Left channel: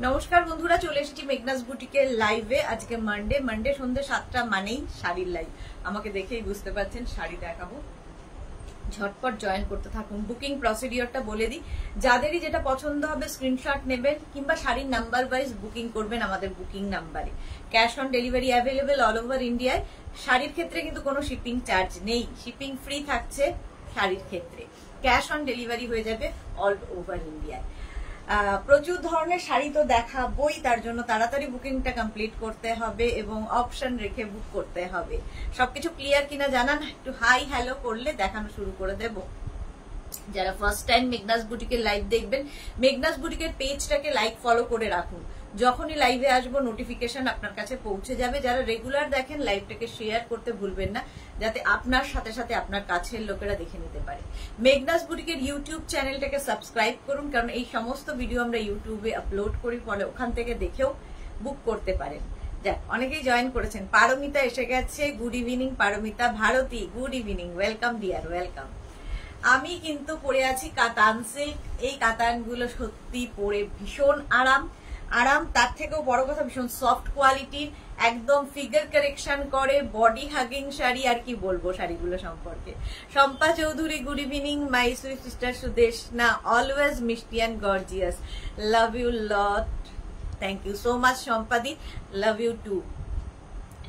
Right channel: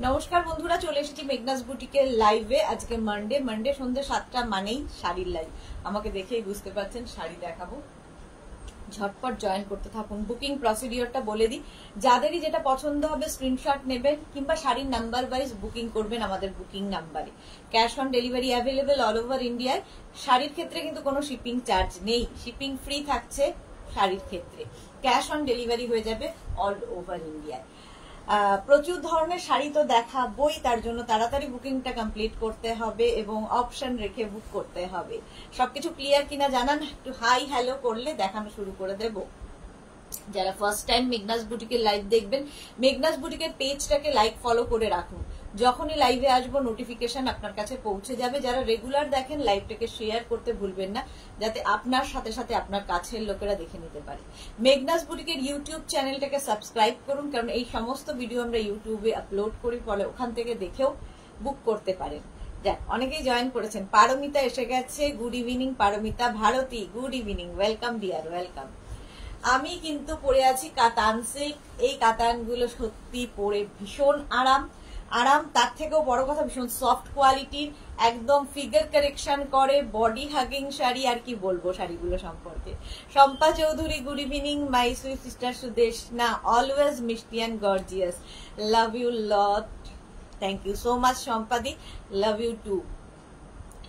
नमस्कार बंधुरा चले एसेছি মেঘনাস বুটিকের লাইভে। আজকে মানডে সন্ধ্যে 7টা মানেই শাড়ির লাইভ। আমাকে দেখেই বুঝতে পারছেন শাড়ি দেখাবো, ঝটপট জয়েন করতে থাকুন। বুকিং প্রসিডিওরটা বলে দিই, যাদেরই যেটা পছন্দ হবে স্ক্রিনশট নেবেন কিংবা শাড়ির নাম্বার ওয়াইজ বুকিং করবেন আমাদের বুকিং নাম্বারে। Cash on delivery available all over ইন্ডিয়ায়। শাড়ির ক্ষেত্রে কিন্তু কোনো শিপিং চার্জ নেই, শিপিং ফ্রি থাকছে শাড়ির ক্ষেত্রে। ক্যাশ অন ডেলিভারি হয়ে যাবে অল ওভার ইন্ডিয়ায়। প্রচুর ধরনের শাড়ি তো দেখাবই, তার জন্য তাড়াতাড়ি বুকিংটা কমপ্লিট করতে হবে এবং অপশন রেখে বুক করতে হবে। সবকিছু ক্লিয়ার কিনা জানান, একটু হাই হ্যালো করলে দেখানো শুরু করে দেব। যারা ফার্স্ট টাইম মেঘনাস বুটিকের লাইভ দেখবেন, মেঘনাস বুটিকের পেজটাকে লাইক ফলো করে রাখুন। যখনই লাইভে আসবো নোটিফিকেশন আপনার কাছে পৌঁছে যাবে। যারা রেগুলার দেখেন লাইভটাকে শেয়ার করতে ভুলবেন না, যাতে আপনার সাথে সাথে আপনার কাছের লোকেরা দেখে নিতে পারে। মেঘনাস বুটিকের ইউটিউব চ্যানেলটাকে সাবস্ক্রাইব করুন, কারণ এই সমস্ত ভিডিও আমরা ইউটিউবে আপলোড করি, ফলে ওখান থেকে দেখেও বুক করতে পারেন। যাক, অনেকেই জয়েন করেছেন। পারমিতা এসে গেছে, good evening Paromita. Bharati good evening, welcome dear, welcome. আমি কিন্তু পরে আছি কাতান সিল্ক। এই কাতানগুলো সত্যি পরে ভীষণ আরাম, তার থেকেও বড় কথা ভীষণ সফট কোয়ালিটির, একদম ফিগার কারেকশন করে, বডি হাগিং শাড়ি। আর কি বলবো শাড়িগুলো সম্পর্কে। Shampa Chowdhury good evening my sweet sister Sudeshna, always মিষ্টি and gorgeous, love you lot, thank you so much শম্পাদি, love you too.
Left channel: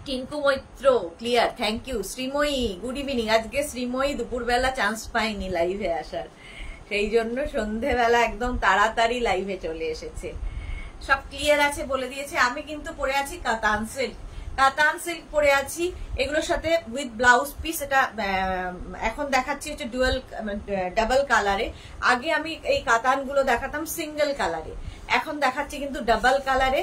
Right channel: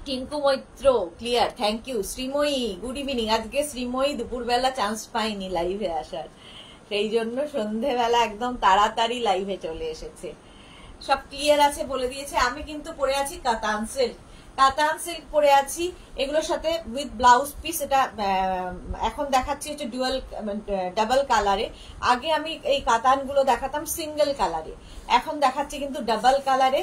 Tinku Moitra clear, thank you. Sreemoyee good evening. আজকে শ্রীময়ী দুপুরবেলা চান্স পাইনি লাইভে আসার, সেই জন্য সন্ধেবেলা একদম তাড়াতাড়ি লাইভে চলে এসেছে। সব ক্লিয়ার আছে বলে দিয়েছে। আমি কিন্তু পরে আছি কাতান সিল্ক, কাতান সিল্ক পরে আছি। এগুলোর সাথে উইথ ব্লাউজ পিস। এটা এখন দেখাচ্ছি হচ্ছে ডাবল কালারে। আগে আমি এই কাতানগুলো দেখাতাম সিঙ্গেল কালারে, এখন দেখাচ্ছি কিন্তু ডাবল কালারে।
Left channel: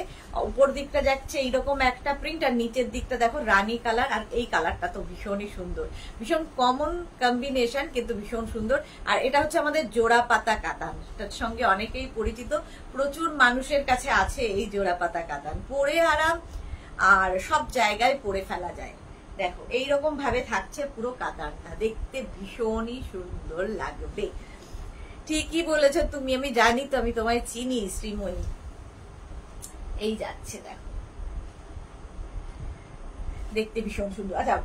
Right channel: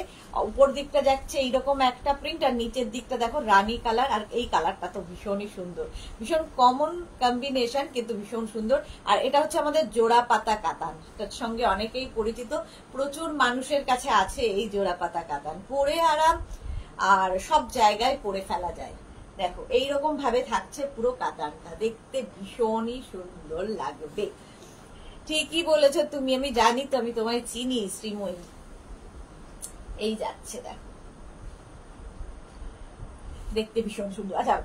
উপর দিকটা যাচ্ছে এইরকম একটা প্রিন্ট, আর নিচের দিকটা দেখো রানী কালার। আর এই কালারটা তো ভীষণই সুন্দর, ভীষণ কমন কম্বিনেশন কিন্তু ভীষণ সুন্দর। আর এটা হচ্ছে আমাদের জোড়া পাতা কাতান, তার সঙ্গে অনেকেই পরিচিত, প্রচুর মানুষের কাছে আছে এই জোড়া পাতা কাতান। পরে আরাম, আর সব জায়গায় পরে ফেলা যায়। দেখো এইরকম ভাবে থাকছে পুরো কাতানটা, দেখতে ভীষণই সুন্দর লাগবে। ঠিকই বলেছ তুমি, আমি জানি তো, আমি তোমায় চিনি শ্রীময়ী। এই যাচ্ছে দেখো, দেখতে ভীষণ সুন্দর। আচ্ছা,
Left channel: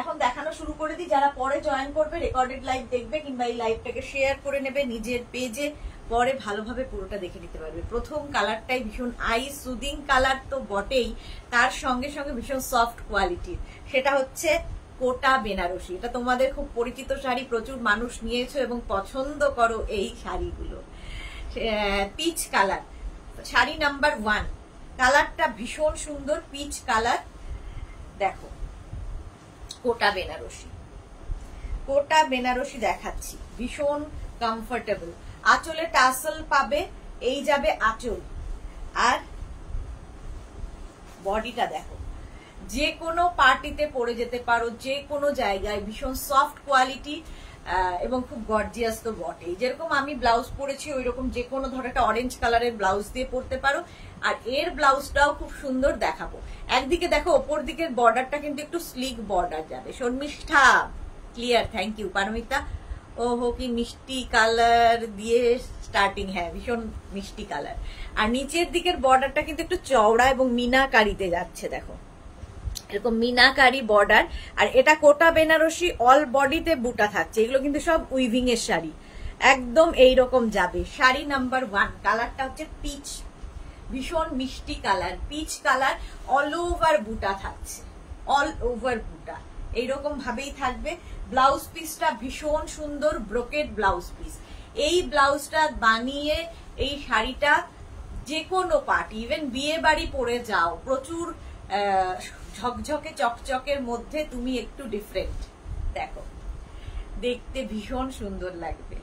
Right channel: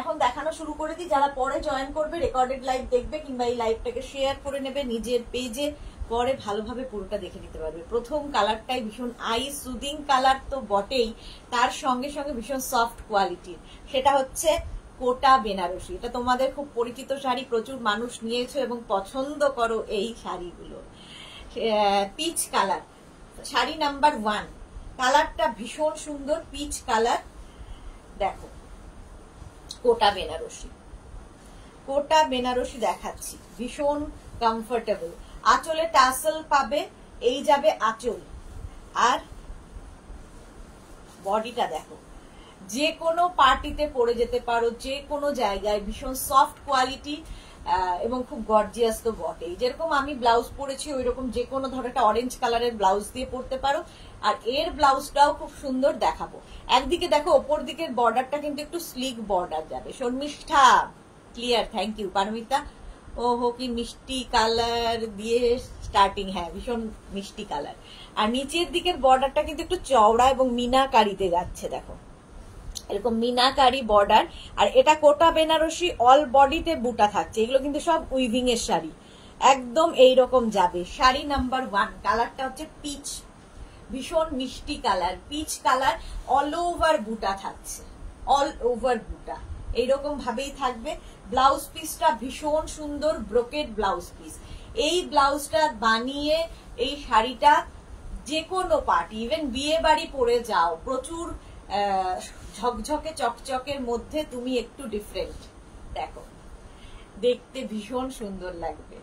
এখন দেখানো শুরু করে দিই। যারা পরে জয়েন করবে, রেকর্ডেড লাইভ দেখবে কিংবা এই লাইভটাকে শেয়ার করে নেবে নিজের পেজে, পরে ভালোভাবে পুরোটা দেখে নিতে পারবে। প্রথম কালারটাই ভীষণ আই সুদিং কালার তো বটেই, তার সঙ্গে সঙ্গে ভীষণ সফট কোয়ালিটির। সেটা হচ্ছে কোটা বেনারসি। এটা তোমাদের খুব পরিচিত শাড়ি, প্রচুর মানুষ নিয়েছো এবং পছন্দ করো এই শাড়িগুলো। Peach colour, sari number 1। কালারটা ভীষণ সুন্দর, পিচ কালার। দেখো কোটা বেনারসি, কোটা বেনারসি দেখাচ্ছি, ভীষণ কমফোর্টেবল। আঁচলে টাসেল পাবে, এই যাবে আঁচল। আর বডিটা দেখো, যে কোনো পার্টিতে পরে যেতে পারো, যে কোনো জায়গায়। ভীষণ সফট কোয়ালিটি এবং খুব গর্জিয়াস তো বটেই। যেরকম আমি ব্লাউজ পরেছি ওইরকম যে কোনো ধরো একটা অরেঞ্জ কালারের ব্লাউজ দিয়ে পরতে পারো। আর এর ব্লাউজটাও খুব সুন্দর দেখাবো। একদিকে দেখো ওপর দিকের বর্ডারটা কিন্তু একটু স্লিক বর্ডার যাবে। Sharmistha clear, thank you. Paromita ওহো কি মিষ্টি কালার দিয়ে স্টার্টিং, হ্যাঁ ভীষণ মিষ্টি কালার। আর নিচের দিকের বর্ডারটা কিন্তু একটু চওড়া এবং মিনাকারিতে যাচ্ছে, দেখো এরকম মিনাকারি বর্ডার। আর এটা কোটা বেনারসি, অল বডিতে বুটা থাকছে। এগুলো কিন্তু সব উইভিং এর শাড়ি, একদম এইরকম যাবে। শাড়ি নাম্বার 1, কালারটা হচ্ছে পিচ, ভীষণ মিষ্টি colour, peach colour. All over বুটা থাকছে, অল ওভার বুটা এইরকম ভাবেই থাকবে। ব্লাউজ পিসটা ভীষণ সুন্দর, ব্রোকেড ব্লাউজ পিস। এই ব্লাউজটা বানিয়ে এই শাড়িটা যে কোনো পার্টি, ইভেন বিয়ে বাড়ি পরে যাও, প্রচুর ঝকঝকে চকচকের মধ্যে তুমি একটু ডিফারেন্ট, দেখো দেখতে ভীষণ সুন্দর লাগবে।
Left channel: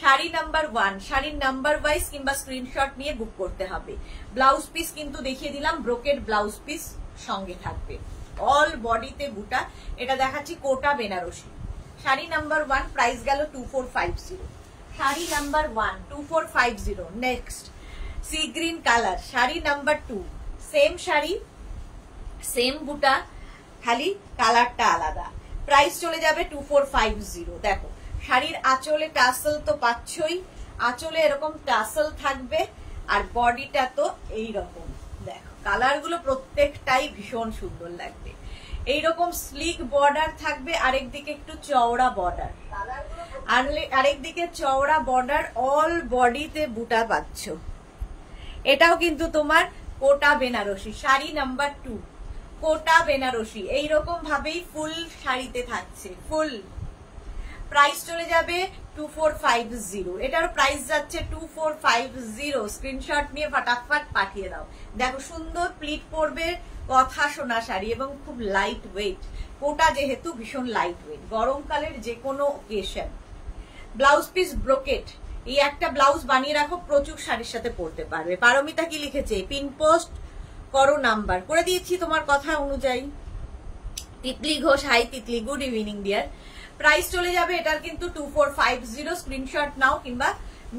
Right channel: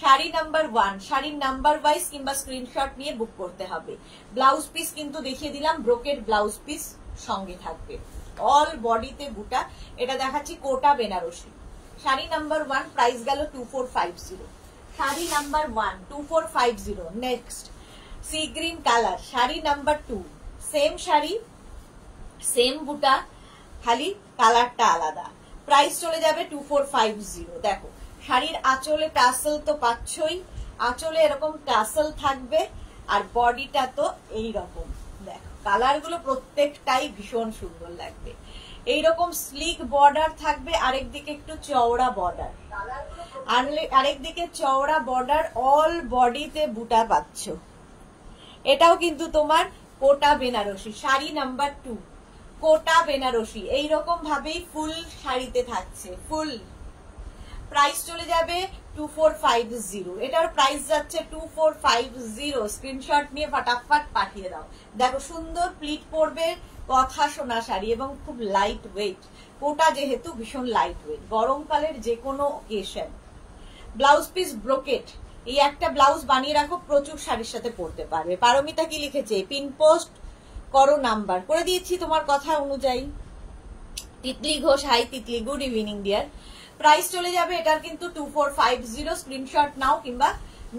শাড়ি নাম্বার 1, শাড়ির নাম্বার ওয়াইজ কিংবা স্ক্রিনশট নিয়ে বুক করতে হবে। ব্লাউজ পিস কিন্তু দেখিয়ে দিলাম, ব্রোকেড ব্লাউজ পিস সঙ্গে থাকবে, অল বডিতে বুটা। এটা দেখাচ্ছি কোটা বেনারসি। শাড়ি নাম্বার 1 প্রাইস গেল 2450। Sari number 1 2450। Next sea green colour, sari number 2। Same sari, same বুটা, খালি কালারটা আলাদা। প্রাইস চলে যাবে 2450। দেখো শাড়ির আঁচলে টাসেল তো পাচ্ছই, আঁচলে এরকম টাসেল থাকবে। আর বডিটা তো এইরকম। দেখো কালার গুলো প্রত্যেকটাই ভীষণ সুন্দর লাগবে। এইরকম স্লিক বর্ডার থাকবে, আরেকদিকে একটু চওড়া বর্ডার, আরেকদিকে চওড়া বর্ডার, অল বডিতে বুটা পাচ্ছ। এটাও কিন্তু তোমার কোটা বেনারসি, শাড়ি নাম্বার 2, কোটা বেনারসি। এইরকম ভাবেই ফুল শাড়িতে থাকছে, ফুল। প্রাইস চলে যাবে 2450। এটার প্রাইস যাচ্ছে 2450। স্ক্রিনশট নিয়ে ফটাফট পাঠিয়ে দাও। দেখো সুন্দর প্লিট পড়বে, কথা শোনা শাড়ি এবং খুব লাইট ওয়েট। কোটা যেহেতু ভীষণ লাইট ওয়েট, গরমকালের যে কোনো অকেশন। ব্লাউজ পিস ব্রোকেট, এই একটা ব্লাউজ বানিয়ে রাখো, প্রচুর শাড়ির সাথে পরতে পারবে। পারমিতা কি লিখেছে? পিন পোস্ট করো, নাম্বার করে দিয়েছি তোমার কথা অনুযায়ী। Titli Ghosh, hi Titli, good evening dear. Price চলে যাবে এটার কিন্তু 2450। স্ক্রিনশট নাও কিংবা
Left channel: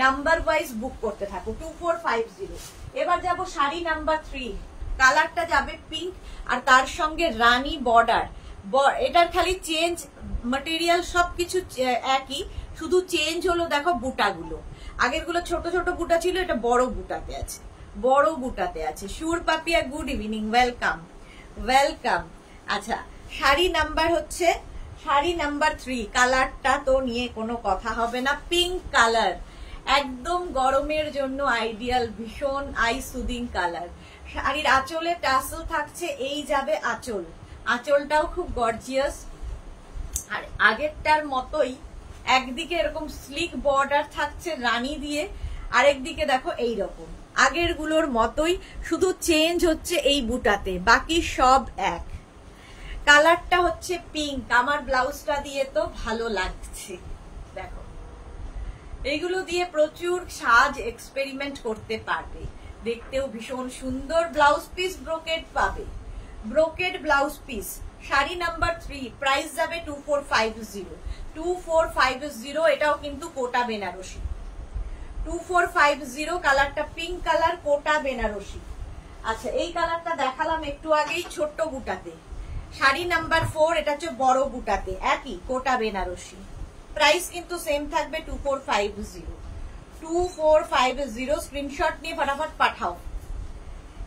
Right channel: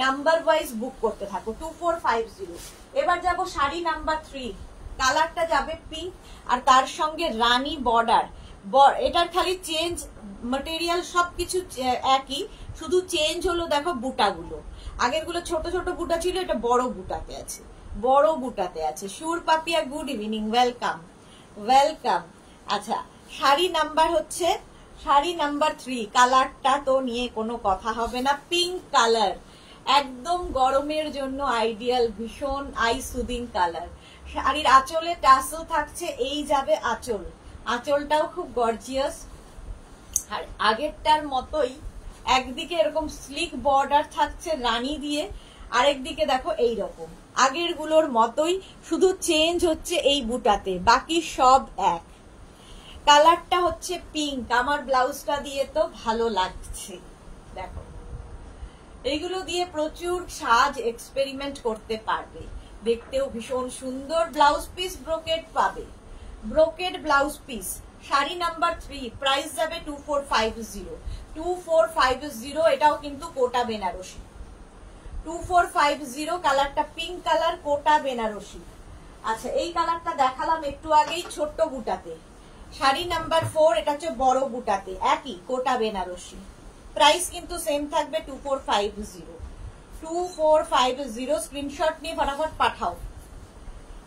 নাম্বার ওয়াইজ বুক করতে থাকো। 2450। এবার যাব শাড়ি নাম্বার 3, কালারটা যাবে পিঙ্ক আর তার সঙ্গে রানী বর্ডার। এটার খালি চেঞ্জ, ম্যাটেরিয়াল সবকিছু একই, শুধু চেঞ্জ হলো দেখো বুটাগুলো। আগের গুলো ছোট ছোট বুটা ছিল, এটা বড় বুটাতে আছে, বড় বুটাতে আছে। Sur Papiya, good evening, welcome welcome. আচ্ছা, শাড়ি নাম্বার হচ্ছে শাড়ি নাম্বার 3, কালারটা তো নিয়ে কোনো কথা হবে না, পিঙ্ক কালার, একদম গরমের জন্য আইডিয়াল, ভীষণ আই সুদিং কালার। শাড়ির আঁচলে টাসেল থাকছে, এই যাবে আঁচল, আঁচলটাও খুব গর্জিয়াস। আর আগেরটার মতোই একদিকে এরকম স্লিক বর্ডার থাকছে রানী দিয়ে, আরেকদিকে দেখো এইরকম আগের গুলোর মতোই, শুধু চেঞ্জ হচ্ছে এই বুটাতে, বাকি সব এক। কালারটা হচ্ছে পিঙ্ক, আমার ব্লাউজটা দিয়ে তো ভালো লাগছে। দেখো এইগুলো দিয়ে প্রচুর সাজ এক্সপেরিমেন্ট করতে পারবে, দেখতেও ভীষণ সুন্দর। ব্লাউজ পিস ব্রোকেড পাবে, brocade blouse piece. Sari number 3, price যাবে 2450। 2450, এটাও কিন্তু কোটা বেনারসি। 2450, কালারটা পিঙ্ক কালার, কোটা বেনারসি। আচ্ছা, এই কালারটা দেখালাম একটু আগেই ছোট্ট বুটাতে। শাড়ি নাম্বার 4, এটা হচ্ছে বড় বুটাতে, একই কোটা বেনারসি। প্রাইস কিন্তু সেম থাকবে 2450। 2450। স্ক্রিনশট নিয়ে ফটাফট পাঠাও।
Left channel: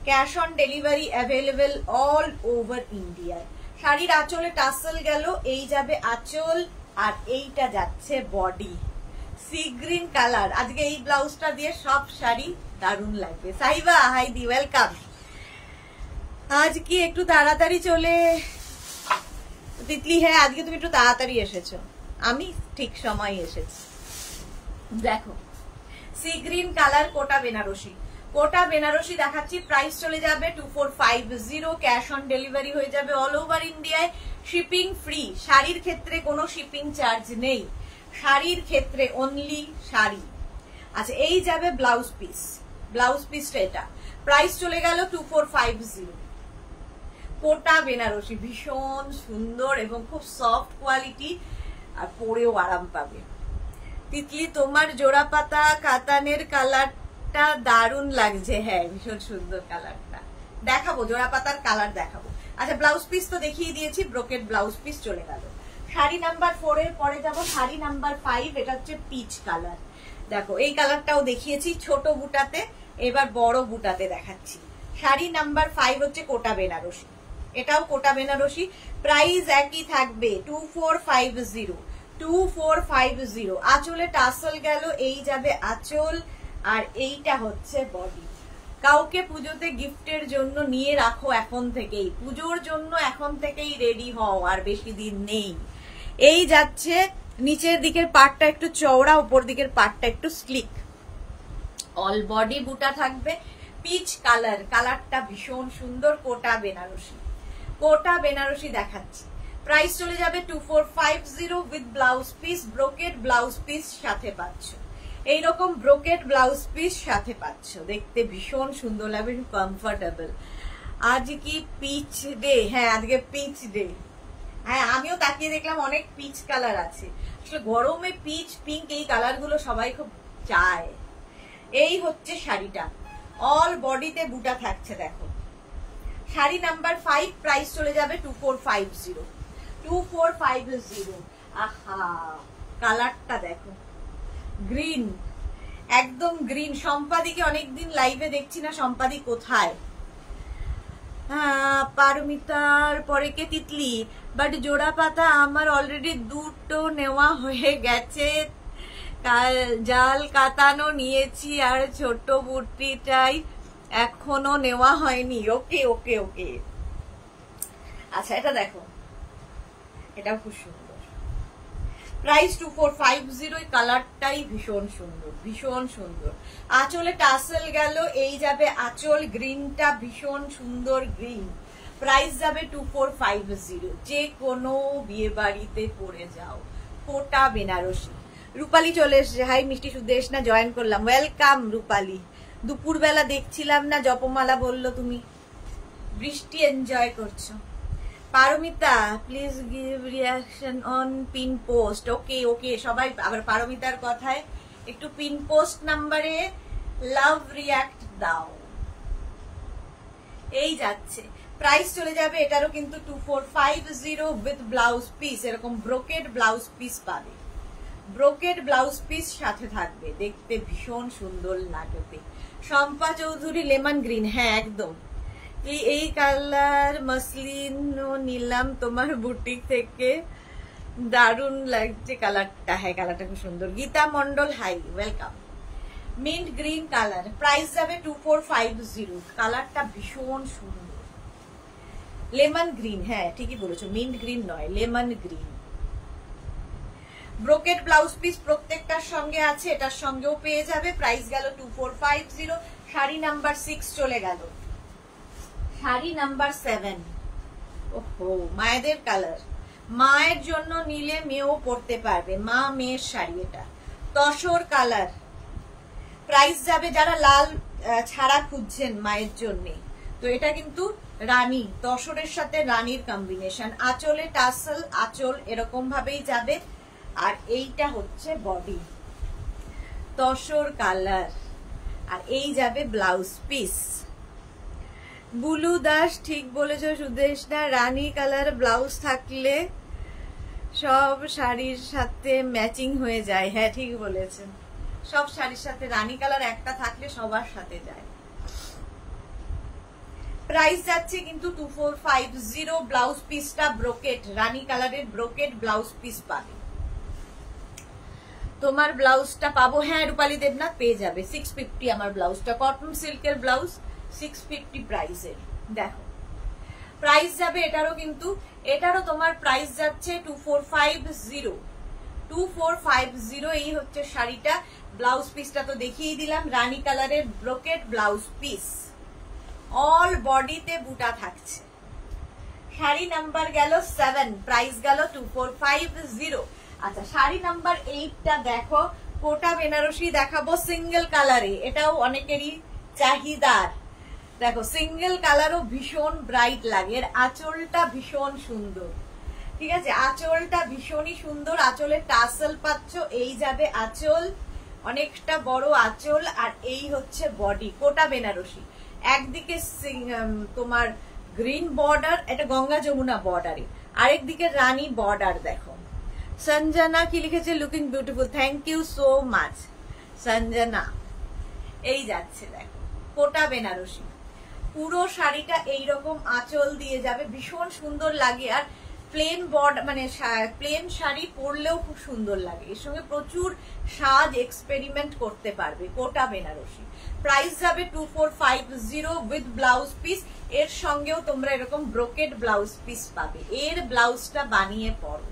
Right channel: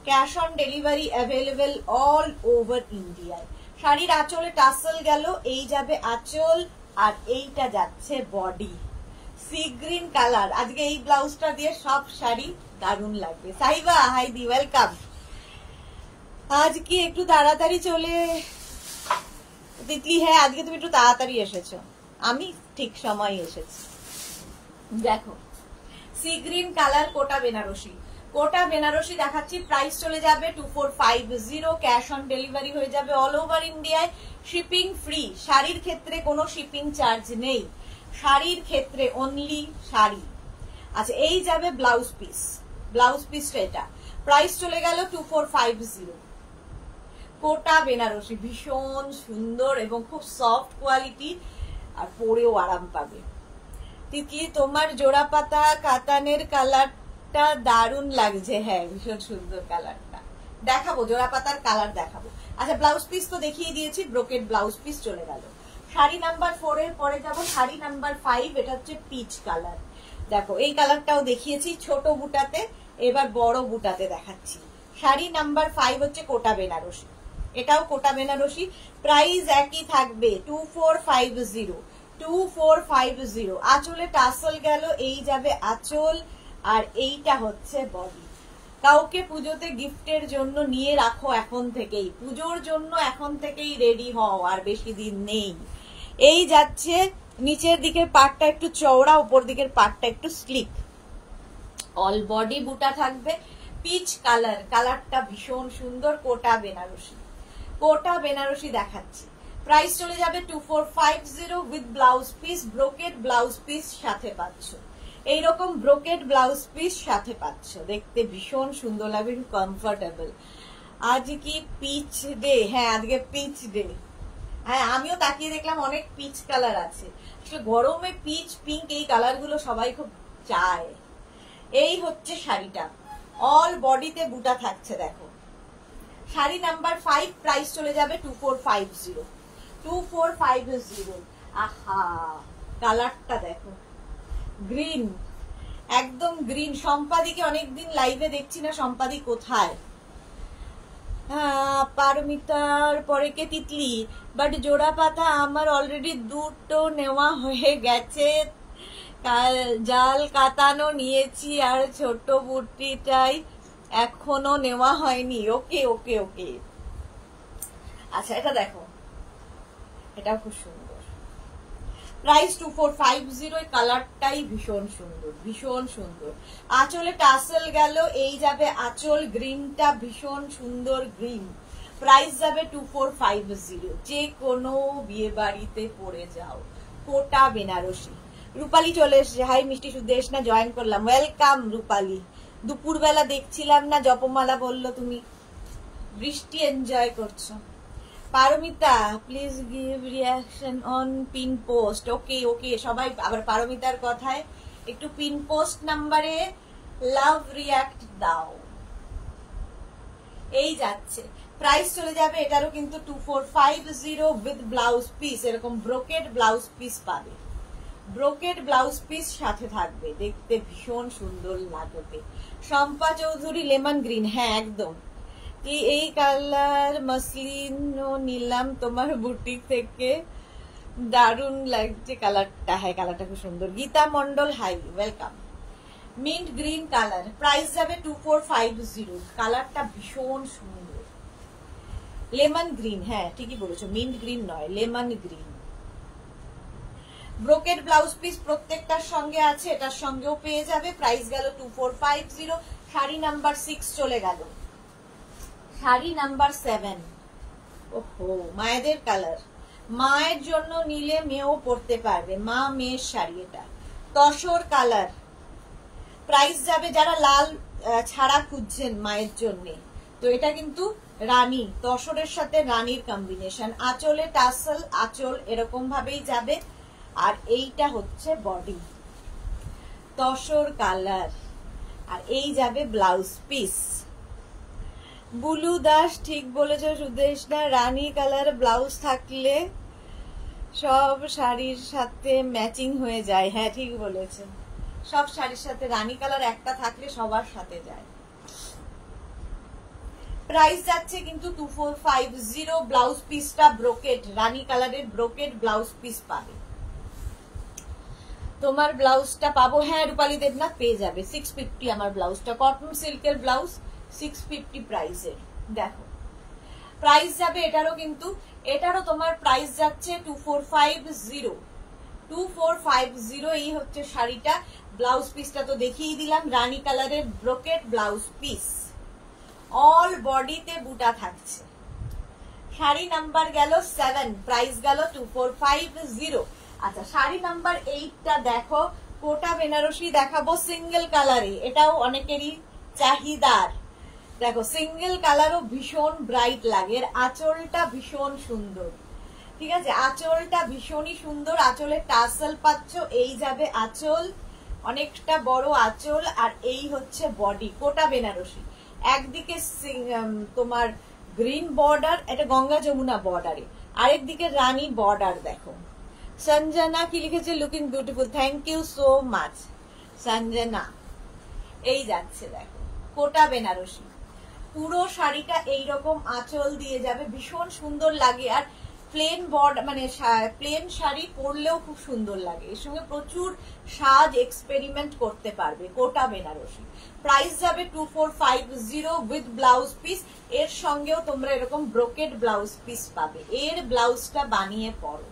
Cash on delivery available all over ইন্ডিয়ায়। শাড়ির আঁচলে টাসেল গেল, এই যাবে আঁচল আর এইটা যাচ্ছে বডি। সি গ্রিন কালার, আজকে এই ব্লাউজটা দিয়ে সব শাড়ি দারুণ লাগবে। সাইবা, হাই দি, ওয়েলকাম। আজ কি একটু তাড়াতাড়ি চলে তিতলি? হ্যাঁ, আজকে তুমি একটু তাড়াতাড়ি এসেছো, আমি ঠিক সময় এসেছি। দেখো sea green colour, Kota Banarasi, কোটা বেনারসি দেখাচ্ছি। প্রাইস চলে যাবে 2450। ক্যাশ অন ডেলিভারি হয়ে যাবে অল ওভার ইন্ডিয়ায়, শিপিং ফ্রি। শাড়ির ক্ষেত্রে কোনো শিপিং চার্জ নেই, শাড়ির ক্ষেত্রে অনলি শাড়ি। আচ্ছা, এই যাবে ব্লাউজ পিস, ব্লাউজ পিসটা এটা। প্রাইস চলে গেল 2450। কোটা বেনারসি, ভীষণ সুন্দর এবং খুব সফট কোয়ালিটি, আর পরেও আরাম পাবে। তিতলি, তোমার জোড়া পাতা কাতানের কালারটা দারুণ লাগছে। হ্যাঁ, ভীষণ সুন্দর কালারটা, দেখাবো জোড়া পাতার কালার দেখাবো। আচ্ছা, ব্লাউজ পিস তো দেখিয়ে দিয়েছি, ব্রোকেড ব্লাউজ পিস চলে গেল। শাড়ি নাম্বার 4 এর পরে যাব শাড়ি নাম্বার 5, এটা হচ্ছে পিচ কালার। দেখো এই কালারটাও দেখিয়েছি ছোট বুটাতে, এবার বড় বুটাতে দেখাচ্ছি। শাড়ি নাম্বার 5 হচ্ছে কোটা বেনারসি, এটাও কোটা বেনারসি। প্রাইস একই থাকবে 2450। 2450। আঁচলে টাসেল গেল, এই যাবে আঁচল আর এইটা হচ্ছে বডি। কাউকে পুজোতে গিফটের জন্য নিয়ে রাখো এখন থেকেই, পুজোর জন্য এখন থেকেই রেডি হও, আর বেশি দিন নেই। এই যাচ্ছে নিচের দিকের পার্টটা একটু চওড়া, উপর দিকের পার্টটা একটু স্লিক, অল বডি বুটা থাকবে। পিচ কালার, কালারটা ভীষণ সুন্দর, কোটা বেনারসি, কোটা বেনারসি দেখাচ্ছি। প্রাইস চলে যাবে 2450 with blouse piece, brocade blouse piece সাথে পাচ্ছ। এইরকম ব্রোকেড ব্লাউজ পিস সাথে পাচ্ছ, দেখতে ভীষণ সুন্দর লাগবে, কমফোর্টেবল। আজ কি পিচ ডে? হ্যাঁ, আজকে পিচ ডে। হ্যাঁ, আমিও তাকিয়ে দেখলাম অনেক পিচ কালার আছে। আসলে গরমে পিচ, পিঙ্ক, এই কালার গুলো সবাই খুব চায়। এই হচ্ছে শাড়িটা, অল বডিতে বুটা থাকছে। দেখো শাড়ি নাম্বার 5, প্রাইস চলে যাবে 2450। 2450। আহা, কালারটা দেখো, গ্রিন, একদম গ্রিন। সম্পাদিকে অনেকদিন লাইভে দেখছি না, সম্পাদি কোথায়? পারমিতার পরে কে তিতলি, বাট জোড়া পাতা আমার অলরেডি দুটো নেওয়া হয়ে গেছে, জাল কাতানো নিয়েছি আর ছোট বুটিটাই এখনো নেওয়া হয়নি। ওকে ওকে ওকে, আচ্ছা এটা দেখো, এটাও খুব সুন্দর। প্রাইস 2450। কালারটাই ভীষণ সুন্দর, ভীষণ সুন্দর। আঁচলে টাসেল গেল, এই যাবে আঁচল, গ্রিনটা ভীষণ সুন্দর গ্রিন। প্রাইস যাবে 2450। যে কোনো বিয়ে বাড়িতে পরে যাও। কোটা বেনারসি। রূপালী চলে এসছে। হাই মিষ্টি সুদেশ না, জয়েন করলাম, ওয়েলকাম রূপালী। দুপুরবেলা দেখছিলাম না, জপমালা বললো তুমি বৃষ্টি এনজয় করছো। Paromita please give reaction on pin post. Okay okay, সবাই আবার পারমিতার কথায় একটু পিন পোস্ট নাম্বারে লাভ রিয়াক্ট দাও। এই যাচ্ছে, প্রাইস চলে যাবে এটারও কিন্তু 2450 উইথ ব্লাউজ পিস। এরকম ব্রোকেড ব্লাউজ পিস পাবে, ব্রোকেড ব্লাউজ পিস সাথে থাকবে, দেখতে ভীষণ সুন্দর লাগবে। শম্পা চৌধুরী লেমন গ্রিন, হ্যাঁ একদম। এই কালার মসলিন নিলাম তোমার বুটিক থেকে, দারুন লাগছে কালারটা। হ্যাঁ কালারটা খুব সুন্দর। Gita Mondal hi, welcome. Mint green colour, price যাবে 2450। কালারটা ভীষণ সুন্দর। লেমন গ্রিন, হ্যাঁ ঠিকই বলেছো, মিন্ট গ্রিন নয়, lemon green. Brocade blouse piece প্রত্যেকটার সঙ্গে আছে, এটার সঙ্গেও পেয়ে যাবে। প্রাইস গেল 2450। শাড়ি নাম্বার 6 চলে গেল। শাড়ি নাম্বার 7। ওহো, মায়েদের কালার। মায়ের জন্য নিলে মেয়েও পরতে পারবে, মা মেয়ের শাড়ি। এটা তসর কালার। প্রাইস যাবে, যারা লাল ছাড়া খুঁজছেন মায়ের জন্য, তো এটা কিন্তু রানী, তসরের সাথে রানীর কম্বিনেশন। আঁচলে টাসেল, আঁচল এরকম ভাবেই যাবে। আর এইটা হচ্ছে বডি, তসর কালার। আর এই যাবে ব্লাউজ পিস। বুলু দাস ঠিক বলেছ সুদেশ না, রানী কালার ব্লাউজ থাকলে সব শাড়ির সাথে ম্যাচিং হয়ে যায়। হ্যাঁ ঠিক বলেছেন, সব শাড়ির সাথে রানী কালার একটা থাকলে সবার সাথে যায়। প্রাইস যাচ্ছে কিন্তু 2450। ব্লাউজ পিসটা ব্রোকেট, রানী কালারের ব্রোকেট ব্লাউজ পিস পাবে। তোমার ব্লাউজটা পাবো, হ্যাঁ রূপালী দেবনাথ পেয়ে যাবে। 650 আমার ব্লাউজটা, কটন সিল্কের ব্লাউজ, 650 প্রাইসের। দেখো প্রাইস যাবে এটারও কিন্তু, এটারও তোমার প্রাইস যাচ্ছে 2450। 2450। এই হচ্ছে শাড়িটা। ব্লাউজ পিসটা তো দেখিয়ে দিলাম, রানী কালারের ব্রোকেট ব্লাউজ পিস, অল বডিতে বুটা থাকছে। শাড়ি নাম্বার গেল 7, প্রাইস গেল 2450। আচ্ছা শাড়ি নাম্বার 8টা দেখো, কোটা বেনারসি দেখাবো সিঙ্গেল কালারে, এটাও অনেকেরই চাহিদার। দেখো সিঙ্গেল কালারও ভীষণ ব্রাইট লাগে, এর আঁচলটা ভীষণ সুন্দর। ঠিক আছে, আঁচলটা ভীষণই সুন্দর। আঁচলে টাসেল পাচ্ছ, এই যাবে আঁচল, অনেকটা বড় আঁচল। আর এই হচ্ছে বডি, কোটা বেনারসি। একদিকে তোমার গ্রিন বর্ডার, এটা গঙ্গা যমুনা বর্ডারে, আরেকদিকে রানী বর্ডার। দেখো সঞ্জনা কি লিখেছে, looking beautiful, thank you so much Sanjana. এই যাচ্ছে দেখো কোটা বেনারসি, পুরো শাড়িটা এইরকম আঁচল দিয়ে যাবে, ভীষণ সুন্দর লাগে। আর প্লেন বর্ডার মানে প্লেন শাড়ি পরলেও খুব সুন্দর লাগে, এর সঙ্গে প্রচুর সাজ এক্সপেরিমেন্ট করতে পারবে। কোটা বেনারসি, প্রাইস যাবে 2450 উইথ ব্লাউজ পিস। এর সঙ্গেও তোমরা এরকম ব্রোকেড ব্লাউজ পিস পাবে, এর ব্লাউজটা বানিয়ে পরো,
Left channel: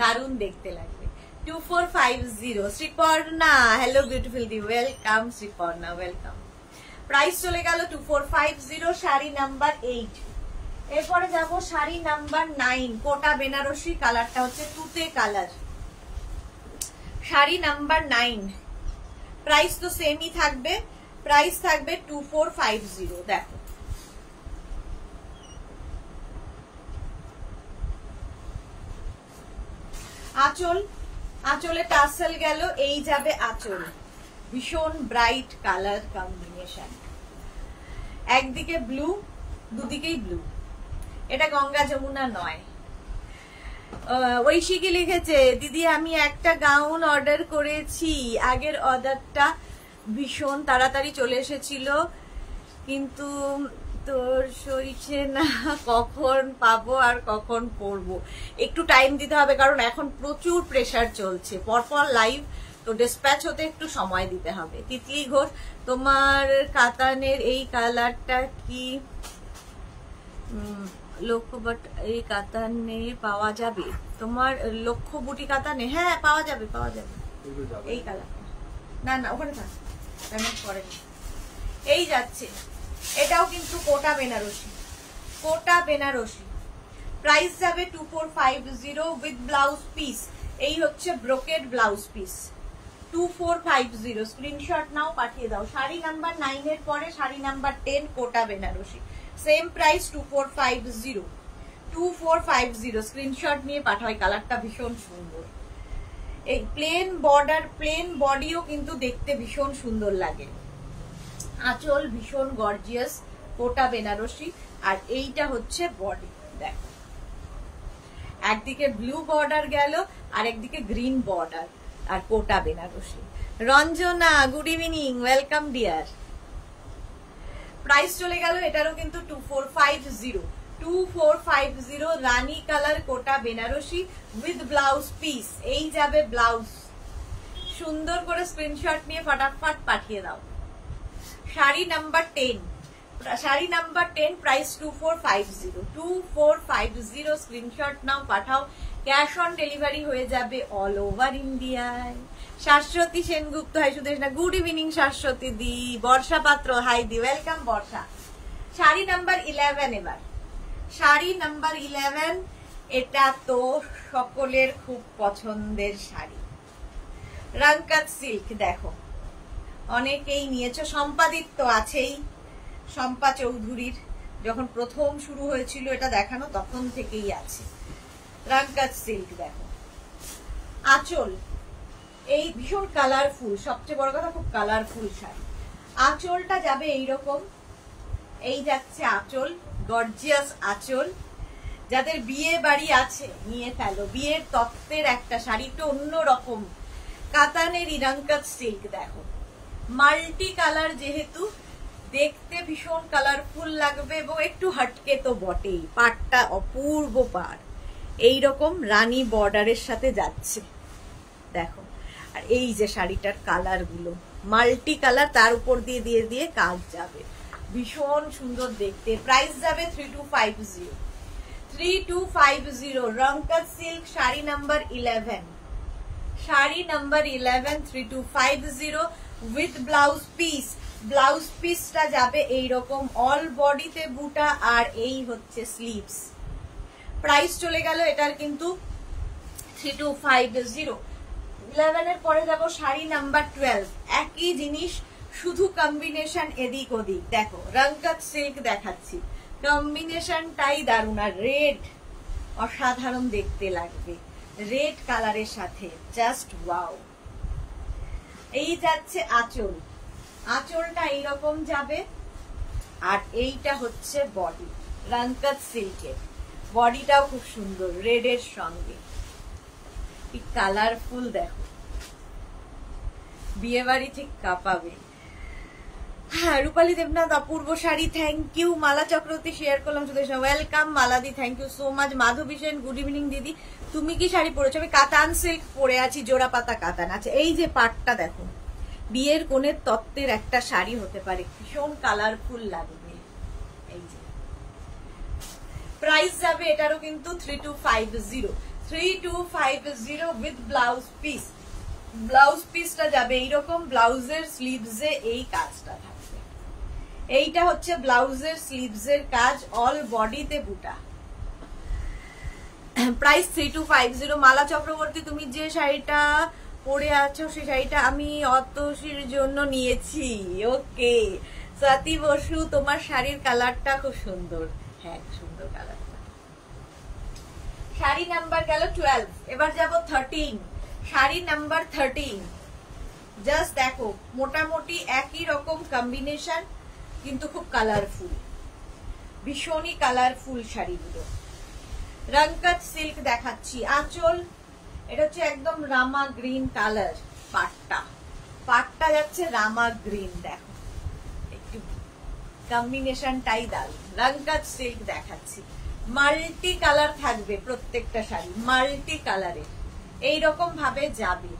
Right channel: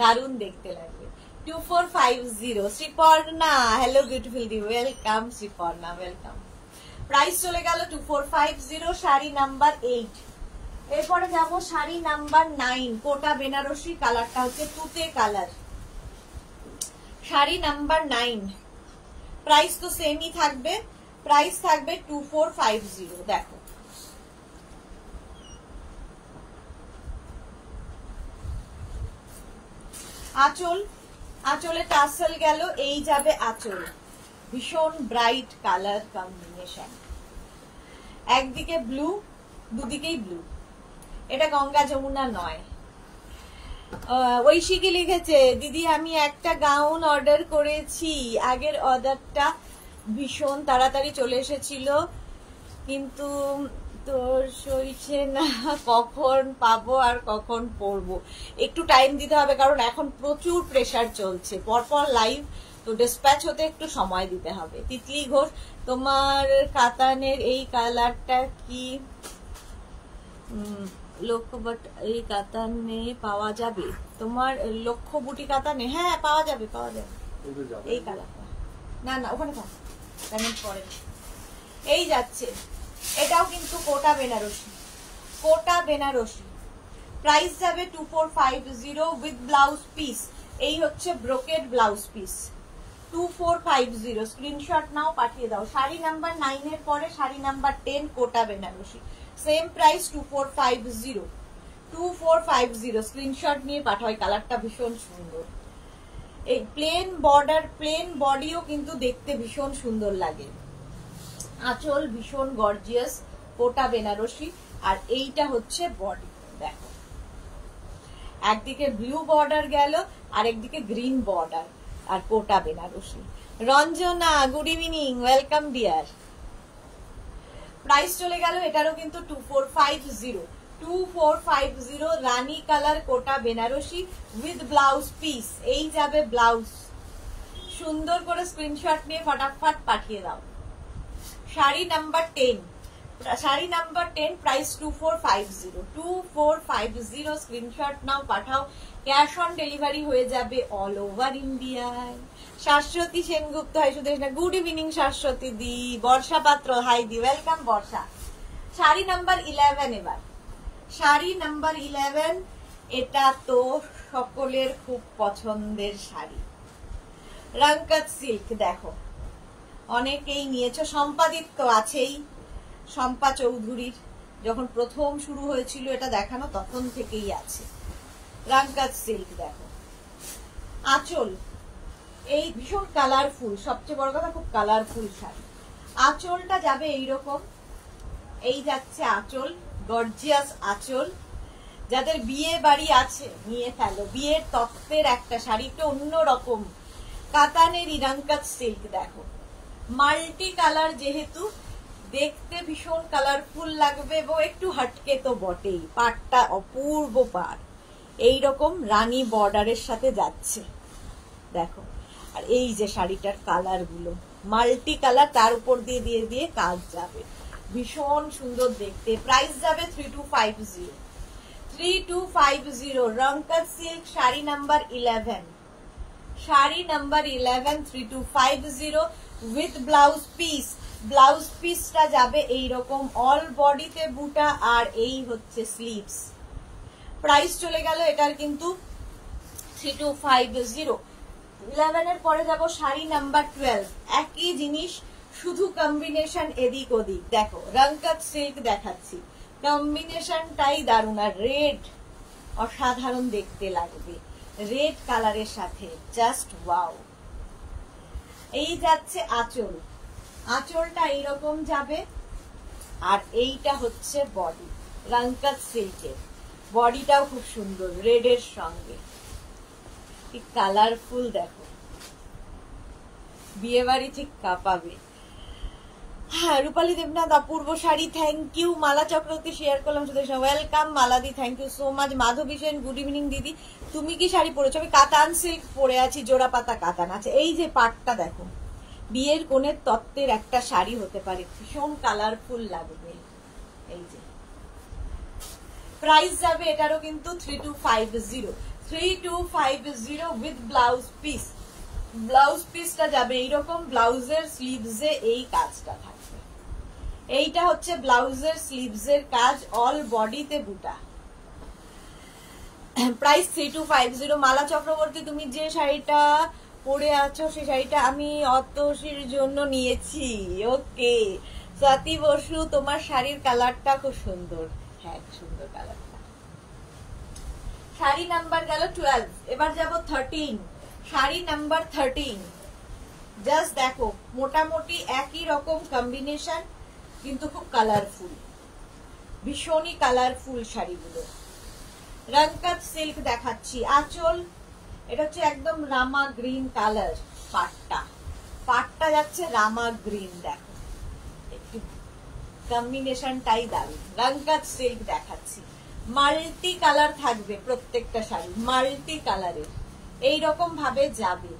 দারুণ দেখতে লাগবে। 2450। শ্রীপর্ণা, হ্যালো বিউটিফুল দি, ওয়েলকাম শ্রীপর্ণা, ওয়েলকাম। প্রাইস চলে গেল 2450। শাড়ি নাম্বার 8। এরপরে যাব শাড়ি নাম্বার 9, কোটা বেনারসি, কালারটা হচ্ছে তুতে কালার। শাড়ি নাম্বার 9, প্রাইস তো সেমই থাকবে, প্রাইস থাকবে 2450। দেখো আঁচল, আঁচলে টাসেল গেল, এই যাবে আঁচল, ভীষণ ব্রাইট কালার কম্বিনেশন। একদিকে ব্লু, দুদিকেই ব্লু, এটা গঙ্গা যমুনা নয়। ঐশিকি লিখেছে, দিদি আমি একটা গাউন অর্ডার করেছি, আগের অর্ডারটা ভীষণ তাড়াতাড়ি চলে এসেছিল, কিন্তু তোর সইছে না, কখন পাবো আর কখন পরবো। একটু টাইম দিতে হবে, কারণ এখন প্রচুর প্রেসার চলছে, পরপর লাইভ, তো ডিসপ্যাচ হতে একটু সময় দিতে হবে। তিতলি ঘোষ, তোমার কাতানের এই কালারটা কি লক্ষ্যবট এই কাতানে পাওয়া যাবে? তোমার লক্ষ্য বুটি কাতানে? হ্যাঁ পাওয়া যাবে, পাওয়া যাবে। এই কালারটা না না ওখানে থাক, পরে। এই যাচ্ছে, এটাও কিন্তু কোটা বেনারসি, কোটা বেনারসি। প্রাইস যাবে 2450 উইথ ব্লাউজ পিস। এই হচ্ছে ব্রোকেড ব্লাউজ পিস, 2450। স্ক্রিনশট নাও, পাঠিয়ে দাও। শাড়ি নাম্বার 9 এর পরে শাড়ি নাম্বার 10 কোটা বেনারসি, সেম প্রাইস 2450, 2450। স্ক্রিনশট নিয়ে পাঠাও। কালারটা ভীষণ সুন্দর। এই প্লেন বর্ডার, প্লেন বডিও কিন্তু দেখতে ভীষণ সুন্দর লাগে। আঁচল ভীষণ গর্জিয়াস, কোটা বেনারসি। আর এইটা হচ্ছে বডি, দেখো একদিকে ব্লু বর্ডার গেল আর একদিকে গ্রিন বর্ডার, আর Kota Benarasi. Ranjana good evening, welcome dear. Price চলে গেল এটারও কিন্তু 2450, 2450 রানী colour Kota Benarasi with blouse piece. এই যাবে ব্লাউজ, সুন্দর করে স্ক্রিনশট নিয়ে ফটাফট পাঠিয়ে দাও। Sari number 10, sari number 10 price 2450, 2450। Screenshot নাও, পাঠাও। ক্যাশ অন ডেলিভারি হয়ে যাবে অল ওভার ইন্ডিয়ায়। শাশ্বতী সেনগুপ্ত, হাই সুদেশ না, গুড ইভিনিং শাশ্বতী দি। বর্ষা পাত্র, হাই দি, ওয়েলকাম বর্ষা। শাড়ি নাম্বার 11 এবার, শাড়ি নাম্বার 11। এটা তো সকলের খুব পছন্দের শাড়ি, রাঙ্কাত সিল্ক। দেখো অনেকেই নিয়েছো, সম্পাদিত আছেই, শম্পা চৌধুরীর যখন প্রথম শুরু হয়েছিল এটা দেখানো তখন থেকেই আছে। রাঙ্কাত সিল্ক দেখো, আঁচল এই ভীষণ কালারফুল, সবচেয়ে বড় কথা খুব কালারফুল শাড়ি। আঁচলটা যাবে এইরকম, এই যাচ্ছে আঁচল, গর্জিয়াস আঁচল। যাদের বিয়ে বাড়ি আছে নিয়ে ফেলো, বিয়ের তত্ত্বের একটা শাড়ি, তো অন্যরকম কাতানের রাঙ্কাত সিল্ক। দেখো মাল্টি কালার, যেহেতু দেখতে ভীষণ কালারফুল লাগবে এবং একটু হাটকে তো বটেই। পাটটা অপূর্ব পাড়, এইরকম রানী বর্ডারের সাথে যাচ্ছে দেখো। আর এই যে শাড়িটার কালার গুলো মাল্টি কালার, তার উপর দিয়ে দিয়ে দিয়ে কাজ যাবে, ভীষণ সুন্দর দেখতে। প্রাইস যাবে 3250, 3250। Rangkat silk sari number 11, sari number 11 3250 with blouse piece. Blouse পিসটা যাবে এইরকম, অল বডিতে বুটা, আর এই হচ্ছে স্লিভস। প্রাইস চলে গেল এটার কিন্তু 3250। 11 এর পরে যাব শাড়ি নাম্বার 12, একই জিনিস শুধু কম্বিনেশন এদিক ওদিক। দেখো রাঙ্কাত সিল্ক দেখাচ্ছি, কম্বিনেশনটাই দারুণ। আর রেড অসাধারণ দেখতে লাগবে, রেড কালারের সাথে জাস্ট ওয়াও। এই যাচ্ছে আঁচল, আঁচলটা এইরকম যাবে, আর এইটা হচ্ছে বডি রাঙ্কাত সিল্কের। বডিটাও খুব সুন্দর, রেড এর সঙ্গে কি কালারফুল। দেখো বিয়ে বাড়ি ঠিক কাঁপাবে। হ্যাঁ রূপালী দেবনাথ, অপূর্ব sari, thank you. Mala Chakraborty share করলাম, ওয়েলকাম মালাদি, thank you so much. Madhabi Sen, good evening দিদি, তুমি কি শাড়ি পরেছো? আমি কাতান সিল্ক পরে আছি, জোড়া পাতা কাতান আছে। এই যে পাটটা দেখো, বিয়ের কোণের তত্ত্বের একটা শাড়ি হতে পারে, ভীষণ কালারফুল লাগবে। এই যে প্রাইস যাবে এটারও কিন্তু 3250, 3250 উইথ ব্লাউজ পিস। ব্লাউজ পিসটা যাবে এইরকম, ব্লাউজের স্লিভসে এই কাজটা থাকবে। এইটা হচ্ছে ব্লাউজের স্লিভসের কাজ, অল বডিতে বুটা। প্রাইস 3250। মালা চক্রবর্তী, তুমি যে শাড়িটা পরে আছো সেই শাড়িটা আমি অতসীর জন্য নিয়েছি। ওকে স্বাতি বসু, তোমার শাড়ির কালারটা খুব সুন্দর। হ্যাঁ সুন্দর কালারটা। শাড়ি নাম্বার গেল 12, এবার যাব 13। শাড়ি নাম্বার 13, জাস্ট দেখো মোটামুটি একই রকম কম্বিনেশন, কিন্তু খুব কালারফুল, ভীষণই কালারফুল শাড়িগুলো। রংকাত সিল্ক দেখাচ্ছি। আঁচল এটা হচ্ছে একদম রামা গ্রিন কালার। পাটটা যাচ্ছে রামা গ্রিন, দেখো একটু কম্বিনেশনটাই দারুণ। রংকাত সিল্ক দেখাচ্ছি, মাল্টি কালার থাকবে প্রত্যেকটা শাড়ি, মাল্টি কালারের। এইরকম ভাবে যাবে,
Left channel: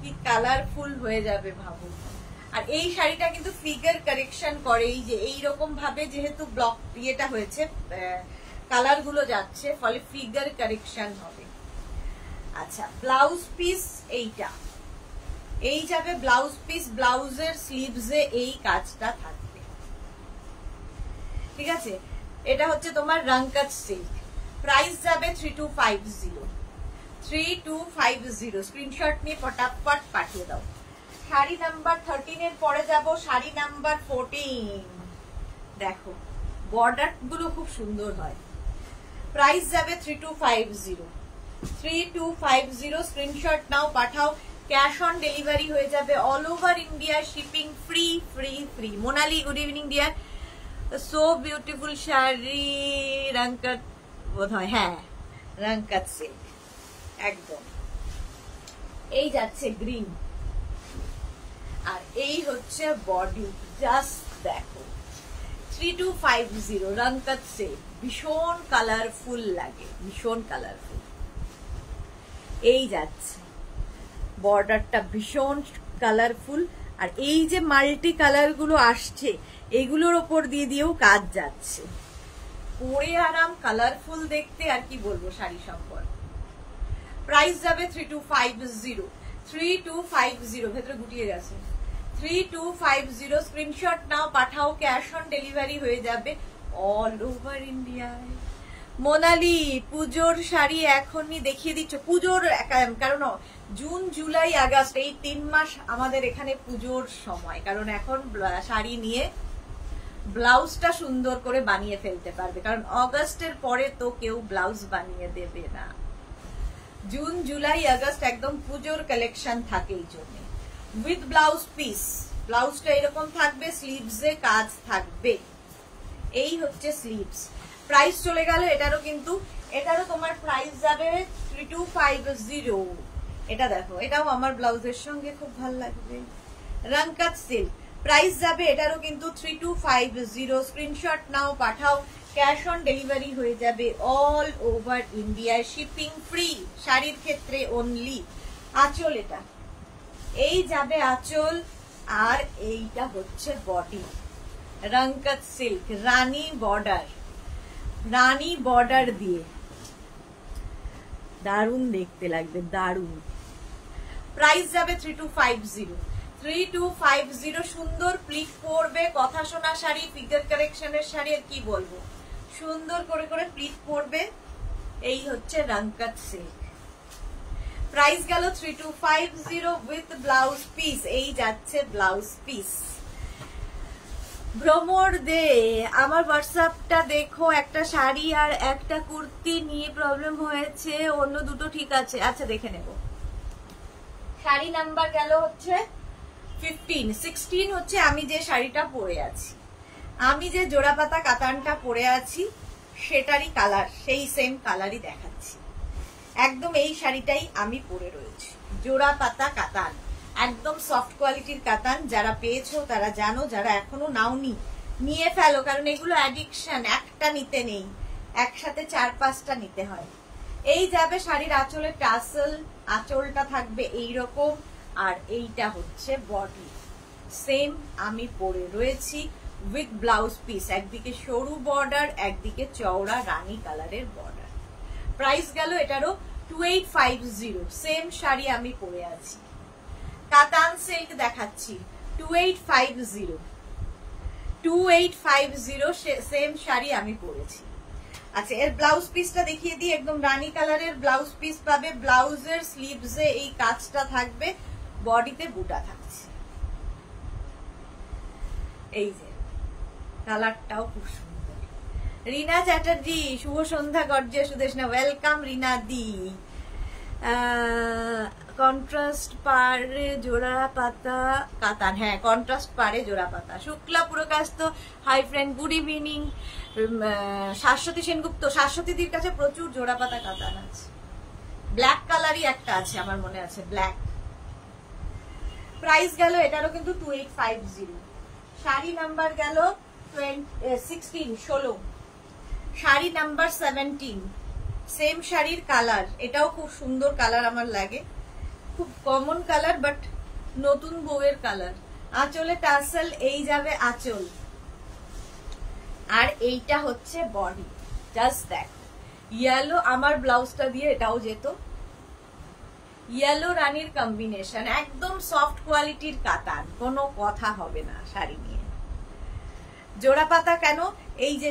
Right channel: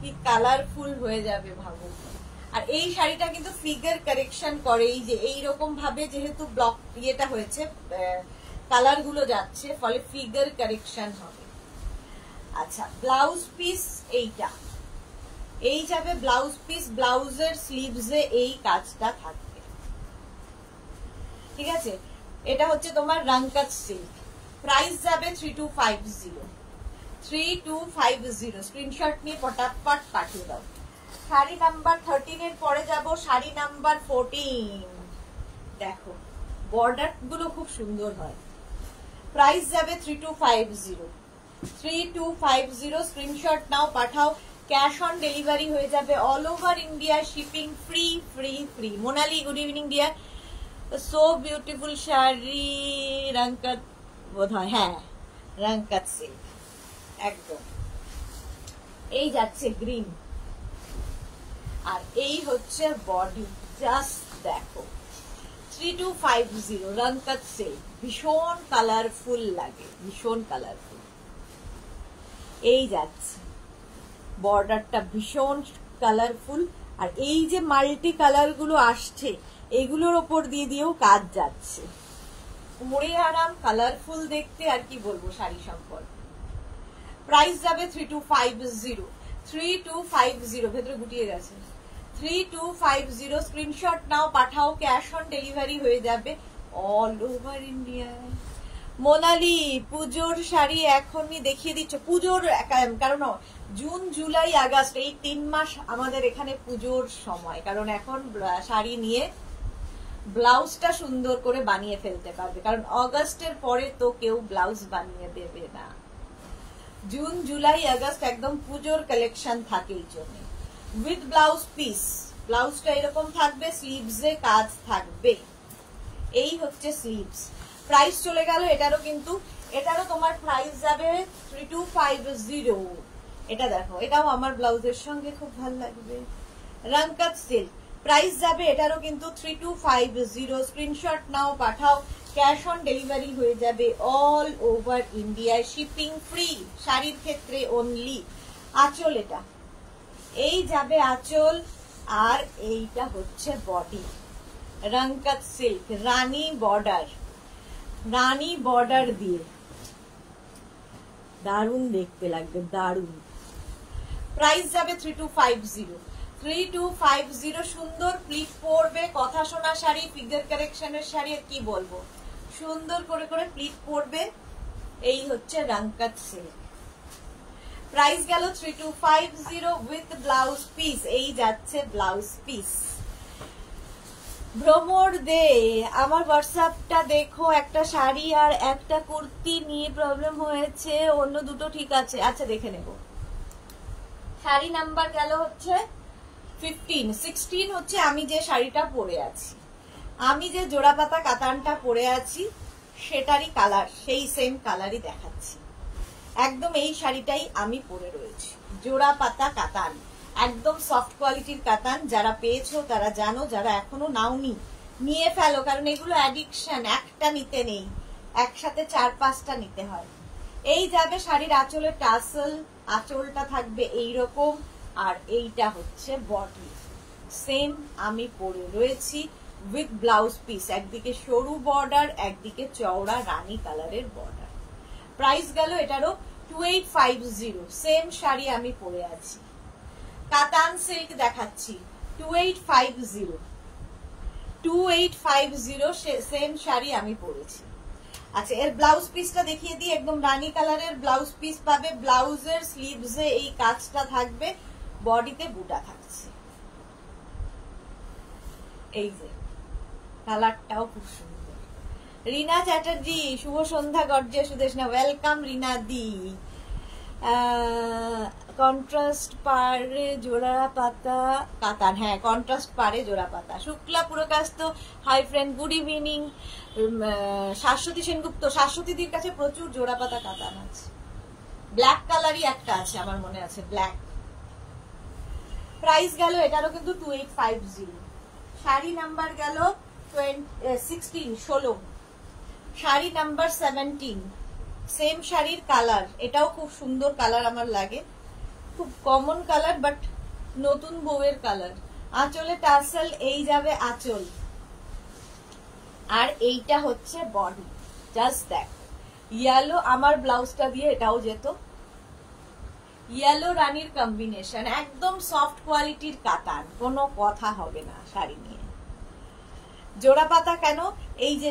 কি কালারফুল হয়ে যাবে ভাবো। আর এই শাড়িটা কিন্তু ফিগার কারেকশন করে, এই যে এইরকম ভাবে যেহেতু ব্লক ইয়েটা হয়েছে, কালার গুলো যাচ্ছে, ফলে ফিগার কারেকশন হবে। আচ্ছা, ব্লাউজ পিস এইটা, এই যাবে ব্লাউজ পিস, ব্লাউজের স্লিভসে এই কাজটা থাকবে, ঠিক আছে। এটা হচ্ছে তোমার রংকাত সিল্ক, প্রাইস যাবে 3250, 3250। স্ক্রিনশট নিয়ে পটাপট পাঠিয়ে দাও। শাড়ি নাম্বার 13 এর পরে যাব শাড়ি নাম্বার 14। দেখো বর্ডার গুলো খুব সুন্দর হয়। প্রাইস যাবে 3250, 3250। স্ক্রিনশট নাও, পাঠাও। ক্যাশ অন ডেলিভারি হয়ে যাবে all over India, shipping free free free. Monali, good evening dear. So beautiful sari, Rangkat বোধ হয়, হ্যাঁ রংকাত সিল্ক একদম। এই যাচ্ছে গ্রিন, আর এই হচ্ছে বডি, জাস্ট দেখো 3250 রংকাত সিল্ক। ভীষণ কালারফুল লাগে, ভীষণ কালারফুল। এই যাচ্ছে বর্ডারটা ভীষণ কালারফুল, আর এই যে মাল্টি কালার গুলো আসছে এগুলোর ওপর দিয়ে দিয়েও কাজ যাচ্ছে, পরে আরাম, কালারফুল দেখতে। আর কি বলবো শাড়ি সম্পর্কে। প্রাইস যাবে 3250, 3250। ভেতরে গুটিয়ে গেছে, 3250। স্ক্রিনশট নাও, পাঠাও। ক্যাশ অন ডেলিভারি হয়ে যাবে অল ওভার ইন্ডিয়ায়। মোনালি, পুজোর শাড়ি এখনই দেখিয়ে দিচ্ছ? পুজোর, কারণ জুন জুলাই আগস্ট এই 3 মাস আমাদের এখানে পুজোর সময়, কারণ এখন শাড়ি নিয়ে ব্লাউজটা সুন্দর করে বানিয়ে ফেলতে পারবে, কারণ অগস্টের পরে তো কেউ ব্লাউজ বানিয়ে দেবে না। জুন জুলাই আগস্ট একদম পুজোর কালেকশন থাকে, এই জন্য। উইথ ব্লাউজ পিস, ব্লাউজটা এরকম থাকবে, স্লিভসে কাজ থাকবে। এই হচ্ছে স্লিভস। প্রাইস চলে গেল এটারও, কিন্তু এটারও তোমার প্রাইস যাবে 3250। এটা দেখো, এটাও আমার ব্লাউজের সঙ্গে খুব ভালো লাগবে। রংকাত সিল্ক, প্রাইস যাবে এটারও কিন্তু 3250। স্ক্রিনশট নাও, পাঠাও। ক্যাশ অন ডেলিভারি হয়ে যাবে all over India, shipping free. শাড়ির ক্ষেত্রে অনলি। আঁচল, এটা এই যাবে আঁচল, আর এইটা হচ্ছে বডি। রংকাত সিল্ক, রানী বর্ডার, রানী বর্ডার দিয়ে দারুণ দেখতে লাগবে, দারুণ। প্রাইস যাবে 3250, 3250। সুন্দর প্লিট পরবে, কথা শোনা শাড়ি, ফিগার কারেকশনের শাড়ি, আর কি বলবো, সুন্দর করে করে প্লিট পরবে। এই হচ্ছে রংকাত সিল্ক। প্রাইস গেল 3250 উইথ ব্লাউজ পিস। এই যাচ্ছে ব্লাউজ পিস। ভ্রমর দে, আমার হোয়াটসঅ্যাপটা দেখো, একটা শাড়ি আর একটা কুর্তি নিয়ে প্রবলেম হয়েছে, অন্য দুটো ঠিক আছে। আচ্ছা দেখে নেব। শাড়ি নাম্বার গেল হচ্ছে 15, 16 হচ্ছে আমি যে শাড়িটা পরে আছি, আমি যে জোড়াপাতা কাতানটা পরে আছি সেটারই কালার, সেই সেম কালারই দেখাচ্ছি। একদম এই শাড়িটাই আমি পরে রয়েছি, জোড়াপাতা কাতান, একদম সফট কোয়ালিটির কাতান। যারা পেয়েছো তারা জানো, যারা এখনো নাওনি নিয়ে ফেলো, কারণ এগুলো অ্যাডিকশন, একটা নিতে নেই, একসাথে 4-5টা নিতে হয়। এই যাবে শাড়ির আঁচলের টাসেল, আঁচলটা থাকবে এইরকম, আর এইটা হচ্ছে বডি, সেম আমি পরে রয়েছি উইথ ব্লাউজ পিস। একদিকে সরু বর্ডার, একদিকে চওড়া রানী কালারের বর্ডার। প্রাইস গেল এটারও 2850, সেম শাড়ি আমি পরে আছি। কাতান সিল্ক দেখাচ্ছি 2850, 2850 সেম শাড়ি আমি পরেছি। আচ্ছা, এর ব্লাউজ পিসটা দেখিয়ে দিই। একদম রানী কালারের ব্লাউজ পিস পাবে, ব্লাউজের স্লিভসে এই কাজটা থাকবে, বডিতে বুটা থাকছে। এই যে কালারটাও খুব সুন্দর। রিনা চ্যাটার্জি, শুভ সন্ধ্যা গর্জে সুদেশনা, ওয়েলকাম রিনা দি। কন্ট্রাস্ট পারে জোড়া পাতা কাতান, হ্যাঁ কন্ট্রাস্ট পারে জোড়া পাতা। Shukla Purkayastha, hi friend, good evening. Shashwati Sengupta, শাশ্বতীদির কাছে প্রচুর জোড়া পাতা কাতান আছে। ব্ল্যাক কালারই একটা আছে আমার মনে আছে, ব্ল্যাক। প্রাইস গেল এটারও কিন্তু 2850। শাড়ি নাম্বার গেল 16। শাড়ি নাম্বার 17, সেম শাড়ির কালার, এটাও খুব সুন্দর কালার আমার লাগে, খুব কমন কালার বাট নতুন বউয়ের কালার। আঁচলে টাসেল, এই যাবে আঁচল, আর এইটা হচ্ছে বডি। জাস্ট দেখ, ইয়েলো আমার ব্লাউজটা দিয়ে এটাও যেত। ইয়েলো রানীর কম্বিনেশন, একদম সফট কোয়ালিটির কাতান, কোনো কথা হবে না শাড়ি নিয়ে। জোড়া পাতা কেন, এই যে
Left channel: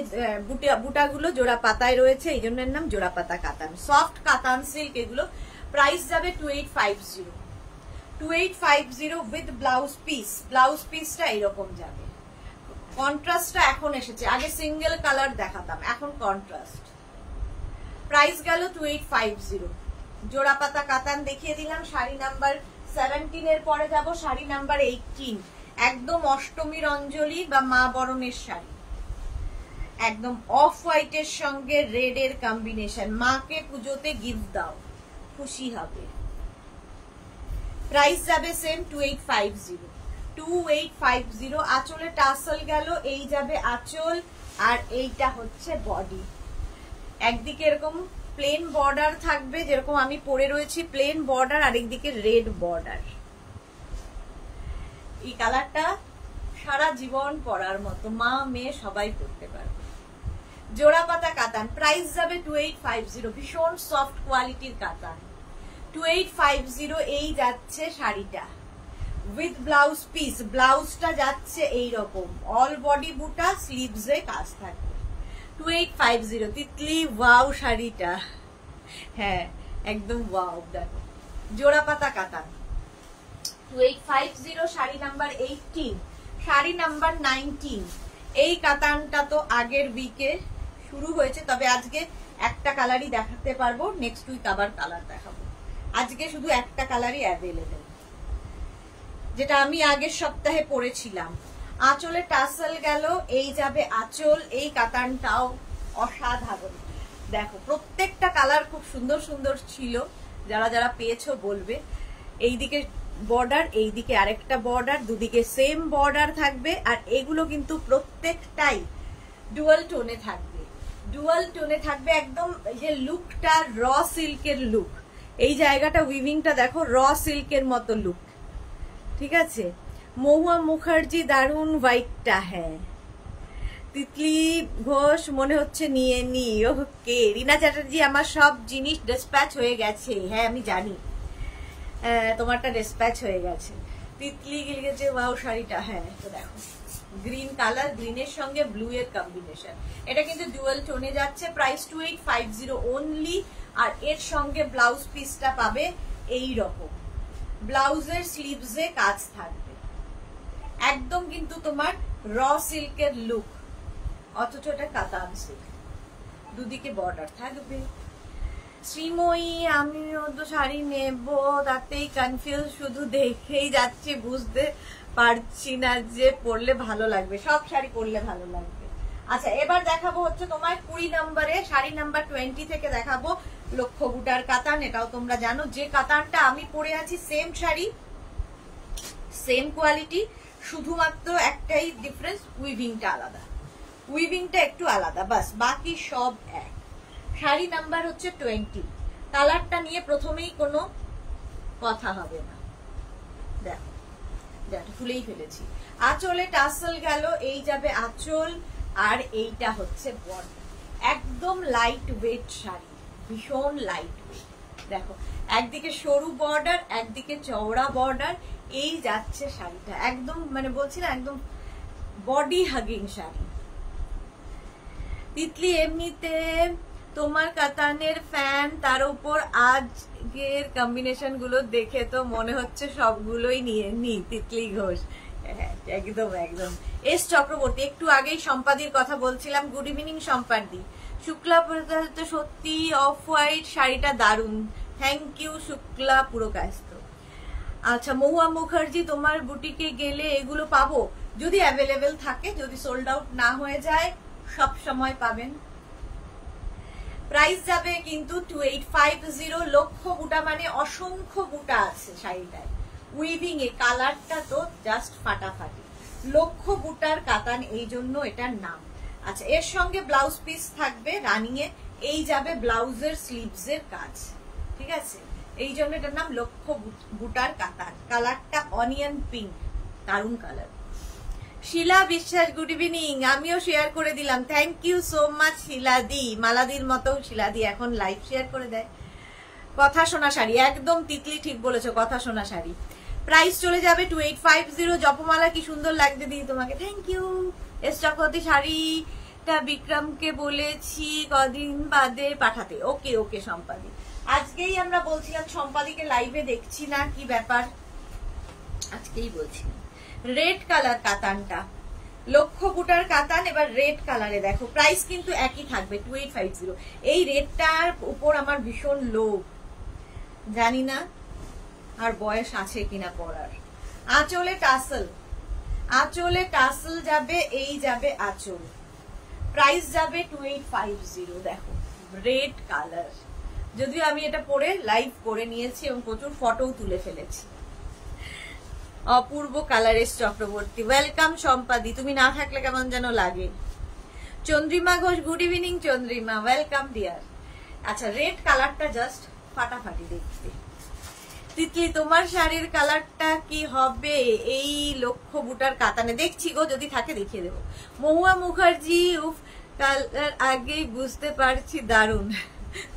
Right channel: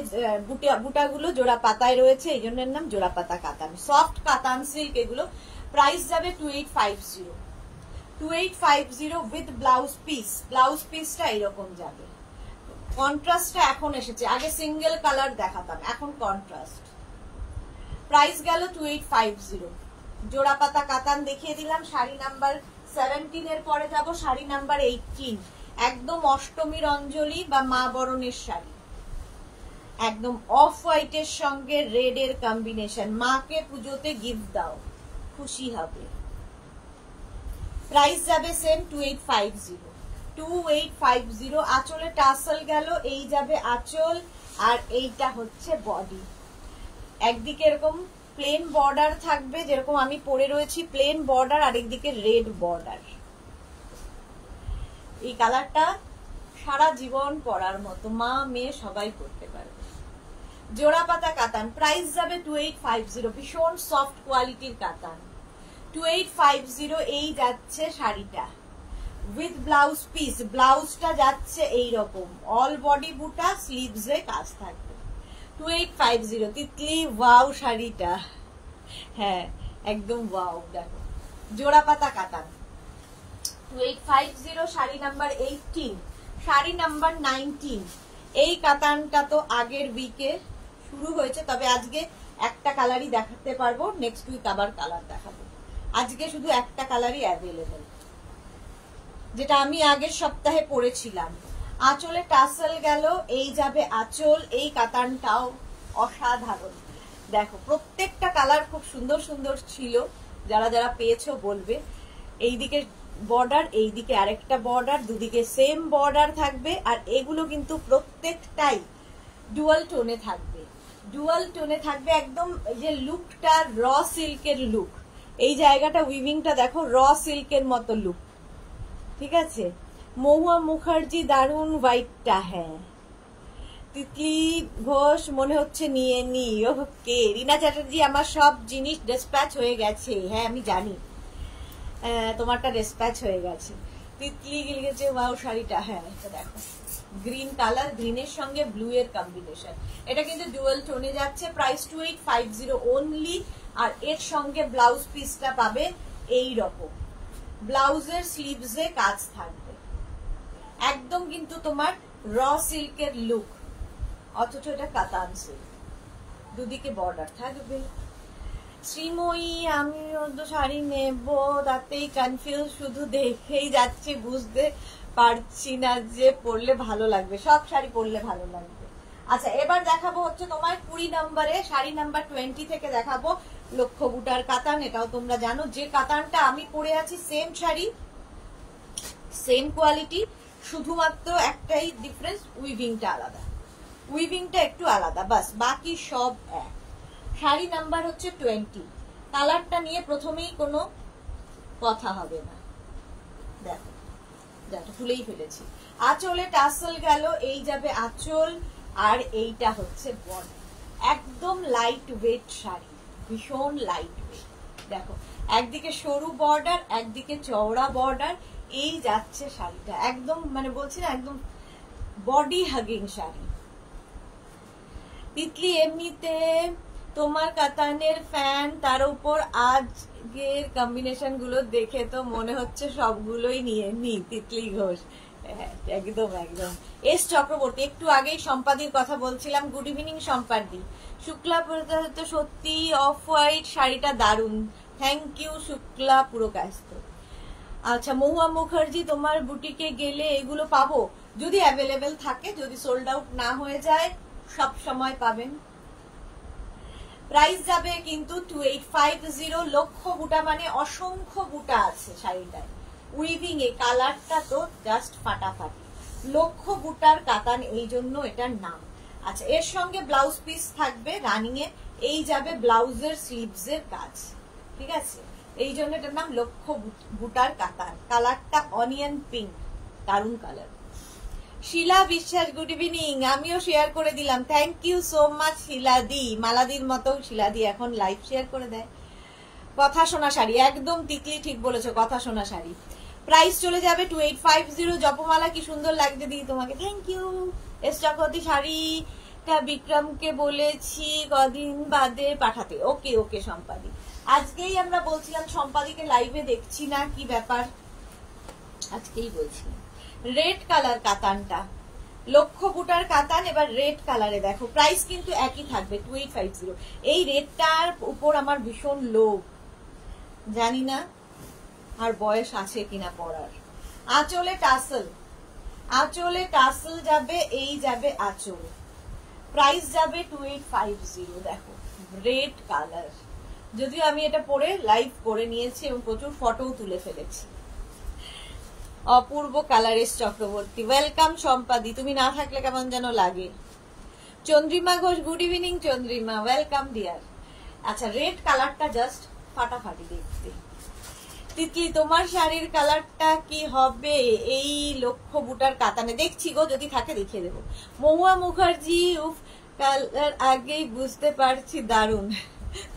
বুটাগুলো জোড়া পাতায় রয়েছে, এই জন্য এর নাম জোড়া পাতা কাতান, সফট কাতান সিল্ক এগুলো। প্রাইস যাবে 2850। 2850 উইথ ব্লাউজ পিস। ব্লাউজ পিসটা এরকম যাবে। কন্ট্রাস্টটা এখন এসেছে, আগে সিঙ্গেল কালার দেখাতাম, এখন কন্ট্রাস্ট। প্রাইস গেল 2850। জোড়া পাতা কাতান দেখিয়ে দিলাম। শাড়ি নাম্বার 17 এর পরে যাব শাড়ি নাম্বার 18, একদম অষ্টমীর অঞ্জলি বা মা বরণের শাড়ি, একদম অফ হোয়াইটের সঙ্গে রেড এর কম্বিনেশন। মাকে পুজোতে গিফট দাও, খুশি হবে। প্রাইস যাবে সেম 2850। 2850। আঁচলে টাসল গেল, এই যাবে আঁচল, আর এইটা হচ্ছে বডি। একদিকে এরকম প্লেন বর্ডার থাকবে, যেরকম আমি পরে রয়েছি প্লেন বর্ডার, আর একদিকে রেড বর্ডার। এই কালারটা সারা জীবন পরার মতো, মা মেয়ে সবাই পরতে পারবে। জোড়া পাতা কাতান, প্রাইস যাবে 2850। ভীষণ সফট কোয়ালিটির কাতান, 2850 এই যাচ্ছে শাড়িটা উইথ ব্লাউজ পিস। ব্লাউজটা যাচ্ছে এইরকম, অল বডি বুটা, স্লিভসে কাজ থাকবে। 2850। তিতলি ওয়াও শাড়িটা, হ্যাঁ একদম ওয়াও। দেখো জোড়া পাতা কাতান 2850। Sari number 18, sari number 19। এই কাতানটা তো আগের উইকে শুরু হয়েছে, তবে আজকে একটা কালারই দেখাতে পারবো, নেক্সট উইক আবার কালার দেখাবো। আজকে শুধু একটা কালারই অ্যাভেলেবেল, যেটা আমি আগের সপ্তাহে পরেছিলাম। আঁচলে টাসেল গেল, এই যাবে আঁচল। এই কাতানটাও অসাধারণ। দেখো প্রত্যেকটা কালার খুব সুন্দর সুন্দর ছিল, যারা যারা পেয়েছো বলবে। এইদিকে বর্ডার, এইদিকে আরেকটা বর্ডার, দুদিকে সেম বর্ডার থাকবে, আর এগুলো কিন্তু প্রত্যেকটাই ডুয়াল টোনে থাকবে। ডুয়াল টোনে থাকবে, একদম এই যে লুকটা র সিল্কের লুক, এই জায়গাটা উইভিংটা দেখো র সিল্কের মতো লুক, ঠিক আছে। মহুয়া মুখার্জি দারুন হোয়াইটটা, হ্যাঁ। তিতলি ঘোষ মনে হচ্ছে নিয়ে নি, ওকে। রিনা চ্যাটার্জি, আমার সব জিনিস ডিসপ্যাচ হয়ে গেছে, হ্যাঁ আমি জানি তোমারটা ডিসপ্যাচ হয়ে গেছে। তিতলি গেছে ওয়াও শাড়িটা, হ্যাঁ তো দেখো গ্রিন কালার, গ্রিনের সঙ্গে ব্লু এর কম্বিনেশন, এটা কিন্তু ডুয়াল টোনে যাচ্ছে। Price 2850 only. আর এর সঙ্গে ব্লাউজ পিসটা পাবে এই রকম, ব্লাউজের স্লিভসে কাজ থাকবে, একদম কিন্তু তোমার র সিল্কের লুক, অথচ এটা কাতান সিল্ক, দুদিকে বর্ডার থাকবে। শ্রীময়ী, আমিও তো শাড়ি নেব, তাতেই কনফিউজ, শুধু দেখেই যাচ্ছে, বুঝতে পারছি না যে পরলে ভালো লাগবে। সব শাড়ি পরলে ভালো লাগবে। আচ্ছা এবার দেখাবো হচ্ছে তোমার 20 নম্বরে, শাড়ি নাম্বার 20 থেকে দেখাবো লক্ষ্য বুটার কাতান। এটাও তোমরা জানো, যে কাতানটা আমি পরে আছি সেম শাড়ি, সেম কোয়ালিটি, শুধুমাত্র একটাই ডিফারেন্স, উইভিংটা আলাদা, উইভিংটা একটু আলাদা, বাস বাকি সব এক। শাড়ি নাম্বার হচ্ছে 20। কালারটা নিয়ে প্রথমেই কোনো কথা হবে না, দেখো দেখো তুলেই ফেলেছি। আঁচলে টাসেল গেল, এই যাবে আঁচল, আর এইটা হচ্ছে বডি। একদম লাইট ওয়েট শাড়ি, ভীষণ লাইট ওয়েট। দেখো একদিকে সরু বর্ডার, একদিকে চওড়া বর্ডার, এই যাচ্ছে শাড়িটা, একদম মানে বলছি না একদম বডি হাগিং শাড়ি। তিতলি এমনিতে তোমার কাতানের ফ্যান, তার উপর আজকের কম্বিনেশন গুলো দেখে তো মনে হচ্ছে সবগুলোই নিয়ে নি। তিতলি ঘোষ, একদম একদম। এস চক্রবর্তী, একটু আগেই সম্পাদির কথা বলছিলাম, গুড ইভিনিং সম্পাদি। শুক্লা সত্যি অফ হোয়াইট শাড়িটা দারুন, থ্যাংক ইউ শুক্লা পুরকায়স্থ। আচ্ছা মহুয়া মুখার্জি, তোমার বুটিকে গেলে এগুলো পাবো? যদি অ্যাভেলেবেল থাকে, যদি সোল্ড আউট না হয়ে যায় সব সময় পাবেন। প্রাইস যাবে কিন্তু 2850। লক্ষ বুটা মানে অসংখ্য বুটা আছে শাড়িটায়, উইভিং এ কালারটা তো জাস্ট ফাটাফাটি। লক্ষ বুটার কাতান, এই জন্য এটার নাম। আচ্ছা এর সঙ্গে ব্লাউজ পিস থাকবে রানিং এ, এই যাবে ব্লাউজের স্লিভস এর কাজ, ঠিক আছে? এই জন্য এটার নাম লক্ষ বুটার কাতান। কালারটা অনিয়ন পিঙ্ক, দারুন কালার। শিলা বিশ্বাস, গুড ইভিনিং। আমিও শেয়ার করে দিলাম, থ্যাংক ইউ সো মাচ শিলাদি। মালাদির মতো শিলাদি এখন লাইভ শেয়ার করে দেয়। কথা শোনা শাড়ি, একদম তিতলি ঠিক বলেছো, কথা শোনা শাড়ি। প্রাইস চলে যাবে 2850। জপমালা কি সুন্দর লাগছে দিদি তোমাকে, থ্যাংক ইউ। এস চক্রবর্তী, শাড়িটা বিক্রমকে বলেছি কদিন বাদে পাঠাতে। ওকে ওকে সম্পাদি, আজকেই আমরা বলছিলাম সম্পাদিকে লাইভে দেখছি না, কি ব্যাপার, আজকেই বলছিলাম। রেড কালার কাতানটা, লক্ষ বুটার কাতান, এবার রেড কালারে দেখো। প্রাইস কিন্তু একই থাকবে 2850। এই রেডটার উপর আমার ভীষণ লোভ, জানি না আর বয়স আছে কিনা পরার। আঁচলে টাসেল, আঁচলে টাসেল যাবে, এই যাবে আঁচল। প্রাইস যাবে 2850। দেখো রেড কালার, যদিও আমি এটা পরে লাইভ করে নিয়েছি এবং প্রচুর ফটোও তুলে ফেলেছি। অপূর্ব কালারের চক্রবর্তী, ওয়েলকাম সম্পাদি, তুমি না থাকলে কেমন যেন লাগে। Chandrima Ghosh, good evening Chandrima, welcome deer. আচ্ছা রেড কালারটা জাস্ট ফাটাফাটি দেখতে। তিতলি তোমার শাড়ির কালারটা কি হবে এই লক্ষ বুটার কাতানে? দেখছি গো, যদি থাকে দেখিয়ে দেবো। মহুয়া মুখার্জি, উফ কালার আগেই বুঝতে পারছি দারুন,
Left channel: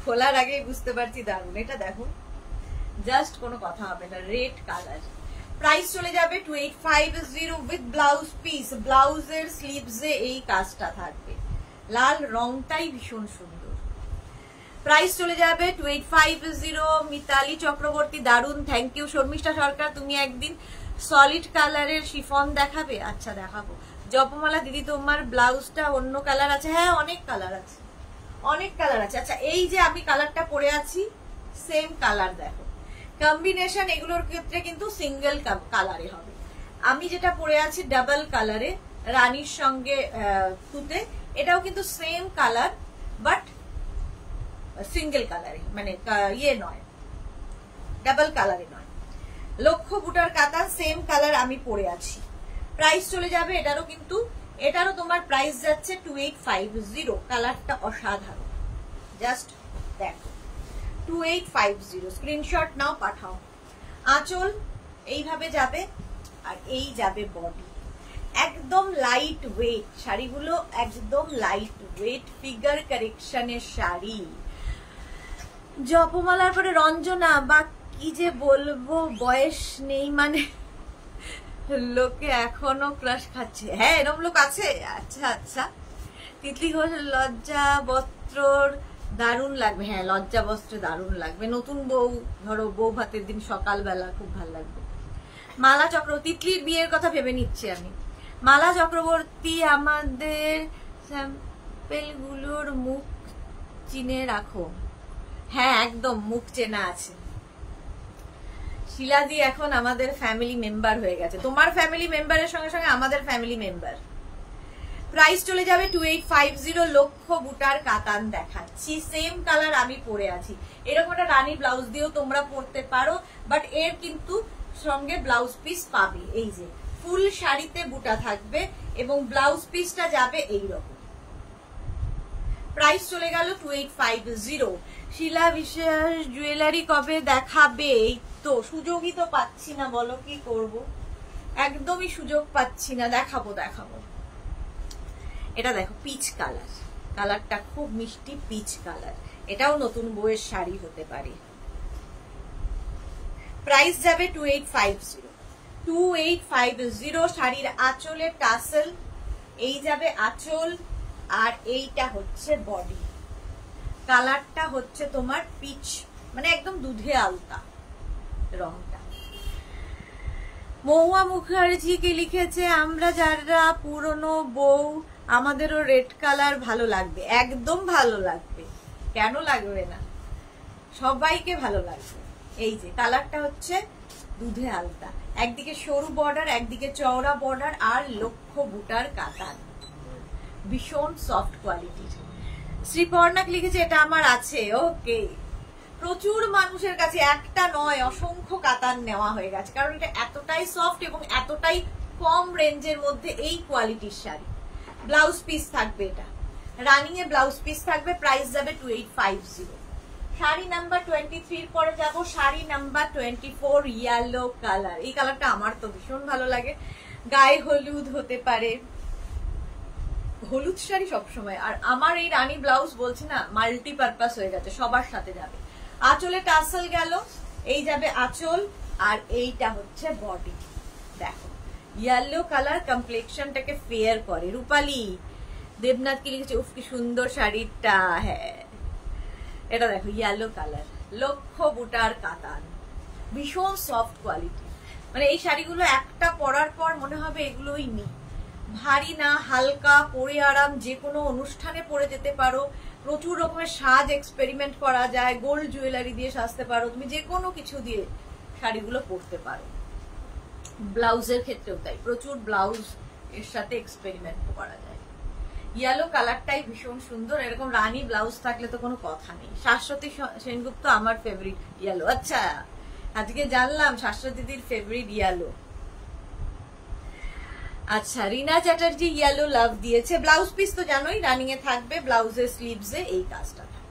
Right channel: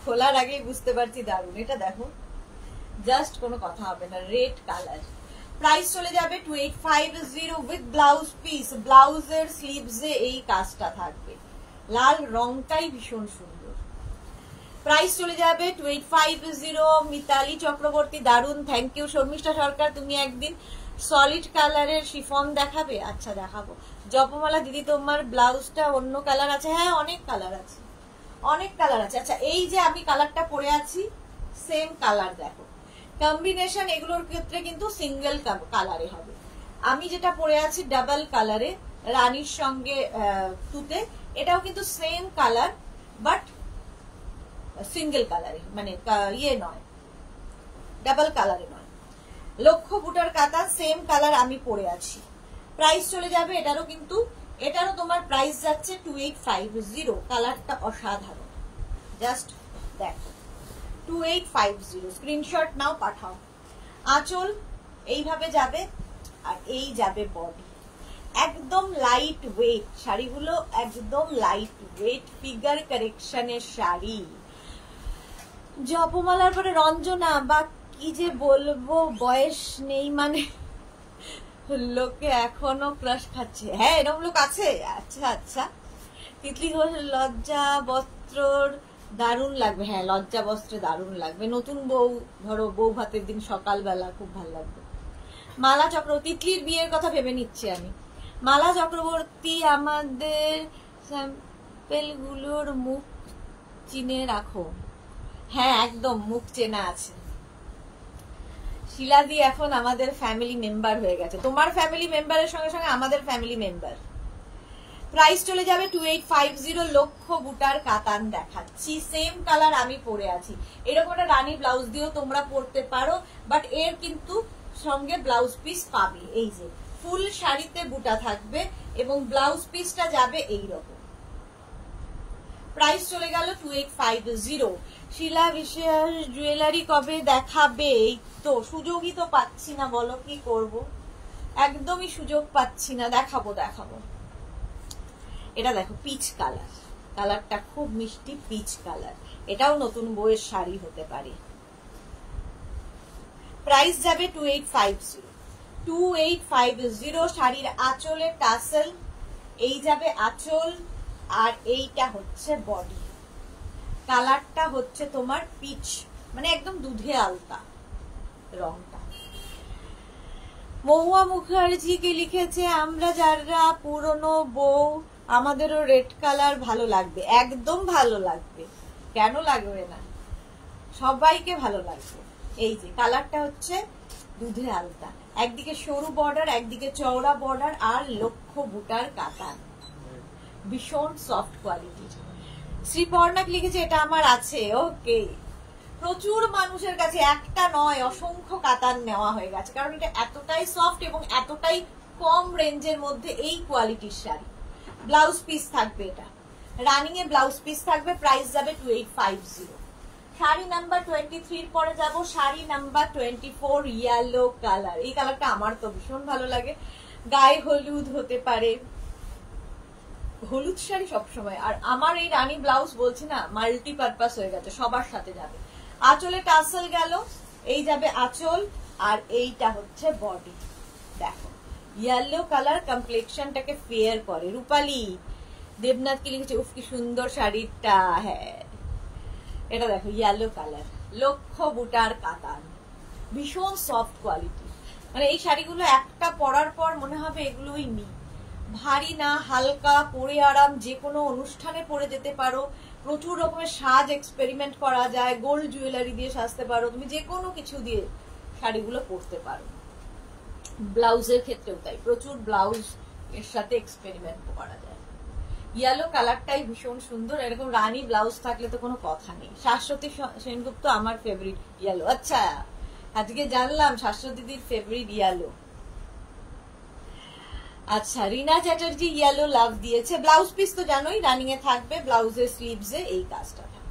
খোলার আগেই বুঝতে পারছি দারুন। এটা দেখো জাস্ট কোনো কথা হবে না, রেড কালার। প্রাইস চলে যাবে 2850 উইথ ব্লাউজ পিস। ব্লাউজের স্লিভসে এই কাজটা থাকবে, লাল রংটাই ভীষণ সুন্দর। প্রাইস চলে যাবে 2850। মিতালি চক্রবর্তী, দারুন, থ্যাংক ইউ। শর্মিষ্ঠা সরকার, তুমি একদিন সলিড কালারের শিফন দেখাবে? আচ্ছা দেখাবো। জপমালা দিদি, তোমার ব্লাউজটা অন্য কালার আছে? হ্যাঁ অনেক কালার আছে, অনেক কালার আছে। আচ্ছা এই যে আমি কালারটা পরে আছি সেম কালার দেখো, কম্বিনেশন এগুলোর ক্ষেত্রে কিন্তু সিঙ্গেল কালারে হবে। আমি যেটা পরে আছি ডাবল কালারে রানীর সঙ্গে তুতে, এটাও কিন্তু সেম কালার বাট সিঙ্গেল কালারে, মানে ইয়ে নয়, ডাবল কালারে নয়। লক্ষ বুটার কাতান, সেম কালার আমি পরে আছি। প্রাইস চলে যাবে এটারও, কিন্তু এটারও তোমার প্রাইস যাচ্ছে 2850। কালারটা অসাধারণ, জাস্ট দেখো 2850। স্ক্রিনশট নাও, পাঠাও। আঁচল এইভাবে যাবে আর এই যাবে বডি। একদম লাইট ওয়েট শাড়িগুলো, একদম লাইট ওয়েট ফিগার কারেকশনের শাড়ি। জপমালার পরে রঞ্জনা, বা কি যে বলবো, বয়স নেই মানে লোকে এখনো ক্রাশ খাচ্ছে। হ্যাঁ এরকম লোক আছে, আচ্ছা আচ্ছা। তিতলি ঘোষ, লজ্জা বস্ত্রর দারুণ লাগবে। হ্যাঁ লজ্জা বস্ত্রে দারুণ লাগবে, নতুন বউ ধরো বউ ভাতের দিন সকালবেলা খুব ভালো লাগবে। মালা চক্রবর্তী, তিতলির বিয়ের কথা ভেবে নিচ্ছি আমি। মালা চক্রবর্তী, আমাদের স্যাম্পেল গুলোর মুখ চিনে রাখো। হ্যাঁ একদম মুখ চেনা আছে। শিলাদি এখন আমাদের ফ্যামিলি মেম্বার হয়ে গেছে, তোমার ফ্যামিলি মেম্বারের সঙ্গে সঙ্গে আমাদের ফ্যামিলি মেম্বার। প্রাইস চলে যাবে 2850। লক্ষ বুটার কাতান দেখাচ্ছি, সেম কালার আমি পরে আছি। এরকম একটা রানী ব্লাউজ দিয়েও তোমরা পরতে পারো, বাট এর কিন্তু সঙ্গে ব্লাউজ পিস পাবে। এই যে ফুল শাড়িতে বুটা থাকবে এবং ব্লাউজ পিসটা যাবে এইরকম। প্রাইস চলে গেল 2850। শিলা বিশ্বাস, জুয়েলারি কবে দেখাবে? এই তো সুযোগই তো পাচ্ছি না, বলো কি করব, একদমই সুযোগ পাচ্ছি না। দেখাবো দেখাবো। এটা দেখো পিচ কালার, কালারটা খুব মিষ্টি পিচ কালার, এটাও নতুন বউয়ের শাড়ি হতে পারে। প্রাইস যাবে 2850। 2850। শাড়ির আঁচলে টাসেল, এই যাবে আঁচল আর এইটা হচ্ছে বডি। কালারটা হচ্ছে তোমার পিচ, মানে একদম দুধে আলতা রংটা। মহুয়া মুখার্জি কি লিখেছে, আমরা যারা পুরনো বউ আমাদেরও রেড কালার ভালো লাগবে। একদম ভালো লাগবে, কেন লাগবে না। সবাইকে ভালো লাগবে। এই যে কালারটা হচ্ছে দুধে আলতা, একদিকে সরু বর্ডার, একদিকে চওড়া বর্ডার, আর লক্ষ বুটার কাতান, ভীষণ সফট কোয়ালিটি। শ্রীপর্ণাক লিখেছে এটা আমার আছে। ওকে, প্রচুর মানুষের কাছে একটা নয় অসংখ্য কাতান নেওয়া হয়ে গেছে, কারণ এটা এতটাই সফট এবং এতটাই কম রেঞ্জের মধ্যে এই কোয়ালিটির শাড়ি। ব্লাউজ পিস থাকবে, এটা রানিং এ ব্লাউজ পিস থাকবে, প্রাইস যাবে 2850। শাড়ি নাম্বার 23 পরে যাব, শাড়ি নাম্বার 24 ইয়েলো কালার। এই কালারটা আমার তো ভীষণ ভালো লাগে, গায়ে হলুদ হতে পারে, হলুদ শাড়ি সবসময়। আর আমার এই রানী ব্লাউজ বলছি না, মাল্টিপারপাস হয়ে গেছে, সবার সাথে যাবে। আঁচলে টাসেল গেল, এই যাবে আঁচল, আর এইটা হচ্ছে বডি। দেখো ইয়েলো কালার কমপ্লেক্সনটাকে ফেয়ার করে। রূপালী দেবনাথ কি লিখেছে, উফ কি সুন্দর শাড়িটা। হ্যাঁ, এটা দেখো ইয়েলো কালার, লক্ষ বুটার কাতান, ভীষণ সফট কোয়ালিটি। মানে এই শাড়িগুলো একটা পরার পর মনে হবে এগুলোই নি, ভারী না, হালকা, পরে আরাম, যে কোনো অনুষ্ঠানে পরে যেতে পারো। প্রচুর রকমের সাজ এক্সপেরিমেন্ট করা যায়, গোল্ড জুয়েলারি দিয়ে সাজতে পারো, তুমি যে কোনো কিছু দিয়ে শাড়িগুলো পরতে পারো। ব্লাউজের ক্ষেত্রেও তাই, প্রচুর ব্লাউজ এর সাথে এক্সপেরিমেন্ট করা যায়। ইয়েলো কালারটাই ভীষণ সুন্দর, এরকম রানী ব্লাউজ থাকলে তো কোনো কথা নেই। শাশ্বতী সেনগুপ্ত আমার ফেভারিট ইয়েলো। আচ্ছা, আজকে জানলাম শাশ্বতীদির ফেভারিট ইয়েলো। আচ্ছা, রিনা চ্যাটার্জি ইয়েলো লাভ দিয়েছে। ব্লাউজ পিস তো জানোই রানিং এ থাকবে, ব্লাউজের স্লিভসে এই কাজটা থাকবে।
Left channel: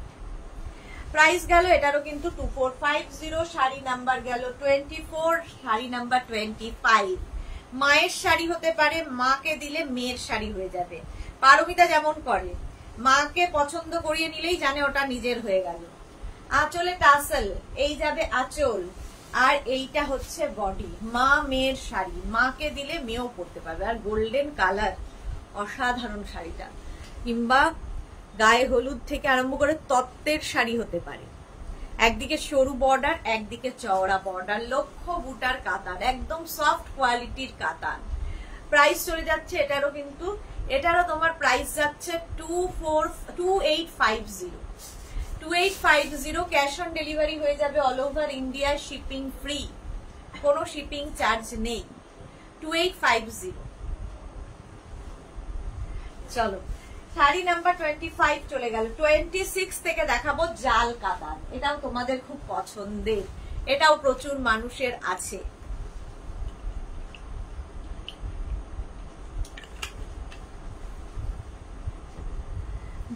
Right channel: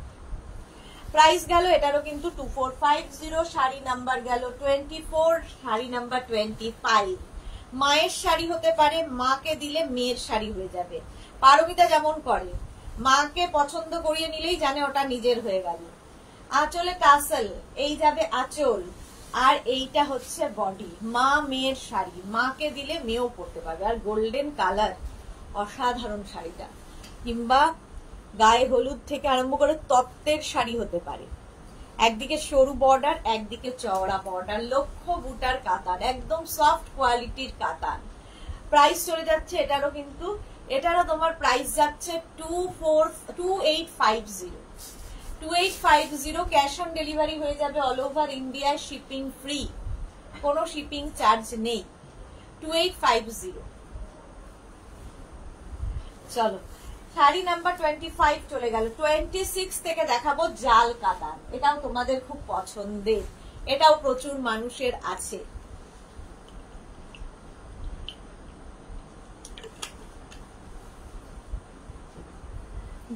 প্রাইস গেল এটারও কিন্তু 2450। শাড়ি নাম্বার গেল 24, শাড়ি নাম্বার 25। মায়ের শাড়ি হতে পারে, মাকে দিলে মেয়ের শাড়ি হয়ে যাবে। পারমিতা যেমন করে, মাকে পছন্দ করিয়ে নিলেই জানে ওটা নিজের হয়ে গেল। আঁচলে টাসেল, এই যাবে আঁচল, আর এইটা হচ্ছে বডি। মা মেয়ের শাড়ি, মাকে দিলে মেয়েও পরতে পারবে। আর গোল্ডেন কালার, অসাধারণ শাড়িটা। কিংবা গায়ে হলুদ থেকে আরম্ভ করে তত্ত্বের শাড়ি হতে পারে। একদিকে সরু বর্ডার, একদিকে চওড়া বর্ডার, লক্ষ বুটার কাতান, একদম সফট কোয়ালিটির কাতান। প্রাইস চলে যাচ্ছে এটারও কিন্তু, এটারও তোমার প্রাইস যাচ্ছে 2850। 2850 ক্যাশ অন ডেলিভারি হয়ে যাবে all over India, shipping free, কোনো শিপিং চার্জ নেই। 2850। চলো শাড়ি নাম্বার 25 চলে গেল। 26 থেকে দেখাবো জাল কাতান। এটাও তোমাদের খুব পছন্দের, এটাও প্রচুর মানুষের আছে।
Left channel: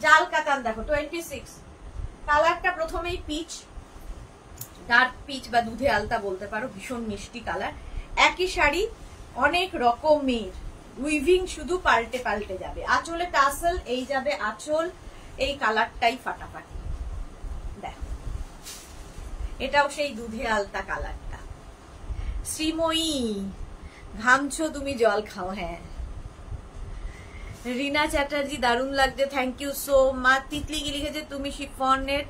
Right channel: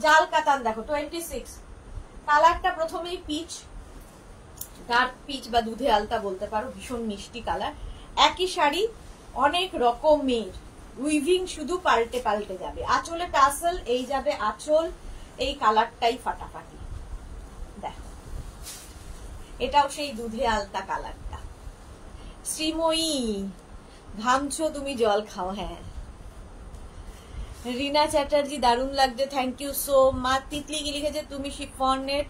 জাল কাতান দেখো 26। কালারটা প্রথমেই পিচ, ডার্ক পিচ বা দুধে আলতা বলতে পারো, ভীষণ মিষ্টি কালার। একই শাড়ি অনেক রকমের উইভিং, শুধু পাল্টে পাল্টে যাবে। আঁচলে টাসেল, এই যাবে আঁচল, এই কালারটাই ফাটাফাটি। দেখো এটাও সেই দুধে আলতা কালারটা। শ্রীময়ী ঘামছো তুমি, জল খাও। হ্যাঁ, রিনা চ্যাটার্জি দারুণ লাগছে, thank you so much. Titli কি লিখেছে, তুমি শিফনের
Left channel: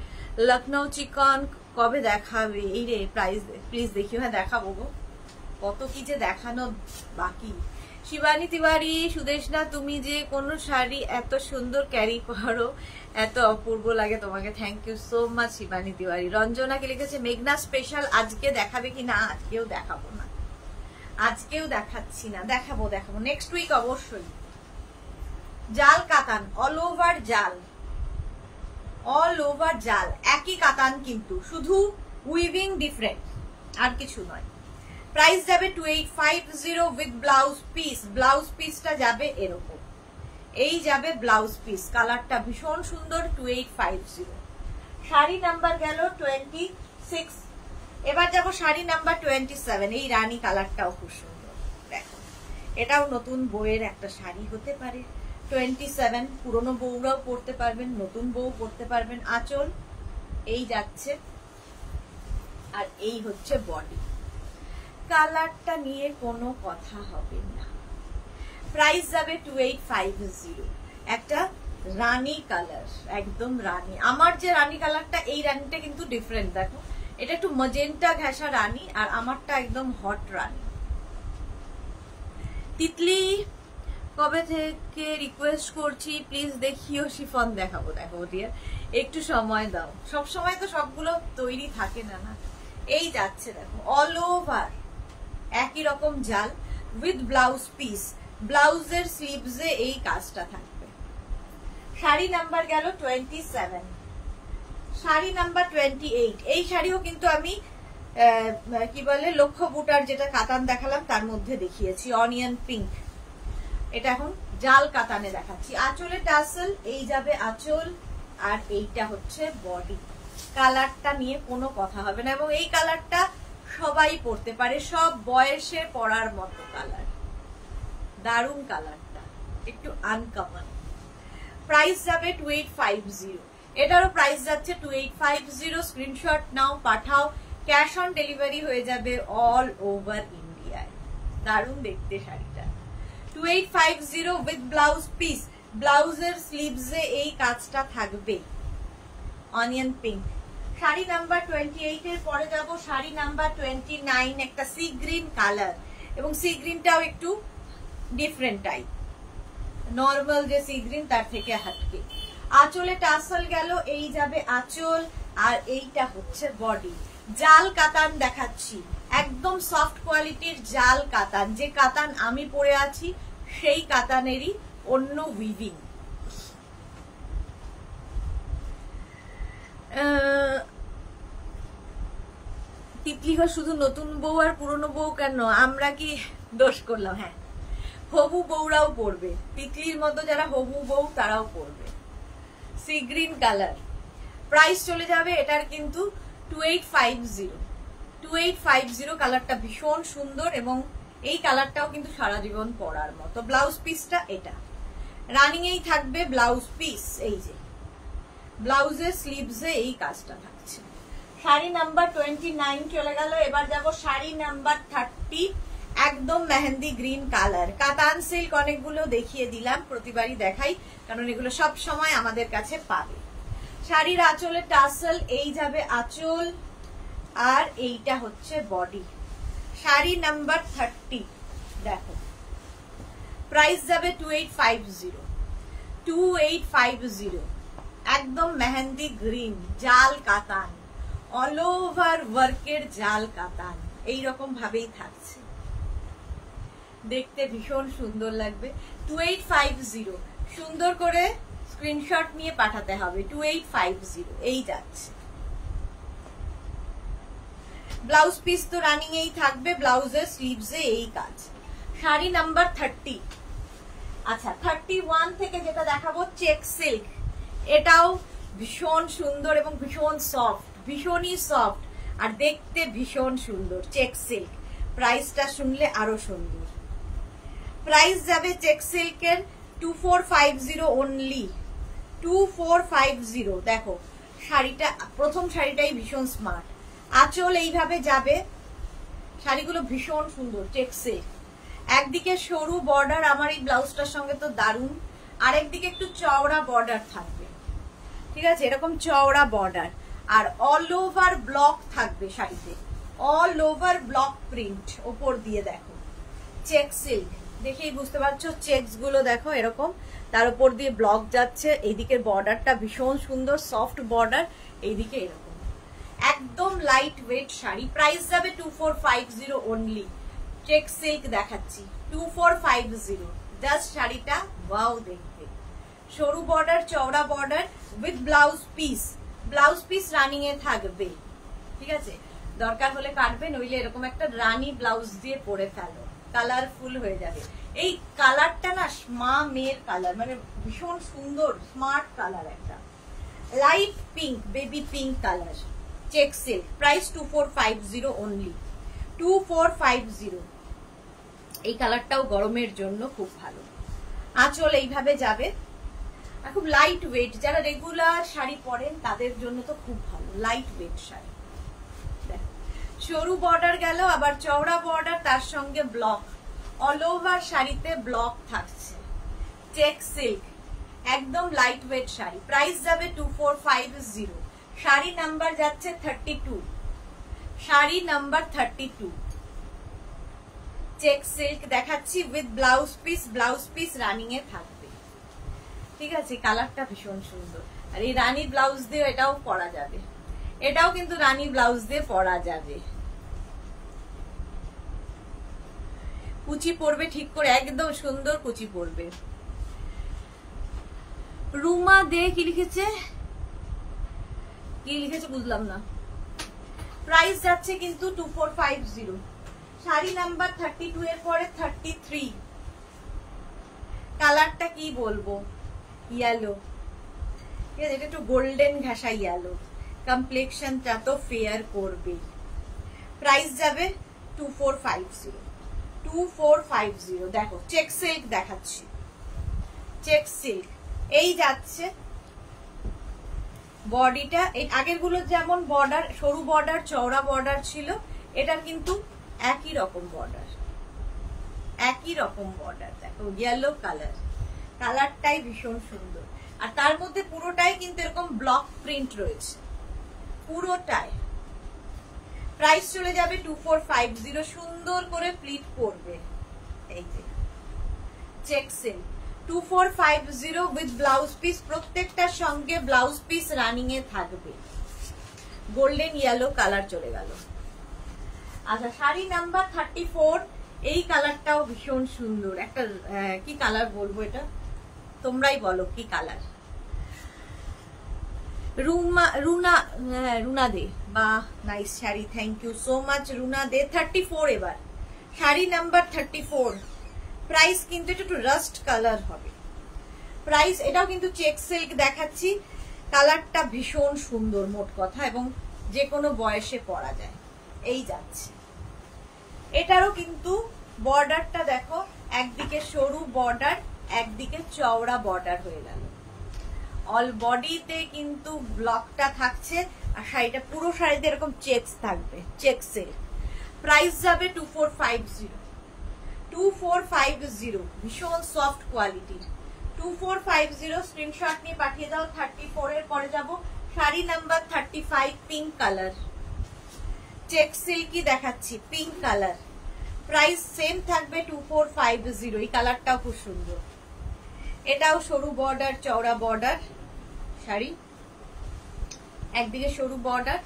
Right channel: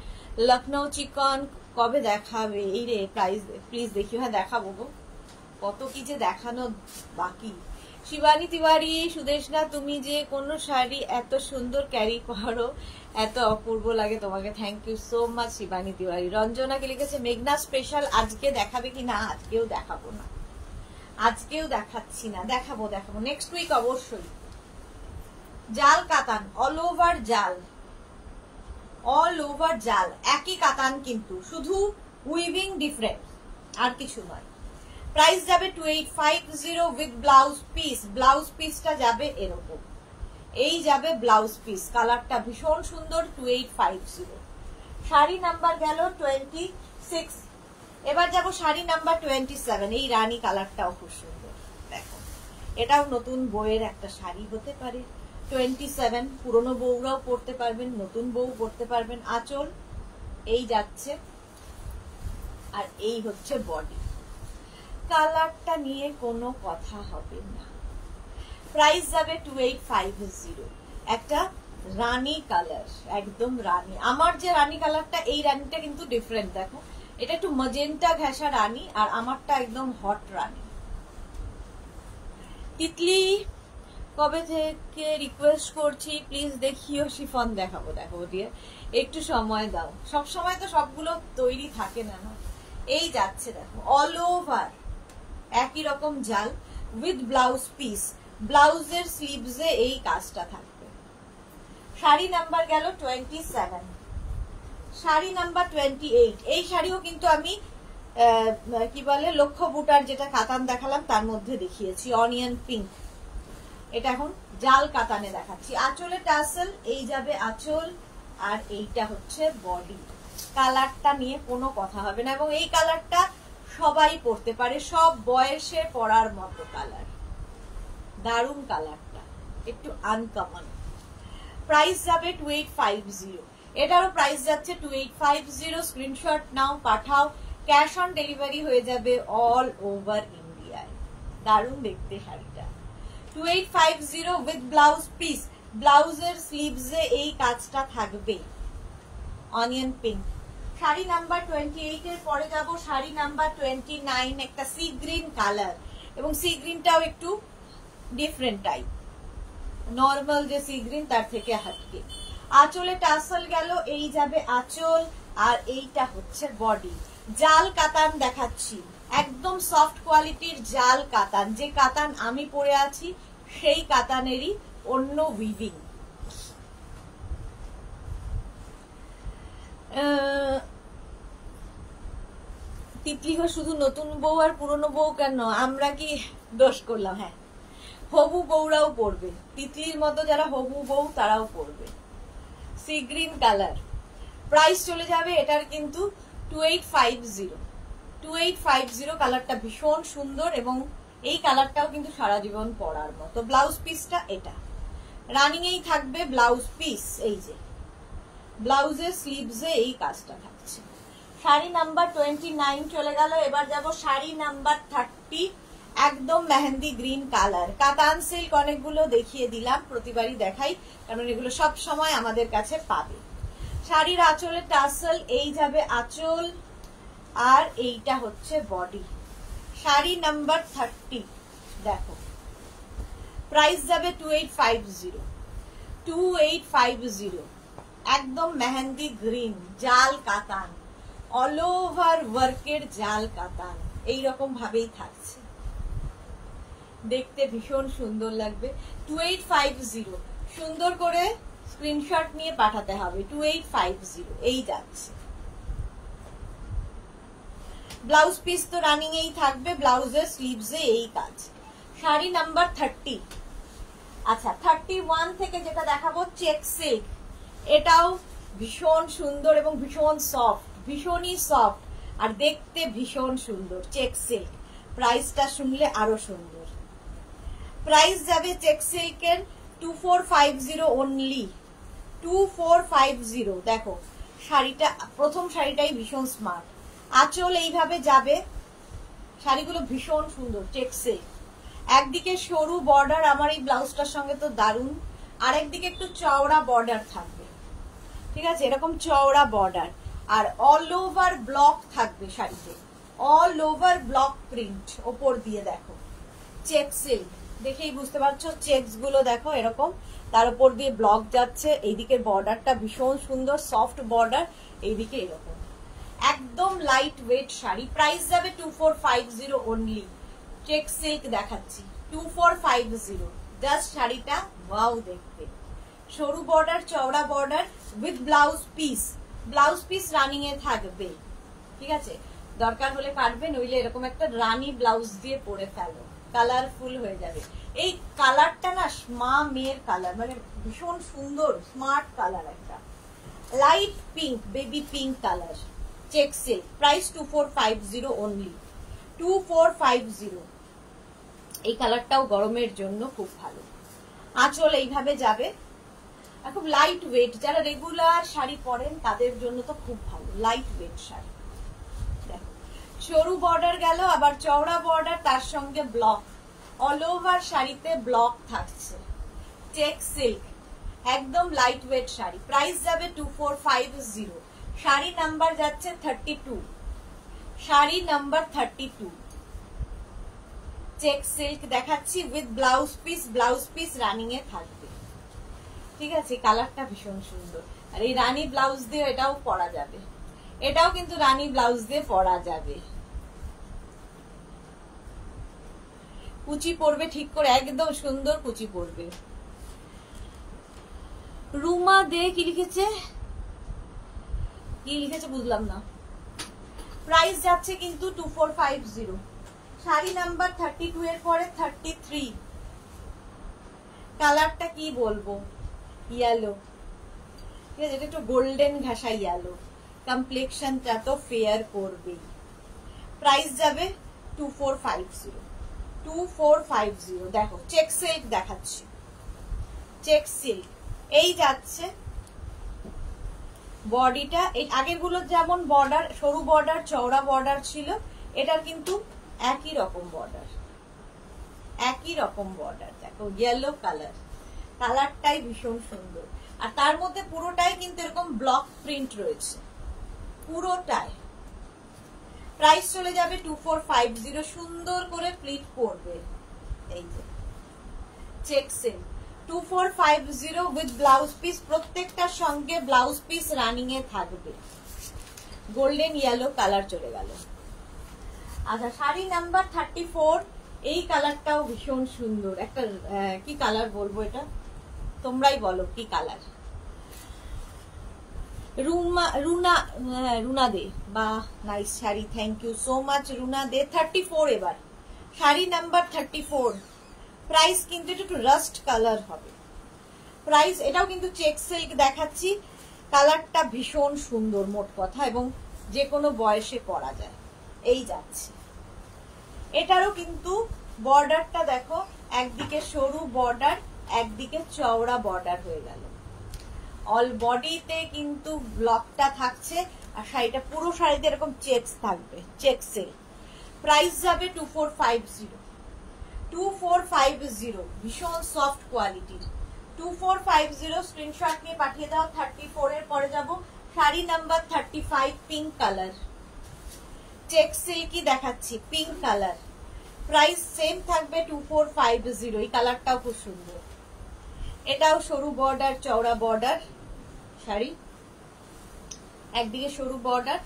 লখনৌ চিকন কবে দেখাবে? এই রে প্রাইস প্লিজ দেখিও। হ্যাঁ দেখাবো গো, কত কি যে দেখানো বাকি। শিবানী তিওয়ারি, সুদেশনা তুমি যে কোনো শাড়ি এত সুন্দর ক্যারি করো, এত অপূর্ব লাগে তোমাকে, thank you so much Shivani Tiwari. Ranjana কি লিখেছে, মেঘনা স্পেশাল আজকে দেখাবে কি না? আজকেও দেখাবো না, আজকেও দেখাচ্ছি না, দেখাবো দেখাবো নেক্সট উইক অবশ্যই। জাল কাতান, অল ওভার জাল, অল ওভার জাল, একই কাতান কিন্তু শুধু উইভিং ডিফারেন্ট, আর কিছু নয়। প্রাইস যাবে 2850 উইথ ব্লাউজ পিস। ব্লাউজ পিসটা যাবে এরকম, এই যাবে ব্লাউজ পিস, কালারটা ভীষণ সুন্দর। 2850। শাড়ি নাম্বার গেল 26। এবার যাব শাড়ি নাম্বার 27। এই রানী কালারটাও খুব সুন্দর, দেখো এটাও নতুন বউয়ের একটা শাড়ি হতে পারে। 27, পুরনো বউরাও পরতে পারবেন, নতুন বউ পরতে পারবেন। আঁচল এই যাচ্ছে, আর এই হচ্ছে বডি। কালারটা নিয়ে কোনো কথা হবে না। প্রাইস যাবে 2850। একটা রানী কালার, একদম রানী। আমার যে রানী কালারটা, এই রানীটা কিন্তু ডিফারেন্ট। দেখো এটা একটু মজেন্টা ঘেঁষা রানী, আর আমারটা একদম হট রানী। তিতলি কবে থেকে রিকোয়েস্ট করছি প্লিজ দেখিও শিফন। দেখাবো, দেখো ডিয়ার, একটু সময় দাও, সব সময় তো সবগুলো তৈরি থাকে না। না, এই যাচ্ছে দেখো, অল ওভার একই রকম জাল উইথ ব্লাউজ পিস। ব্লাউজের স্লিভসে এই কাজটা থাকবে। শাড়ি নাম্বার গেল 27। শাড়ি নাম্বার 28। এই শাড়িও কিন্তু আমি কি বলে লক্ষ্য বুটার যেটা কাতান দেখালাম তার মধ্যে দেখিয়েছি, অনিয়ন পিঙ্ক। এটা এখন জাল কাতানে দেখাচ্ছি। আঁচলে টাসেল, এই যাবে আঁচল, আর এইটা হচ্ছে বডি। কালারটা নিয়ে কোনো কথা হবে না, এবং এই কালারটা সবাই পরতে পারে, সব বয়সে পরার মতো কালার। দারুণ কালারটা, একটু আনকমন। প্রাইস যাবে 2850। এটারও প্রাইস যাচ্ছে 2850। স্ক্রিনশট নাও, পাঠাও। ক্যাশ অন ডেলিভারি হয়ে যাবে অল ওভার ইন্ডিয়ায়। দারুণ দেখতে শাড়িটা। 2850 উইথ ব্লাউজ পিস। ব্লাউজের স্লিভসে এই কাজটা থাকবে, অনিয়ন পিঙ্ক। শাড়ি নাম্বার 28 এর পরে যাব শাড়ি নাম্বার 29। একটা সি গ্রিন কালার, এবং সি গ্রিনটাও একটু ডিফারেন্ট টাইপ, নর্মাল যে সি গ্রিন তার থেকে হাটকে। আঁচলে টাসল গেল, এই যাবে আঁচল, আর এইটা হচ্ছে বডি। জাল কাতান দেখাচ্ছি, একদম সফট কোয়ালিটির জাল কাতান। যে কাতান আমি পরে আছি সেই কাতানেরই অন্য উইভিং। তিতলি ঘর শুধু নতুন বউ আর পুরনো বউ কেন, আমরা কি দোষ করলাম? হ্যাঁ, হবু বউরাও পরবে, তিতলির মতো যারা হবু বউ তারাও পরবে। Sea green colour. প্রাইস চলে যাবে এটার কিন্তু 2850। 2850। কালারটা ভীষণ সুন্দর, এবং এই কালারটাও কিন্তু সারা জীবন পরার মতো। ব্লাউজ পিসটা এটা রানিং এই থাকবে, ব্লাউজ পিস। এই যে ব্লাউজের স্লিভসে এই কাজটা থাকছে। শাড়ি নাম্বার 29 চলে গেল। এবার যাব শাড়ি নাম্বার 30। একদম মেহেন্দি গ্রিন কালার। কাতান সিল্ক অনেকগুলো দেখিয়ে দিলাম, প্রতিবারই দেখাই কারণ এগুলো সব সময় আমাদের কাছে পাবে। শাড়ির আঁচলে টাসেল, এই যাবে আঁচল, আর এইটা হচ্ছে বডি। শাড়ি নাম্বার 30 দেখো, প্রাইস যাবে 2850। 2850। একদম মেহেন্দি গ্রিন জাল কাতান, অল ওভার ওয়ার্কের জাল কাতান, এইরকম ভাবেই থাকছে, দেখতে ভীষণ সুন্দর লাগবে। 2850। সুন্দর করে স্ক্রিনশট নিয়ে পাঠাতে হবে। 2850 এই যাচ্ছে। ব্লাউজ পিস তো রানিং এই থাকবে, ব্লাউজের স্লিভসে এই কাজ। শাড়ি নাম্বার 30। আচ্ছা, 31 থেকে যেটা দেখাবো চেক সিল্ক। এটাও ভীষণ সুন্দর এবং ভীষণ সফট, ভীষণই সফট, আর দেখতে ভীষণ সুন্দর। চেক সিল্ক, প্রাইসটা শুনলে আরো সুন্দর। প্রাইস যাবে চেক সিল্কের 2450 অনলি। 2450। দেখো শাড়িটা, প্রথম শাড়িটাই ভীষণ স্মার্ট। আঁচল এইভাবে যাবে, শাড়িগুলো ভীষণ সুন্দর চেক সিল্ক। একদিকে সরু বর্ডার, আমার এই ব্লাউজটার সঙ্গে তো দারুণ, আরেকদিকে একটু চওড়া বর্ডার থাকবে, ঠিক আছে, এরকম চওড়া বর্ডার, আর অল ওভার ব্লক থাকবে শাড়িতে, অল ওভার ব্লক প্রিন্ট ওপর দিয়ে। দেখো চেক সিল্ক, দেখেই বুঝতে পারছো, চেকস গুলো দেখো এরকম, তার উপর দিয়ে ব্লক যাচ্ছে। এইদিকের বর্ডারটা ভীষণ সুন্দর, সফট বর্ডার, এইদিকে এরকম একদম লাইট ওয়েট শাড়ি। প্রাইস যাবে 2450 অনলি। চেক সিল্ক দেখাচ্ছি 2450। জাস্ট শাড়িটা ওয়াও দেখতে, সরু বর্ডার চওড়া border with blouse piece. Blouse piece running এ থাকবে, ঠিক আছে, দরকার হলে কাটবে, নইলে এরকম একটা রানী ব্লাউজ দিয়ে পরে ফেলো, কালারফুল হয়ে যাবে। এই কালারটা না মা মেয়ের কালার, মানে ভীষণ সুন্দর স্মার্ট কালার, একটা light pink, baby pink colour. Check silk, price 2450 only. 2450। এই কালারটাও গরমের জন্য খুব ভালো। আঁচল এইভাবে যাবে, আর খুব লাইট ওয়েট, যারা রেগুলার শাড়ি পরেন তাদের জন্য তো খুব ভালো, লাইট ওয়েট শাড়ি। সরু বর্ডার গেল, আবার চওড়া বর্ডার, তার সঙ্গে ব্লক, অল ওভার শাড়িতে ব্লক থাকছে। চেক সিল্ক, একদম লাইট ওয়েট শাড়ি। প্রাইস যাবে 2450। শাড়ি নাম্বার যাচ্ছে 32। শাড়ি নাম্বার 32। চেক সিল্ক দেখাচ্ছি with blouse piece. Blouse piece running এ থাকবে। ঠিক আছে, কালারটা ভীষণ সুন্দর। আর এই রানী ব্লাউজ দিয়ে এটাও পরা যাবে, এটাও কিন্তু রানী ব্লাউজ দিয়ে পরা যাবে। কুচি পড়বে ঠিক করে, একদম সুন্দর কুচি পড়বে। রুমা দে কি লিখেছে, কি লিখেছে বুঝলাম না। প্রাইস যাচ্ছে কিন্তু 2450। শাড়ি নাম্বার 32 এর পরে 33। কালারটা কি বলবো, ইয়েলো, ঠিক আছে, এটা একটু গোল্ডেন ঘাসা ইয়েলো, কমপ্লেক্সনটা তো ফেয়ার করবে। প্রাইস যাবে 2450। 2450। দেখো চেক সিল্ক দেখাচ্ছি, চেক সিল্ক। এই যাচ্ছে বডিটা, এই আগের গুলো যেমন বর্ডার, সরু বর্ডার চওড়া বর্ডার ছিল, এটা কিন্তু একই রকম বর্ডার, একই রকম বর্ডার। দেখো ইয়েলো কালার, কালারটাই ভীষণ সুন্দর। আর তার মধ্যে পুরোটাই কিন্তু এরকম ব্লক প্রিন্ট রয়েছে, পুরোটাই। প্রাইস চলে যাবে 2450। সুন্দর করে প্লিট করবে, এই যে check silk 2450 with blouse piece. প্রত্যেকটার সঙ্গে ব্লাউজ পিস রানিং এ থাকবে। গোল্ডেন ইয়েলো কালার চলে গেল। আচ্ছা, শাড়ি নাম্বার 34। এই কালারটাও ভীষণ সুন্দর একটা, কি কালার বলবো এটা, তোমরাই বলো কি কালার। রুনা দে, বা nice sari, thank you so much Runa Dey. 34 এবার শাড়ি নাম্বার 34। প্রাইস কিন্তু এটা একটু রাস্ট কালার হবে। প্রাইস, এটাও কিন্তু চেক সিল্ক দেখাচ্ছি। কালারটা ভীষণ সুন্দর মোট কথা, এবং যে কোনো বয়সে পরা যায়। এই যাচ্ছে, এটারও কিন্তু বর্ডারটা দেখো, একদিকে সরু বর্ডার, একদিকে চওড়া বর্ডার হয়ে গেল। অল বডিতে কিন্তু ব্লকটা থাকছে, আর শাড়িটা পুরো শাড়িতে এরকম চেকস থাকবে, চেক সিল্ক। প্রাইস যাবে 2450। 2450, ভীষণ সফট কোয়ালিটির। 2450 স্ক্রিনশট নিয়ে পাঠিয়ে দাও। 34 এর পরে যাব sari number 35, pink colour, check silky দেখাচ্ছি, পিঙ্ক কালার। প্রাইস সেম থাকবে 2450। এই কালারটাও খুব সুন্দর। এটাও সরু বর্ডার চওড়া বর্ডার শাড়ি, একদিকে সরু বর্ডার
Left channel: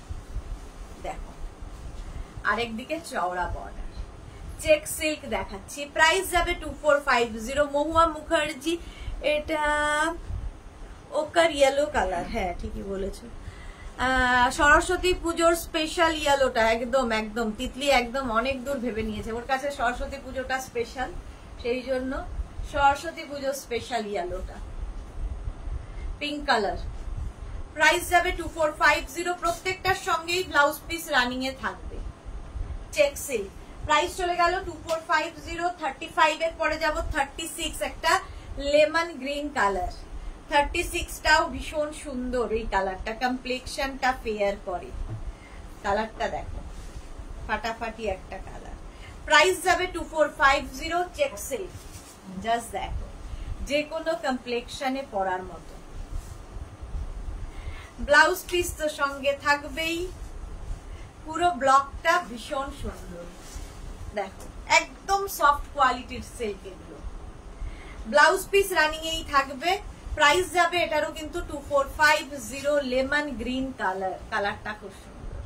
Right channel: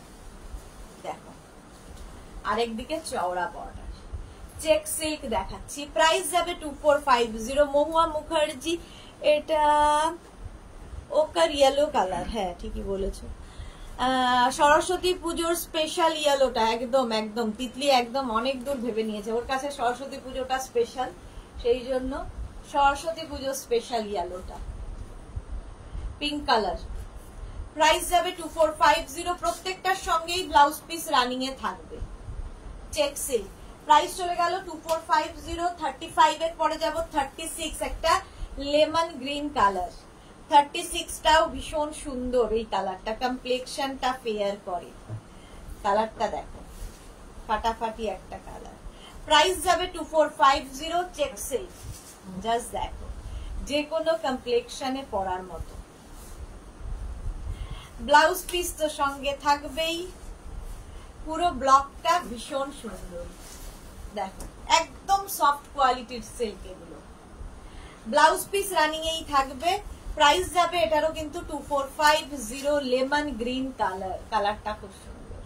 দেখো, আরেকদিকে চওড়া বর্ডার, চেক সিল্ক দেখাচ্ছি। প্রাইস যাবে 2450। মহুয়া মুখার্জি, এটা ওকার ইয়েলো কালার, হ্যাঁ ঠিকই বলেছো। সরস্বতী পুজোর স্পেশাল ইয়েলোটা, একদম একদম তিতলি একদম অনেক দূর ভেবে নিয়েছে, ওর কাছে সরস্বতী পুজোটা স্পেশাল, সেই জন্য সরস্বতী পুজোর স্পেশাল ইয়েলোটা, পিঙ্ক কালার। প্রাইস যাবে 2450। প্রত্যেকটার সঙ্গেই ব্লাউজ পিস রানিং এ থাকবে, চেক সিল্ক। প্রাইস চলে গেল 2450। 35 এর পরে যাব 36, একটা লেমন গ্রিন কালার। 36টাও ভীষণ সুন্দর। এই কালারটা কমপ্লেক্সনটা ফেয়ার করে, কালারটা দেখো ফাটাফাটি একটা কালার। প্রাইস যাবে 2450, চেক সিল্ক। জাস্ট দেখো, যে কোনো কমপ্লেক্সনে পরার মতো। ব্লাউজ পিস তো সঙ্গে থাকবেই, পুরো ব্লকটা ভীষণ সুন্দর। দেখো একদম সফট কোয়ালিটির সিল্ক এগুলো। ব্লাউজ পিস রানিং এই থাকবে। প্রাইস যাবে এটারও কিন্তু 2450, লেমন গ্রিন কালার, কালারটা খুব সুন্দর।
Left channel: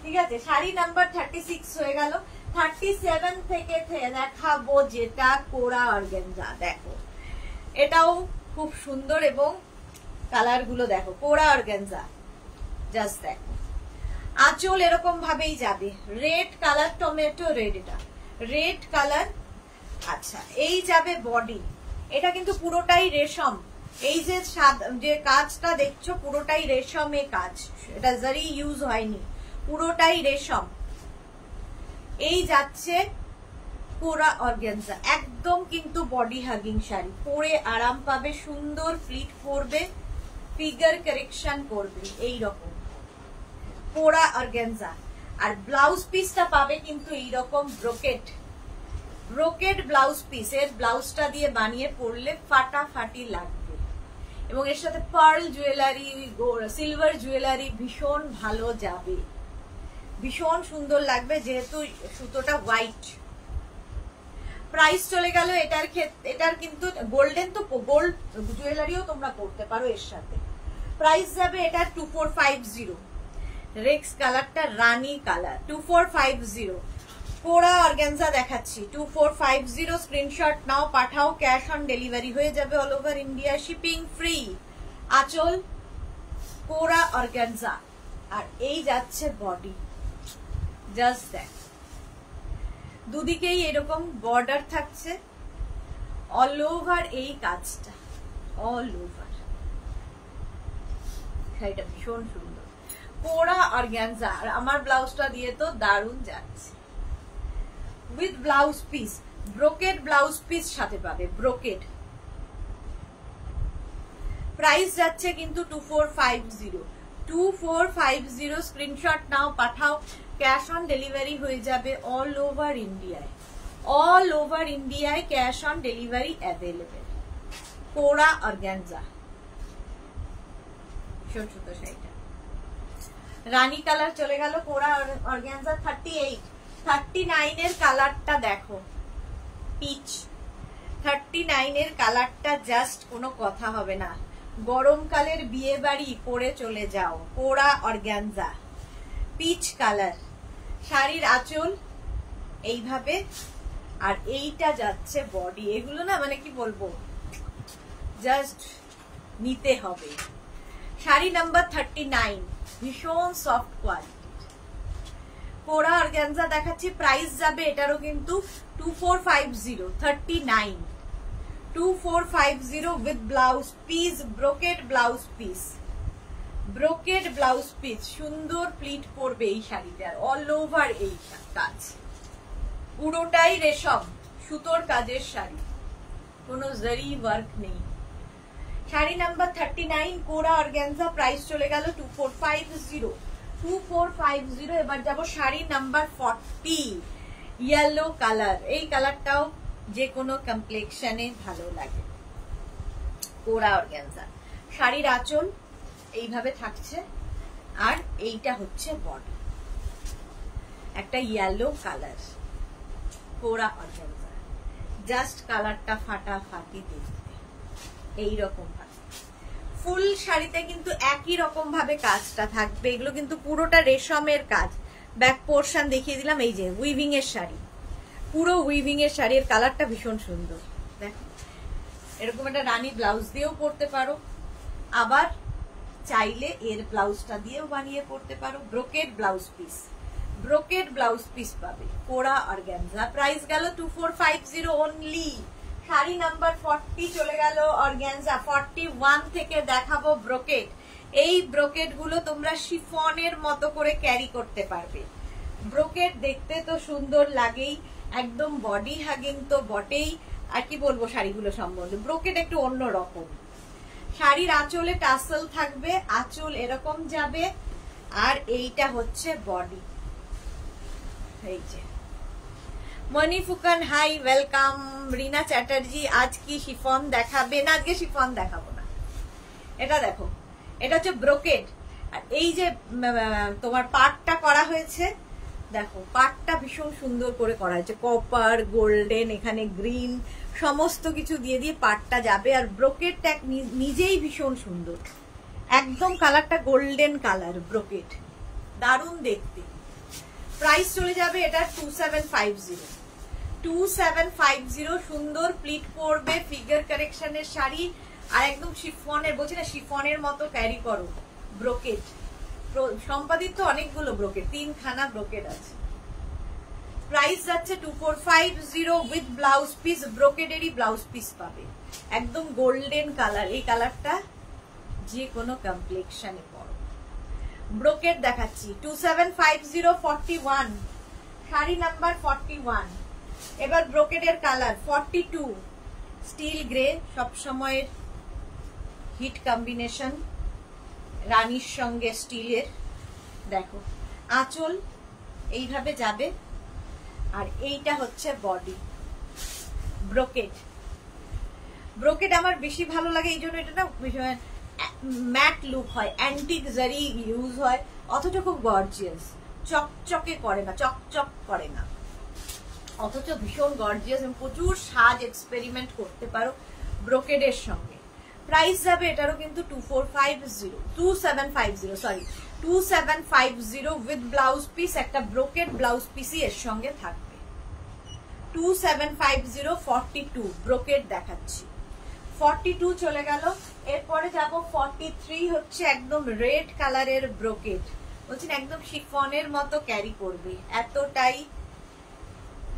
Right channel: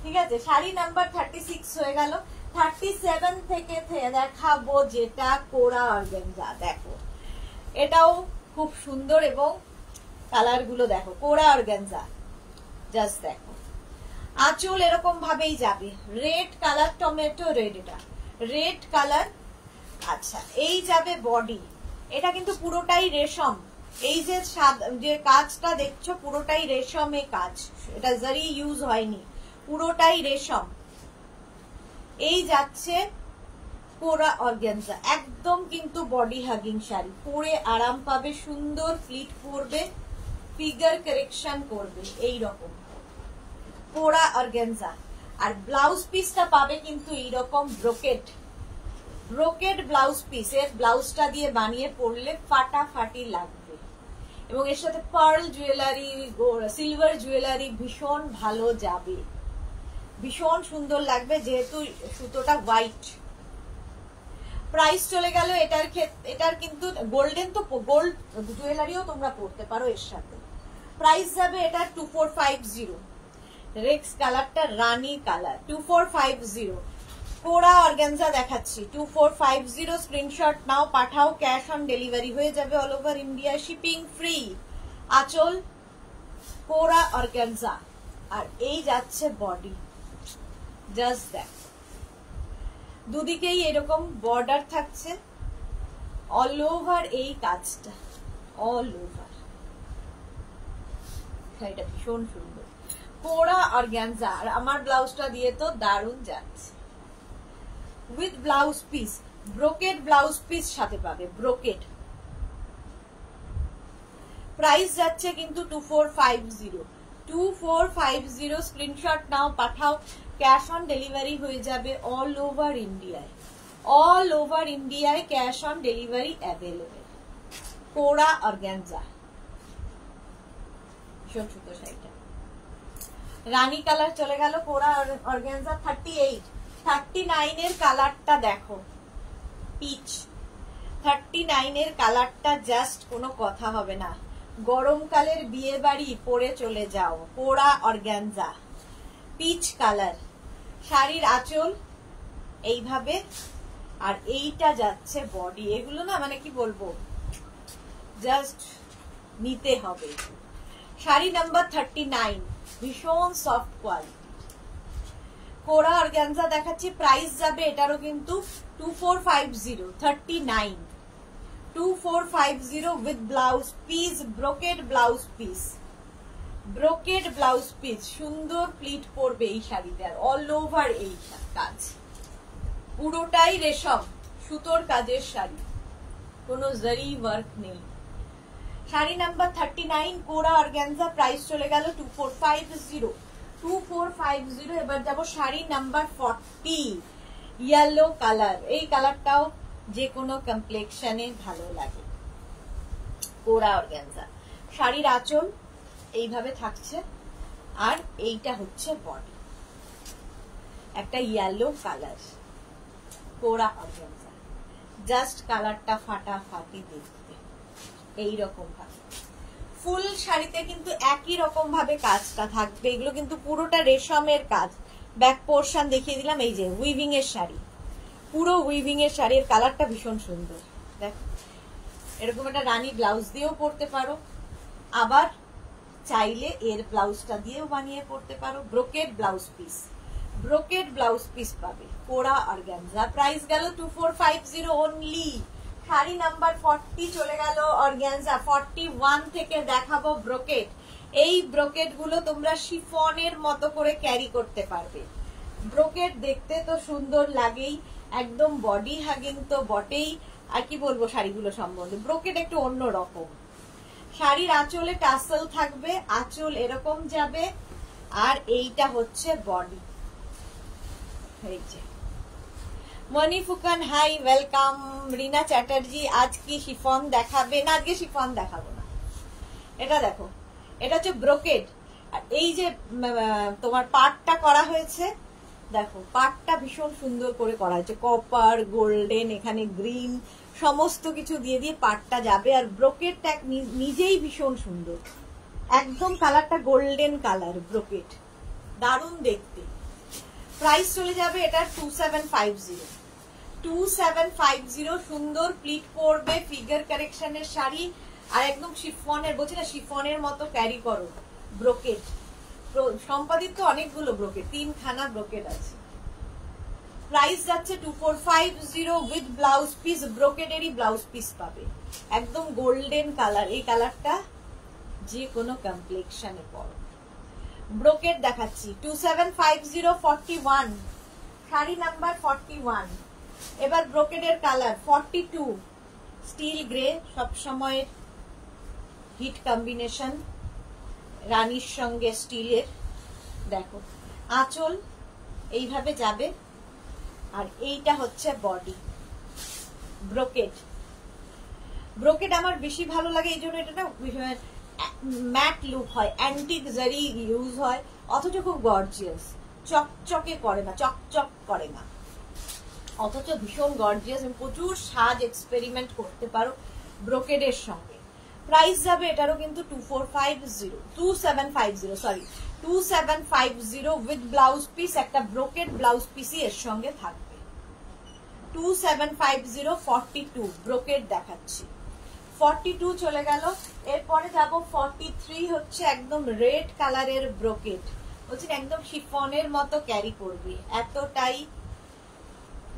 ঠিক আছে, শাড়ি নাম্বার 36 হয়ে গেল। 37 থেকে দেখাবো যেটা কোরা অর্গানজা। দেখো এটাও খুব সুন্দর, এবং কালার গুলো দেখো, কোরা অর্গানজা। জাস্ট দেখো, আঁচল এরকম ভাবেই যাবে, রেড কালার, টমেটো রেড, এটা রেড কালার। আচ্ছা, এই যাবে বডি, এটা কিন্তু পুরোটাই রেশম। এই যে কাজটা দেখছো পুরোটাই রেশমে কাজ, এটা জারি ইউজ হয়নি, পুরোটাই রেশম। এই যাচ্ছে কোরা অর্গানজা, একদম কিন্তু বডি হাগিং শাড়ি, পরে আরাম পাবে, সুন্দর ফ্লিট পরবে, ফিগার কারেকশন করবে, এই রকম কোরা অর্গানজা। আর ব্লাউজ পিসটা পাবে কিন্তু এইরকম ব্রোকেট, ব্রোকেট ব্লাউজ পিস। এর ব্লাউজটা দিয়ে বানিয়ে পরলে ফাটাফাটি লাগবে, এবং এর সাথে পার্ল জুয়েলারি, সিলভার জুয়েলারি ভীষণ ভালো যাবে, ভীষণ সুন্দর লাগবে, যেহেতু সুতোটা হোয়াইট। প্রাইস চলে গেল এটার এটার কিন্তু গোল্ডেন তো গোল্ড জুয়েলারিও তোমরা পড়তে পারো এর সাথে। প্রাইস যাবে এটার 2450। রেক্স কালারটা রানী কালার 2450। কোরা অর্গানজা দেখাচ্ছি 2450। স্ক্রিনশট নাও, পাঠাও, ক্যাশ অন ডেলিভারি হয়ে যাবে all over India, shipping free. আঁচল কোরা অর্গানজা, আর এই যাচ্ছে বডি। জাস্ট দেখ, দুদিকেই এরকম বর্ডার থাকছে, অল ওভার এই কাজটা, অল ওভার। শাড়িটা ভীষণ সুন্দর, কোরা অর্গানজা। আর আমার ব্লাউজটা দিয়ে তো দারুণ যাচ্ছে, with blouse piece, brocade blouse piece সাথে পাবে, ব্রোকেড। প্রাইস যাচ্ছে কিন্তু 2450। 2450। স্ক্রিনশট নাও, পাঠাও, ক্যাশ অন ডেলিভারি হয়ে যাবে অল ওভার ইন্ডিয়ায়, অল ওভার ইন্ডিয়ায় ক্যাশ অন ডেলিভারি অ্যাভেলেবেল। কোরা অর্গানজা, ভীষণ সুন্দর শাড়িটা। রানী কালার চলে গেল, কোরা অর্গানজা 38। 39 এর কালারটা দেখো, পিচ। 39 এর কালারটা জাস্ট কোনো কথা হবে না, গরমকালের বিয়ে বাড়ি পরে চলে যাও। কোরা অর্গানজা পিচ কালার। শাড়ির আঁচল এইভাবে, আর এইটা যাচ্ছে বডি। এগুলো না মানে কি বলবো, জাস্ট নিতে হবে। শাড়ি নাম্বার 39, ভীষণ সফট কোয়ালিটি। কোরা অর্গানজা দেখাচ্ছি, প্রাইস যাবে এটারও কিন্তু 2450। 39 2450 with blouse piece, brocade blouse piece, brocade blouse piece. সুন্দর প্লিট পড়বে এই শাড়িটার, অল ওভার এই কাজ, পুরোটাই রেশম সুতোর কাজের শাড়ি, কোনো জারি ওয়ার্ক নেই। শাড়ি নাম্বার 39 কোরা অর্গানজা, প্রাইস চলে গেল 2450। 2450। এবার যাবো শাড়ি নাম্বার 40, ইয়েলো কালার। এই কালারটাও যে কোনো কমপ্লেক্সনে ভালো লাগে। কোরা অর্গানজা, শাড়ির আঁচল এইভাবে থাকছে, আর এইটা হচ্ছে বডি, একটা ইয়েলো কালার। কোরা অর্গানজা, জাস্ট কালারটা ফাটাফাটি দেখতে, এইরকম ভাবে। ফুল শাড়িতে কিন্তু একই রকম ভাবে কাজটা থাকবে। এগুলো কিন্তু পুরোটা রেশমের কাজ। ব্যাক পোর্শন দেখিয়ে দিলাম, এই যে উইভিং এর শাড়ি, পুরো উইভিং এর শাড়ির কালারটা ভীষণ সুন্দর। দেখো, এরকম একটা রানী ব্লাউজ দিয়েও পরতে পারো, আবার চাইলে এর ব্লাউজটা দিয়েও বানিয়ে পরতে পারো। Brocade blouse piece, brocade blouse piece পাবে। কোরা অর্গানজা, প্রাইস গেল 2450 অনলি। শাড়ি নাম্বার 40 চলে গেল অর্গানজা। 41 থেকে দেখাবো ব্রোকেড। এই ব্রোকেড গুলো তোমরা শিফনের মতো করে ক্যারি করতে পারবে। ব্রোকেড দেখতে তো সুন্দর লাগেই, একদম বডি হাগিং তো বটেই। আর কি বলবো শাড়িগুলো সম্বন্ধে, ব্রোকেড একটু অন্য রকম। শাড়ির আঁচলে টাসেল থাকবে, আঁচল এরকম যাবে, আর এইটা হচ্ছে বডি। এই যে মনি ফুকান, হাই, ওয়েলকাম। রিনা চ্যাটার্জি, আজ কি শিফন দেখাবে? না, আজকে শিফন দেখাবো না। এটা দেখো, এটা হচ্ছে ব্রোকেড, আর এই যে তোমার পাটটা করা হয়েছে, দেখো পাটটা ভীষণ সুন্দর করে করা হয়েছে, কপার, গোল্ডেন, এখানে গ্রিন, সমস্ত কিছু দিয়ে দিয়ে পাটটা যাবে। আর ব্রোকেডটা নিজেই ভীষণ সুন্দর, একদম কালারটা গোল্ডেন কালার, ব্রোকেড দারুণ দেখতে। প্রাইস চলে যাবে এটা 2750। 2750। সুন্দর প্লিট পড়বে, ফিগার কারেকশনের শাড়ি, আর একদম শিফনের, বলছি না শিফনের মতো ক্যারি করো। ব্রোকেড সম্পাদিত অনেকগুলো ব্রোকেড, 3খানা ব্রোকেড আছে। প্রাইস যাচ্ছে 2450 উইথ ব্লাউজ পিস, ব্রোকেডেরই ব্লাউজ পিস পাবে, একদম গোল্ডেন কালার। এই কালারটা যে কোনো কমপ্লেক্সনে পড়ো। ব্রোকেড দেখাচ্ছি 2750। 41 শাড়ি নাম্বার 41। এবার ব্রোকেডের কালার 42, স্টিল গ্রে, সব সময়ের হিট কম্বিনেশন, রানীর সঙ্গে স্টিলের। দেখো আঁচল এইভাবে যাবে, আর এইটা হচ্ছে বডি। ব্রোকেড, ব্রোকেড আমার বেশি ভালো লাগে এই জন্য, এটা না ম্যাট লুক হয়, অ্যান্টিক জারি ইউজ হয়, অথচ খুব গর্জিয়াস, চকচকে করে না, চকচক করে না, অথচ ভীষণ গর্জিয়াস এবং প্রচুর সাজ এক্সপেরিমেন্ট করতে পারো ব্রোকেডের সঙ্গে। প্রাইস যাবে এটারও কিন্তু 2750 উইথ ব্লাউজ পিস, একটা ব্রোকেড ব্লাউজ পিসই এর সঙ্গে থাকবে। 2750 42 ব্রোকেড দেখাচ্ছি। 42 চলে গেল। এরপরে যাব 43, হচ্ছে একদম রেড কালারের ব্রোকেড, বলছেন একদম শিফনের মতো ক্যারি করবে, এতটাই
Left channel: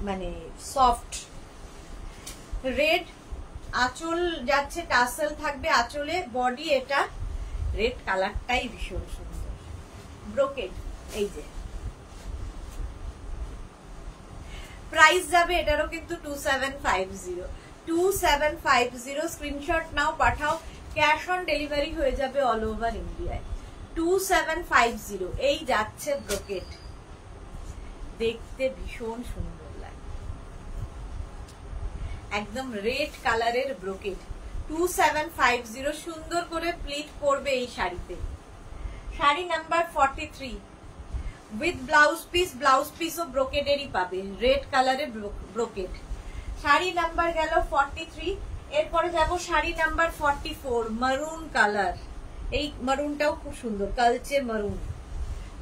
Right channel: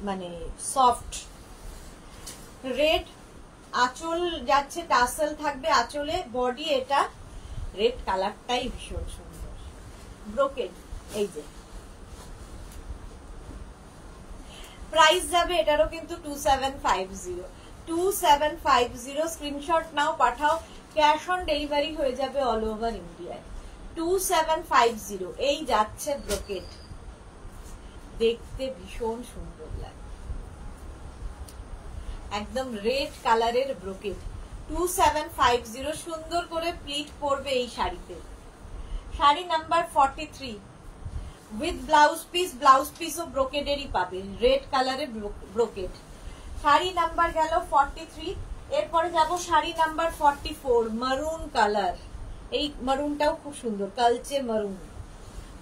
মানে সফট রেড। আঁচল যাচ্ছে টাসেল থাকবে আঁচলে, বডি এটা রেড কালারটাই ভীষণ সুন্দর ব্রোকেড। এই যে প্রাইস যাবে এটারও কিন্তু 2750 স্ক্রিনশট নাও, পাঠাও, ক্যাশ অন ডেলিভারি হয়ে যাবে অল ওভার ইন্ডিয়ায়। 2750 এই যাচ্ছে ব্রোকেড, দেখতে ভীষণ সুন্দর লাগে, একদম রেড কালারের ব্রোকেড। 2750 সুন্দর করে প্লিট পড়বে এই শাড়িতে। শাড়ি নাম্বার 43 উইথ ব্লাউজ পিসও ব্রোকেডেরই পাবে, রেড কালারের ব্রোকেড। শাড়ি নাম্বার গেল 43। এরপরে যাব শাড়ি নাম্বার 44 মারুন কালার, এই মারুনটাও খুব সুন্দর, কালচে মারুন।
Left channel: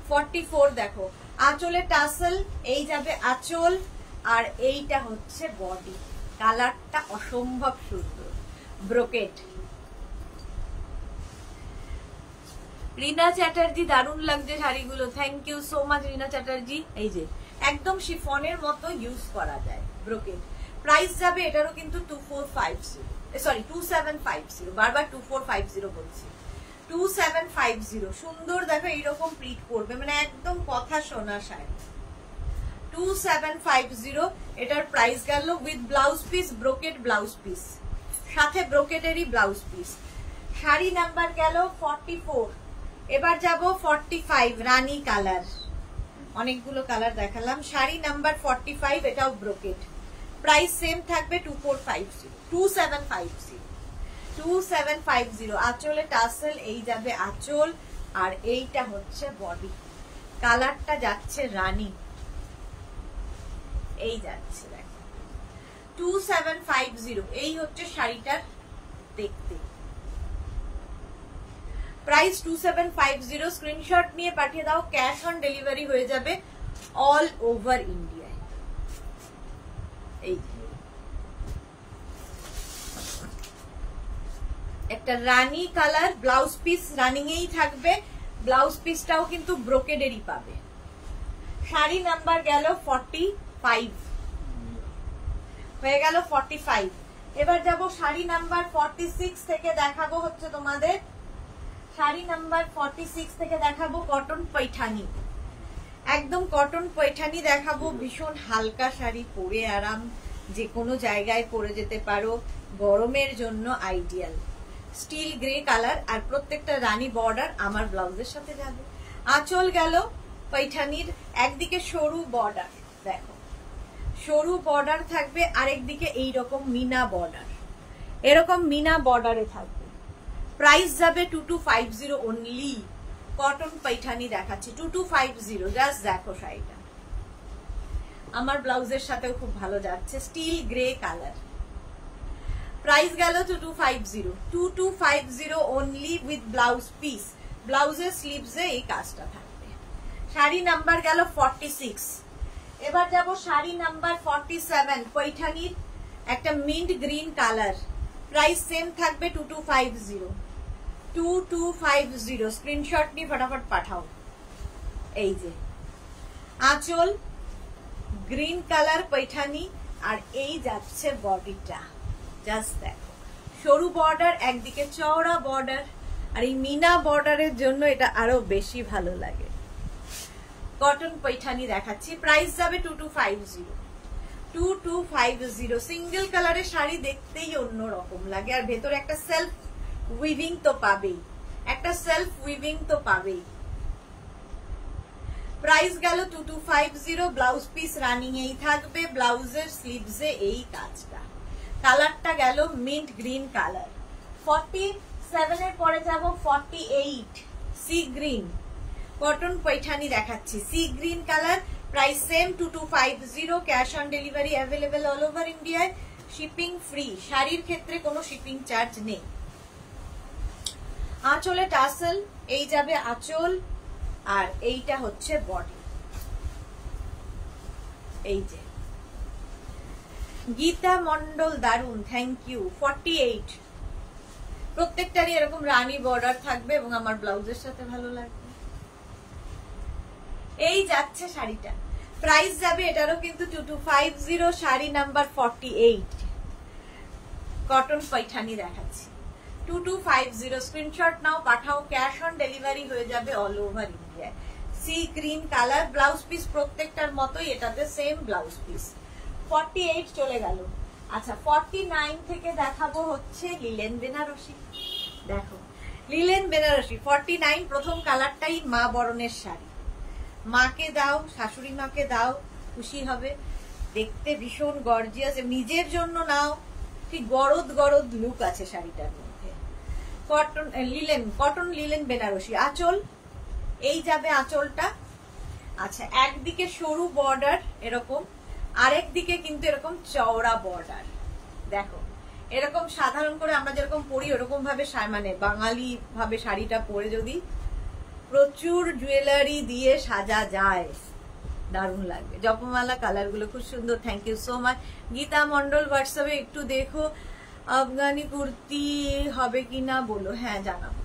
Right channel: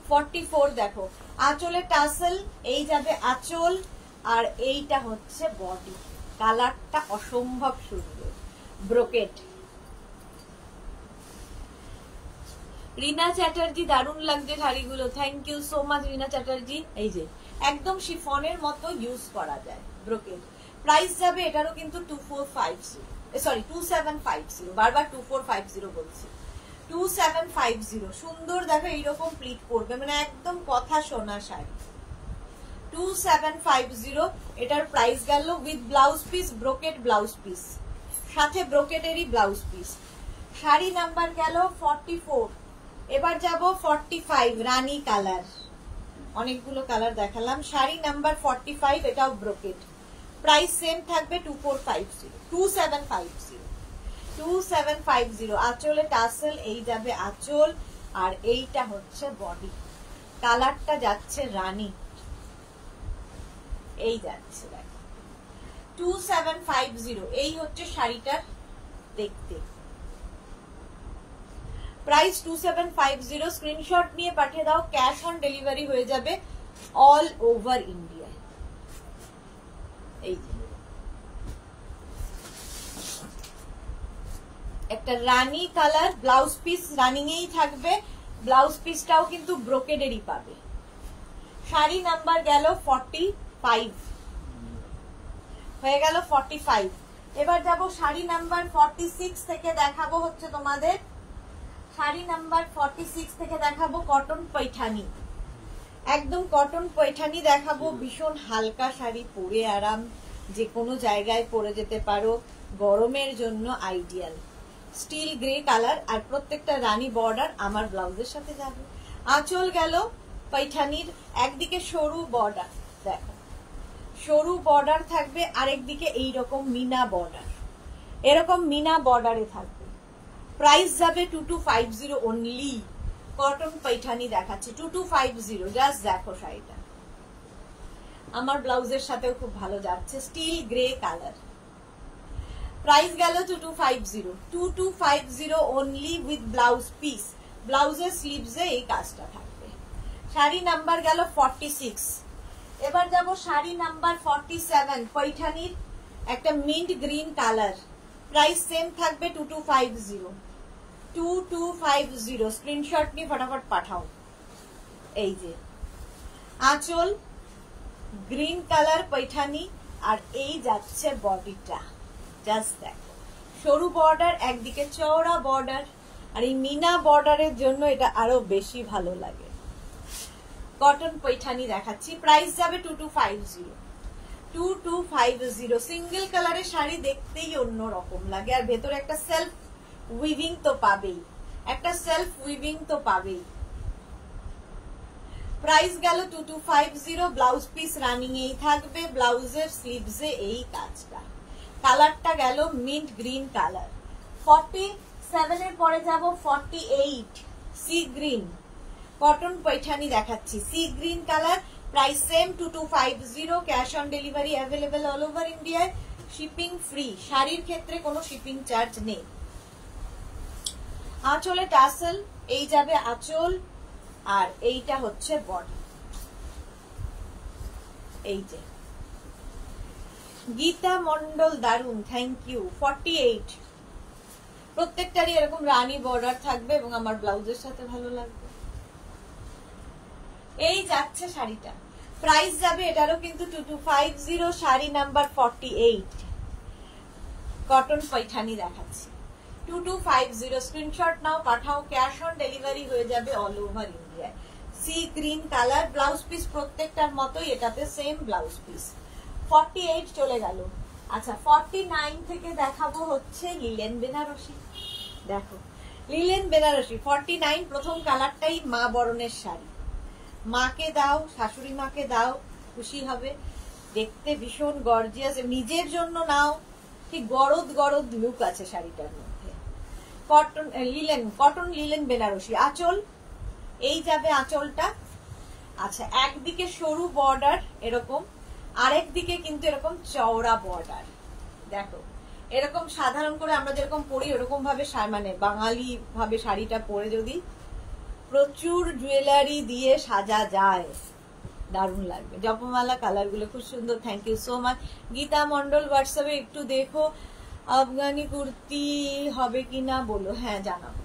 44 দেখো আঁচলে টাসেল, এই যাবে আঁচল, আর এইটা হচ্ছে বডি, কালারটা অসম্ভব সুন্দর ব্রোকেড। রিনা চ্যাটার্জি দারুণ লাগছে শাড়িগুলো, থ্যাংক ইউ সো মাচ রিনা চ্যাটার্জি। এই যে একদম শিফনের মতো ইউজ করা যায় ব্রোকেড। প্রাইস যাবে এটারও কিন্তু 2750, বারবার 2450 বলছি। 2750 সুন্দর দেখো এইরকম প্লিট পড়বে, মানে একদম কথা শোনা শাড়ি। 2750 এটার প্রাইস গেল with blouse piece, brocade blouse piece, সাথে ব্রোকেডেরই ব্লাউজ পিস। শাড়ি নাম্বার গেল 44। এবার যাব 45 রানী কালার, অনেকগুলো কালার দেখালাম। শাড়ি নাম্বার 45 এটাও ব্রোকেড, প্রাইস সেম থাকবে 2750 আঁচলে টাসেল, এই যাবে আঁচল, আর এইটা হচ্ছে বডি, কালারটা যাচ্ছে রানী, এই যাচ্ছে দেখো 2750 এই হচ্ছে শাড়িটার দেখতে। প্রাইস 2750, স্ক্রিনশট নিয়ে পাঠিয়ে দাও, ক্যাশ অন ডেলিভারি হয়ে যাবে অল ওভার ইন্ডিয়ায়। এই একটা রানী কালার ব্লাউজ পিস রানিং এই থাকবে, ব্লাউজ পিসটাও কিন্তু ব্রোকেডেরই পাবে। শাড়ি নাম্বার গেল 45 হয়ে গেল 45। এবার যাব শাড়ি নাম্বার 46 থেকে দেখাবো হচ্ছে তোমাদের, শাড়ি নাম্বার 46 থেকে দেখাবো কটন পৈঠানি, একদম কটন পৈঠানি দেখাবো, ভীষণ হালকা শাড়ি, পরে আরাম, যে কোনো জায়গায় পরে যেতে পারো, গরমের জন্য আইডিয়াল। স্টিল গ্রে কালার, আর প্রত্যেকটা রানী বর্ডার আমার ব্লাউজের সাথে যাবে। আঁচল গেল পৈঠানির, একদিকে সরু বর্ডার, দেখো সরু বর্ডার থাকবে, আরেকদিকে এইরকম মিনা বর্ডার, এরকম মিনা বর্ডারে থাকবে। প্রাইস যাবে 2250 অনলি, কটন পৈঠানি দেখাচ্ছি 2250, জাস্ট দেখো শাড়িটা, আমার ব্লাউজের সাথেও খুব ভালো যাচ্ছে, স্টিল গ্রে কালার। প্রাইস গেল 2250 অনলি উইথ ব্লাউজ পিস, ব্লাউজের স্লিভসে এই কাজটা থাকবে। শাড়ি নাম্বার গেল 46। এবার যাব শাড়ি নাম্বার 47 পৈঠানির, একটা mint green colour, price same থাকবে 2250 স্ক্রিনশট নিয়ে ফটাফট পাঠাও। এই যে আঁচল গ্রিন কালার পৈঠানি, আর এই যাচ্ছে বডিটা, জাস্ট দেখো সরু বর্ডার, একদিকে চওড়া বর্ডার, আর এই মিনা বর্ডারের জন্য এটা আরো বেশি ভালো লাগে। কটন পৈঠানি দেখাচ্ছি, প্রাইস যাবে 2250 সিঙ্গেল কালারের শাড়ি দেখতেই অন্যরকম লাগে, আর ভেতরে একটা সেলফ উইভিং তো পাবেই, একটা সেলফ উইভিং তো পাবেই। প্রাইস গেল 2250, ব্লাউজ পিস রানিং এই থাকবে, ব্লাউজের স্লিভসে এই কাজটা, কালারটা গেল মিন্ট গ্রিন কালার। 47 এর পরে যাব 48 সি গ্রিন, কটন পৈঠানি দেখাচ্ছি, sea green colour, price same 2250, cash on delivery available all over ইন্ডিয়ায়, শিপিং ফ্রি। শাড়ির ক্ষেত্রে কোনো শিপিং চার্জ নেই। আঁচলে টাসেল, এই যাবে আঁচল, আর এইটা হচ্ছে বডি। এই যে গীতা মন্ডল, দারুন, থ্যাংক ইউ। 48, প্রত্যেকটারই এরকম রানী বর্ডার থাকবে এবং আমার ব্লাউজের সাথে ভালো লাগবে। এই যাচ্ছে শাড়িটা, প্রাইস যাবে এটারও কিন্তু 2250, শাড়ি নাম্বার 48, কটন পৈঠানি দেখাচ্ছি। 2250, স্ক্রিনশট নাও, পাঠাও, ক্যাশ অন ডেলিভারি হয়ে যাবে অল ওভার ইন্ডিয়ায়। Sea green colour, blouse piece প্রত্যেকটার মতোই, এটাতে সেম ব্লাউজ পিস। 48 চলে গেল। আচ্ছা 49 থেকে দেখাবো হচ্ছে লিলেন বেনারসি। দেখো লিলেন বেনারসি 49, প্রথম কালারটাই মা বরণের শাড়ি। মাকে দাও, শাশুড়ি মাকে দাও, খুশি হবে। দেখতে ভীষণ গর্জিয়াস, নিজের জন্য নাও, ঠিক গরদ গরদ লুক আছে শাড়িটার মধ্যে। Cotton linen, cotton linen Banarasi. আঁচল, এই যাবে আঁচলটা। আচ্ছা একদিকে সরু বর্ডার এরকম, আরেক দিকে কিন্তু এরকম চওড়া বর্ডার। দেখো এরকম সাধারণ করে আমরা যেরকম পরি ওরকম ভাবে, মানে বাঙালি ভাবে শাড়িটা পরে যদি প্রচুর জুয়েলারি দিয়ে সাজা যায় দারুণ লাগবে। জপমালা কালার গুলো খুব সুন্দর, thank you so much. Gita Mondal হোয়াটসঅ্যাপে একটু দেখো আফগানি কুর্তি হবে কিনা বলো, হ্যাঁ জানাবো।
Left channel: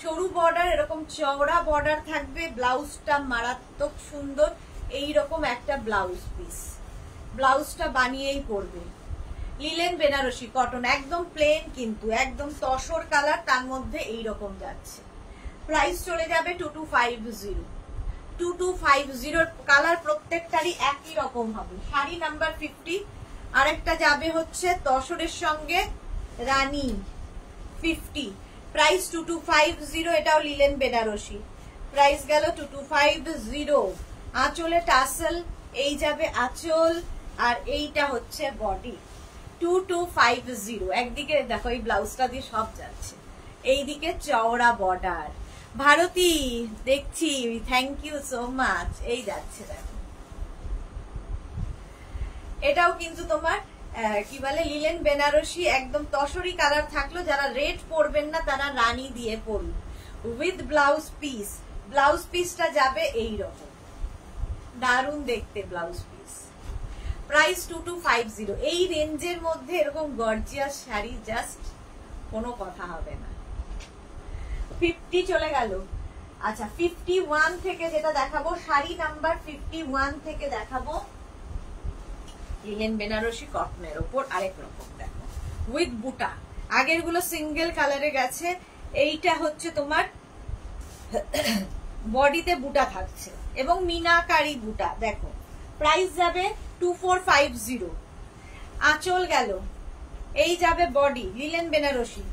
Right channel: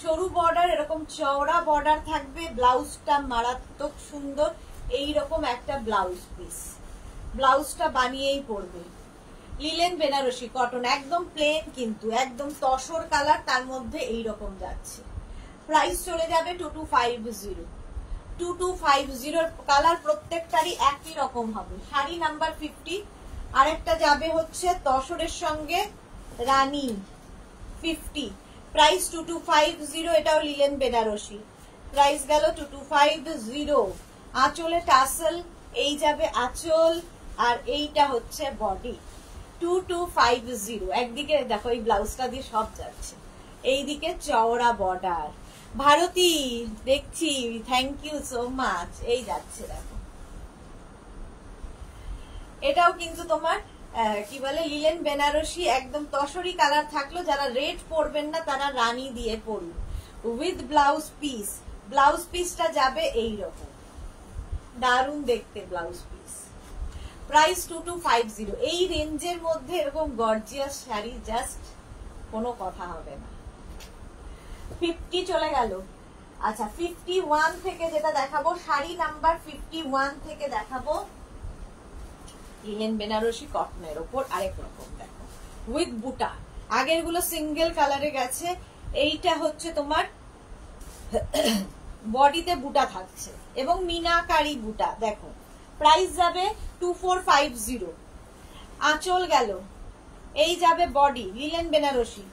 সরু বর্ডার, এরকম চওড়া বর্ডার থাকবে, ব্লাউজটা মারাত্মক সুন্দর, এইরকম একটা ব্লাউজ পিস, ব্লাউজটা বানিয়েই পরবে। লিলেন বেনারসি কটন, একদম প্লেন কিন্তু একদম তসর কালার, তার মধ্যে এইরকম যাচ্ছে। প্রাইস চলে যাবে 2250। 2250 কালার প্রত্যেকটারই একই রকম হবে। শাড়ি নাম্বার 50, আরেকটা যাবে হচ্ছে তসরের সঙ্গে রানী 50, প্রাইস 2250, এটাও লিলেন বেনারসি। প্রাইস গেল 2250। আঁচলে টাসেল, এই যাবে আঁচল, আর এইটা হচ্ছে বডি। 2250, একদিকে দেখো এই ব্লাউজটা দিয়ে সব যাচ্ছে, এইদিকে চওড়া বর্ডার। ভারতী দেখছি, থ্যাংক ইউ সো মাচ। এই যাচ্ছে দেখো, এটাও কিন্তু তোমার কি বলে লিলেন বেনারসি, একদম তসরি কালার থাকলো। যারা রেড পরবেন না তারা রানী দিয়ে পরুন, উইথ ব্লাউজ পিস। ব্লাউজ পিসটা যাবে এইরকম, দারুণ দেখতে ব্লাউজ পিস। প্রাইস 2250। এই রেঞ্জের মধ্যে এরকম গর্জিয়াস শাড়ি জাস্ট কোনো কথা হবে না। 50 চলে গেল। আচ্ছা 51 থেকে যেটা দেখাবো, শাড়ি নাম্বার 51 থেকে দেখাবো লিলেন বেনারসি কটনের ওপর আরেক রকম, দেখো উইথ বুটা। আগের গুলো সিঙ্গেল কালারে গেছে, এইটা হচ্ছে তোমার বডিতে বুটা থাকছে এবং মিনাকারি বুটা। দেখো প্রাইস যাবে 2450। আঁচল গেল, এই যাবে বডি, লিলেন বেনারসি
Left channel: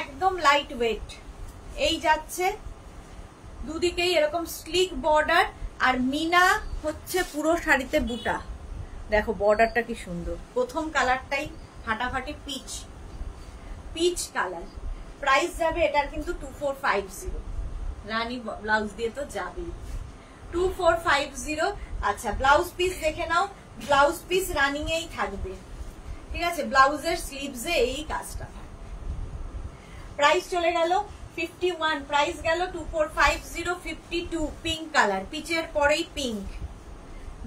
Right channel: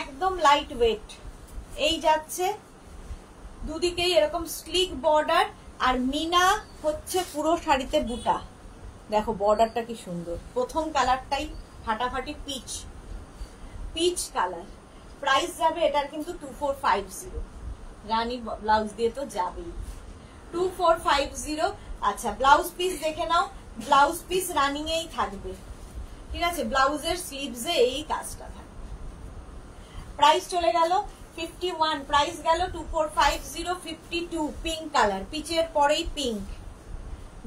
একদম লাইট ওয়েট। এই যাচ্ছে দুদিকেই এরকম স্লিক বর্ডার, আর মিনা হচ্ছে পুরো শাড়িতে বুটা। দেখো বর্ডারটা কি সুন্দর, প্রথম কালারটাই ফাটাফাটি পিচ, পিচ কালার। প্রাইস যাবে এটার কিন্তু 2450, রানী ব্লাউজ দিয়ে তো যাবেই। 2450। আচ্ছা ব্লাউজ পিস দেখে নাও, ব্লাউজ পিস রানিং এই থাকবে, ঠিক আছে, ব্লাউজের স্লিভসে এই কাজটা থাকবে। প্রাইস চলে গেল 51, প্রাইস গেল 2450। 52 পিঙ্ক কালার, পিচের পরেই পিঙ্ক,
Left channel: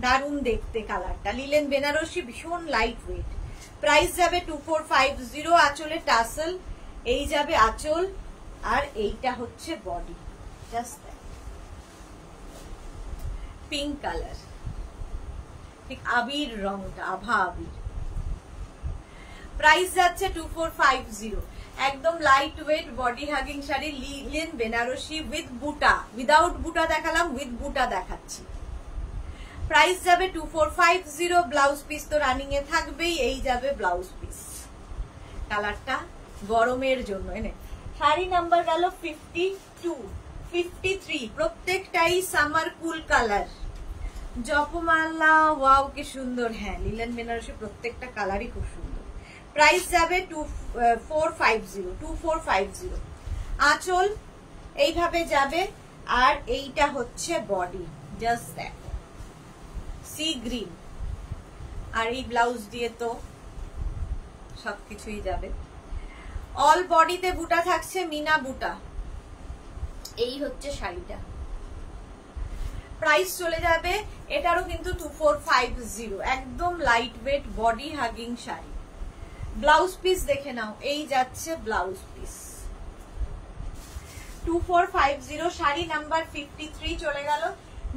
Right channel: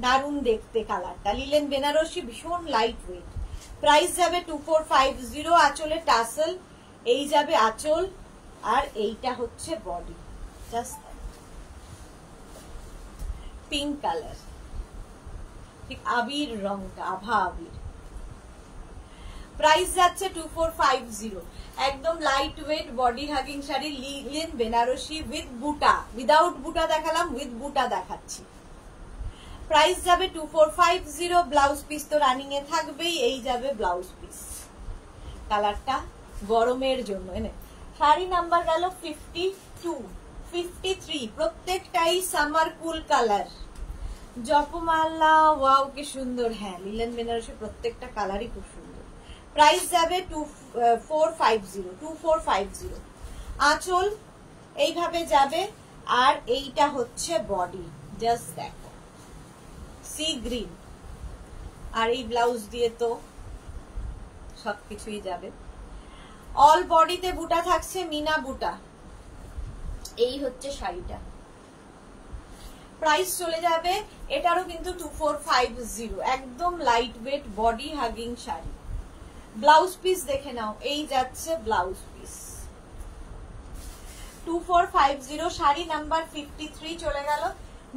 দারুণ দেখতে কালারটা। লিলেন বেনারসি ভীষণ লাইট ওয়েট। প্রাইস যাবে 2450। আঁচলে টাসেল, এই যাবে আঁচল, আর এইটা হচ্ছে বডি, জাস্ট পিঙ্ক কালার, ঠিক আবির রংটা, আভা আবির। প্রাইস যাচ্ছে 2450। একদম light weight body hugging sari, linen Banarasi with বুটা। উইদাউট বুটা দেখালাম, উইথ বুটা দেখাচ্ছি। প্রাইস যাবে 2450। ব্লাউজ পিস তো রানিং এ থাকবেই, এই যাবে ব্লাউজ পিস। কালারটা গরমের জন্য এনে। শাড়ি নাম্বার গেল 52, 53, প্রত্যেকটাই সামার কুল কালার। জপমালা ওয়াও কি সুন্দর, হ্যাঁ লিলেন বেনারসি প্রত্যেকটা কালারই খুব সুন্দর। প্রাইস যাবে 2450। আঁচল এইভাবে যাবে, আর এইটা হচ্ছে বডি, জাস্ট দেখো সি গ্রিন, আর এই ব্লাউজ দিয়ে তো সবকিছুই যাবে। অল বডিতে বুটা থাকছে, মিনা বুটা। এই হচ্ছে শাড়িটা, প্রাইস চলে যাবে এটারও কিন্তু 2450, একদম light weight body hugging sari. Blouse piece দেখে নাও, এই যাচ্ছে ব্লাউজ পিস 2450। শাড়ি নাম্বার 53 চলে গেল।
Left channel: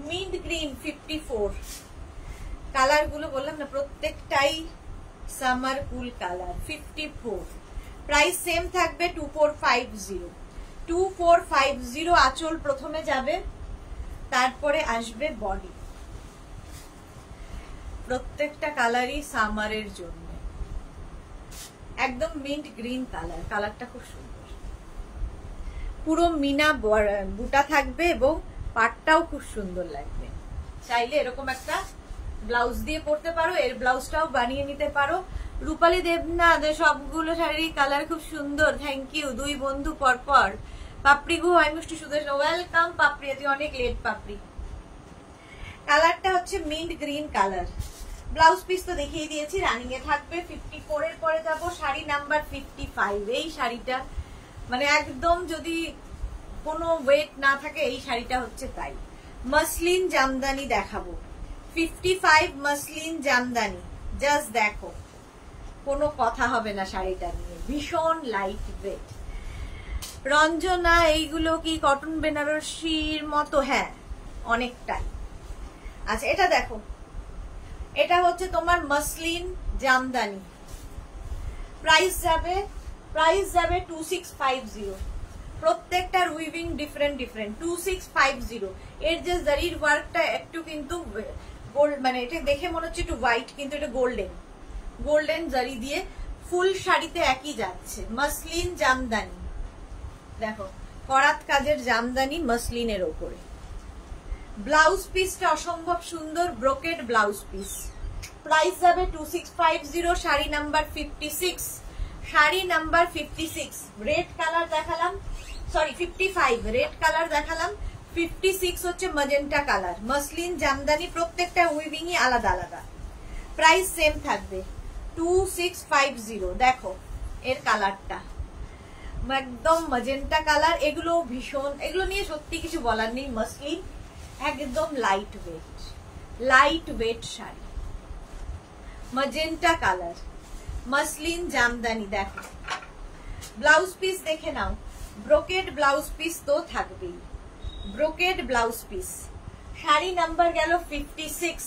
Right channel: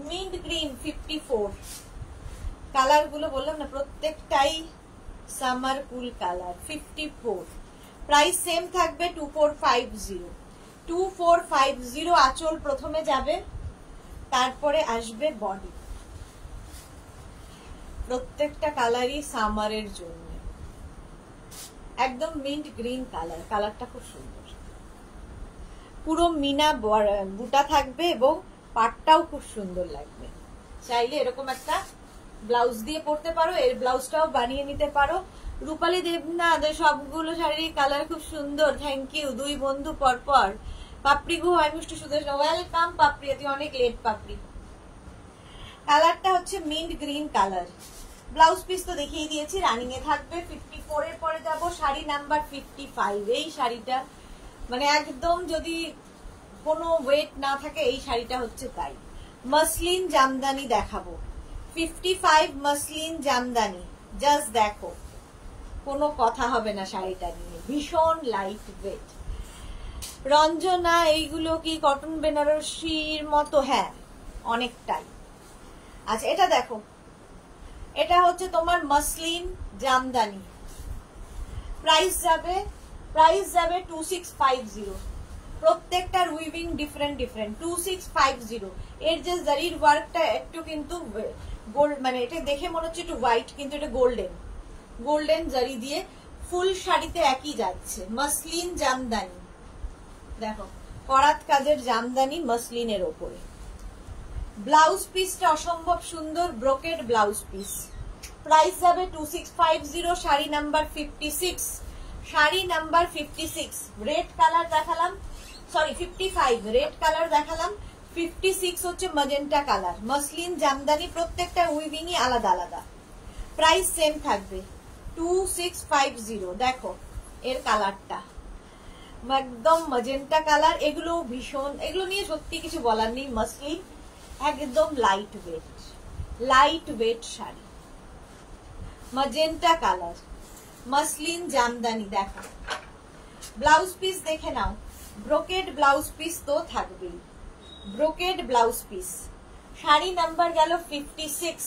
Mint green 54। কালার গুলো বললাম না প্রত্যেকটাই সামার কুল কালার। 54, প্রাইস সেম থাকবে 2450। 2450 আঁচল প্রথমে যাবে, তারপরে আসবে বডি। প্রত্যেকটা কালারই সামারের জন্য। একদম মিন্ট গ্রিন কালার, কালারটা খুব সুন্দর। পুরো মিনা বুটা থাকবে এবং পাটটাও খুব সুন্দর লাগবে। চাইলে এরকম একটা ব্লাউজ দিয়ে পরতে পারো, এর ব্লাউজটাও বানিয়ে নিতে পারো। রূপালী দেবনাথ, সবগুলো শাড়ির কালার খুব সুন্দর, থ্যাংক ইউ। দুই বন্ধু পরপর। পাপড়ি গু হয় মিষ্টি সুদেশ, ওয়েলকাম পাপড়ি, এটি অনেক লেট পাপড়ি। কালারটা হচ্ছে mint green colour. Blouse piece তো দেখিয়ে দিয়েছি, রানিং এ থাকবে। 54 এর পরে যাব শাড়ি নাম্বার 55। এই শাড়িটা মানে একদম যদি কোনো ওয়েট না থাকে, এই শাড়িটা হচ্ছে তাই। মসলিন জামদানি দেখাবো, 55 মসলিন জামদানি। জাস্ট দেখো, কোনো কথা হবে না শাড়িটা নিয়ে, ভীষণ লাইট ওয়েট। রঞ্জনা, এইগুলো কি কটন বেনারসির মতো? হ্যাঁ, অনেকটাই। আচ্ছা, এটা দেখো, এটা হচ্ছে তোমার মসলিন জামদানি। প্রাইস যাবে 2650। প্রত্যেকটার উইভিং ডিফারেন্ট ডিফারেন্ট। 2650। এর যে জারির ওয়ার্কটা একটু কিন্তু গোল্ড, মানে এটা দেখে মনে হচ্ছে একটু হোয়াইট, কিন্তু এটা গোল্ডেন জারি দিয়ে ফুল শাড়িতে একই যাচ্ছে। মসলিন জামদানি দেখো, করাত কাজের জামদানি মসলিনের ওপরে। ব্লাউজ পিসটা অসম্ভব সুন্দর, ব্রোকেড ব্লাউজ পিস। প্রাইস যাবে 2650। Sari number 56। Sari number 56। Red colour দেখালাম, সরি 55 রেড কালার দেখালাম, 56 হচ্ছে ম্যাজেন্টা কালার। মসলিন জামদানি, প্রত্যেকটা উইভিংই আলাদা আলাদা। প্রাইস সেম থাকবে 2650। দেখো এর কালারটা একদম ম্যাজেন্টা কালার। এগুলো ভীষণ, এগুলো নিয়ে সত্যি কিছু বলার নেই। মসলিন একদম light weight sari, magenta colour, muslin Jamdani. দেখো ব্লাউজ পিস দেখে নাও, ব্রোকেড ব্লাউজ পিস তো থাকবেই, brocade blouse piece. Sari number গেল 56।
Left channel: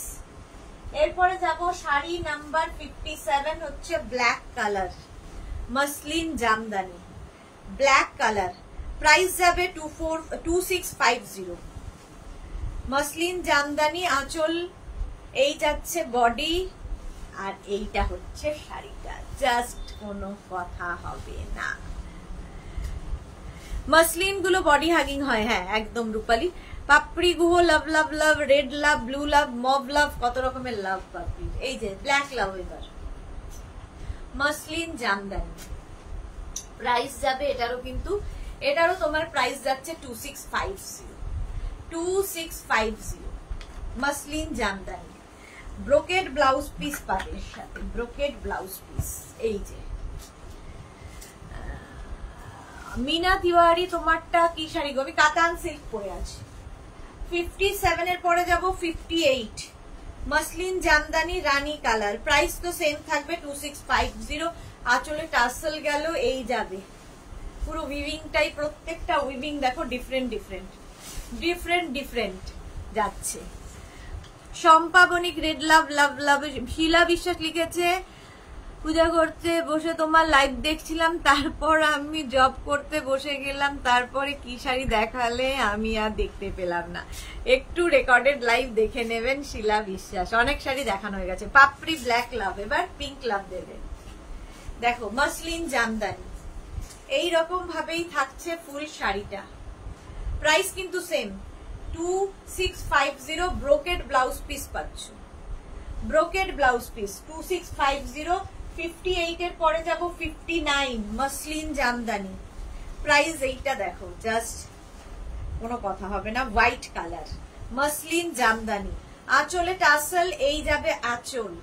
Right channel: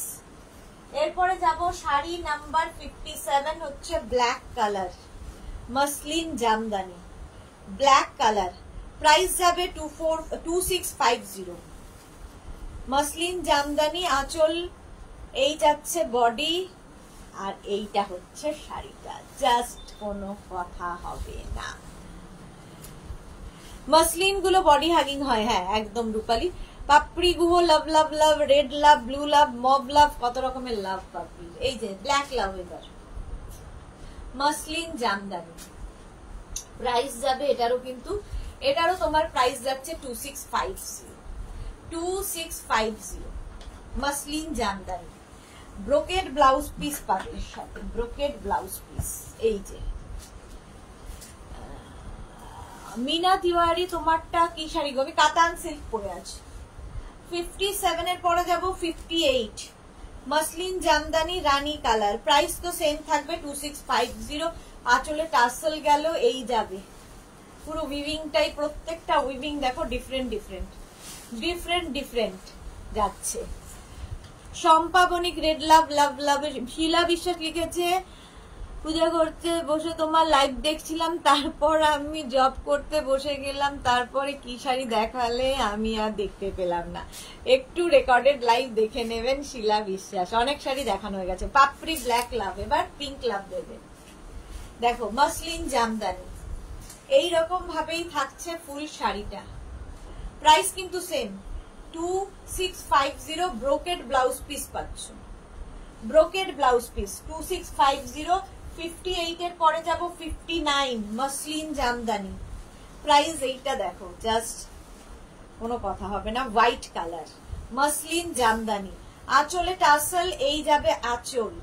এরপরে যাব শাড়ি নাম্বার 57, হচ্ছে black colour, muslin Jamdani, black colour. Price যাবে 2650। মসলিন জামদানি, আঁচল এই যাচ্ছে বডি, আর এইটা হচ্ছে শাড়িটা। জাস্ট কোনো কথা হবে না। মসলিন গুলো বডি হাগিং হয়, হ্যাঁ একদম রূপালী। পাপড়ি গুহ, লাভ লাভ লাভ, রেড লাভ, ব্লু লাভ, মব লাভ, কত রকমের লাভ পাপড়ি। এই যে ব্ল্যাক লাভ, এবার মসলিন জামদানি। প্রাইস যাবে এটারও তোমার প্রাইস যাচ্ছে 2650। Muslin Jamdani, brocade blouse piece পাবে সাথে, ব্রোকেড ব্লাউজ পিস। এই যে মিনা তিওয়ারি, তোমারটা কি শাড়ি গো? আমি কাতান সিল্ক পরে আছি। 57 এর পরে যাব 58। মসলিন জামদানি, রানী কালার। প্রাইস তো সেম থাকবে 2650। আঁচলে টাসেল গেল, এই যাবে পুরো উইভিংটাই, প্রত্যেকটা উইভিং দেখো ডিফারেন্ট যাচ্ছে। শম্পা বণিক, রেড লাভ লাভ লাভ। শিলা বিশ্বাস লিখেছে, পূজা করতে বসে তোমার লাইভ দেখছিলাম, তারপর আমি জব করতে বসে গেলাম, তারপরে কি শাড়ি দেখালে আমি আর দেখতে পেলাম না। একটু রেকর্ডেড লাইভ দেখে নেবেন। শিলা বিশ্বাস, অনেক শাড়ি দেখানো হয়ে গেছে। পাপড়ি ব্ল্যাক লাভ, এবার পিঙ্ক লাভ দেবে। দেখো মসলিন জামদানি, এইরকম ভাবেই থাকছে ফুল শাড়িটা। প্রাইস কিন্তু সেম 2650। ব্রোকেড ব্লাউজ পিস পাচ্ছ, ব্রোকেড ব্লাউজ পিস 2650। 58 এর পরে যাব 59। মসলিন জামদানি, প্রাইস এইটা দেখো, জাস্ট কোনো কথা হবে না। হোয়াইট কালার, মসলিন জামদানি, আঁচলে টাসেল, এই যাবে আঁচল।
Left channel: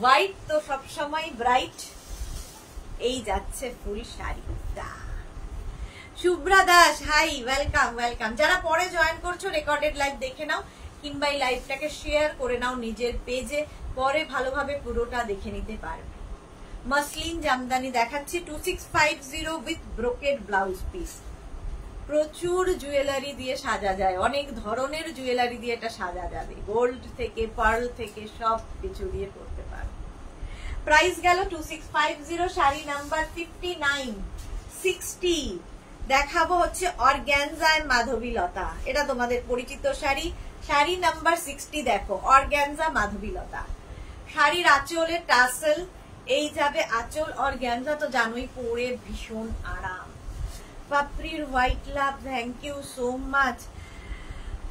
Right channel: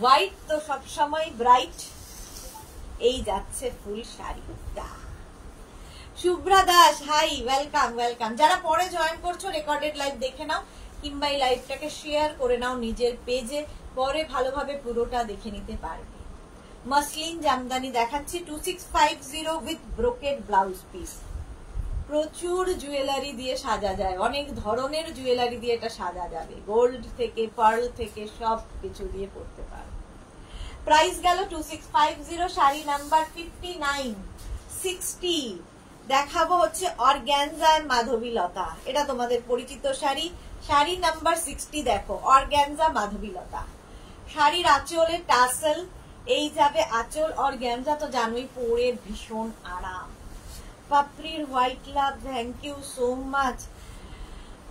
হোয়াইট তো সবসময় ব্রাইট, এই যাচ্ছে ফুল শাড়িটা। Shubhra Das, hi, welcome welcome. যারা পরে জয়েন করছো রেকর্ডেড লাইভ দেখে নাও, কিংবা এই লাইভটাকে শেয়ার করে নাও নিজের পেজে, পরে ভালোভাবে পুরোটা দেখে নিতে পারবে। মসলিন জামদানি দেখাচ্ছি 2650 উইথ ব্রোকেড ব্লাউজ পিস। প্রচুর জুয়েলারি দিয়ে সাজা যায়, অনেক ধরনের জুয়েলারি দিয়ে এটা সাজা যাবে, গোল্ড থেকে পার্ল থেকে সব কিছু দিয়ে করতে পারো। প্রাইস গেল 2650, শাড়ি নাম্বার 59 60। দেখাবো হচ্ছে অর্গ্যানজায় মাধবীলতা, এটা তোমাদের পরিচিত শাড়ি, শাড়ি নাম্বার 60। দেখো অর্গ্যানজা মাধবীলতা, শাড়ির আঁচলে টাসেল, এই যাবে আঁচল। অর্গ্যানজা তো জানোই পরে ভীষণ আরাম। পাপড়ির white love, thank you so much.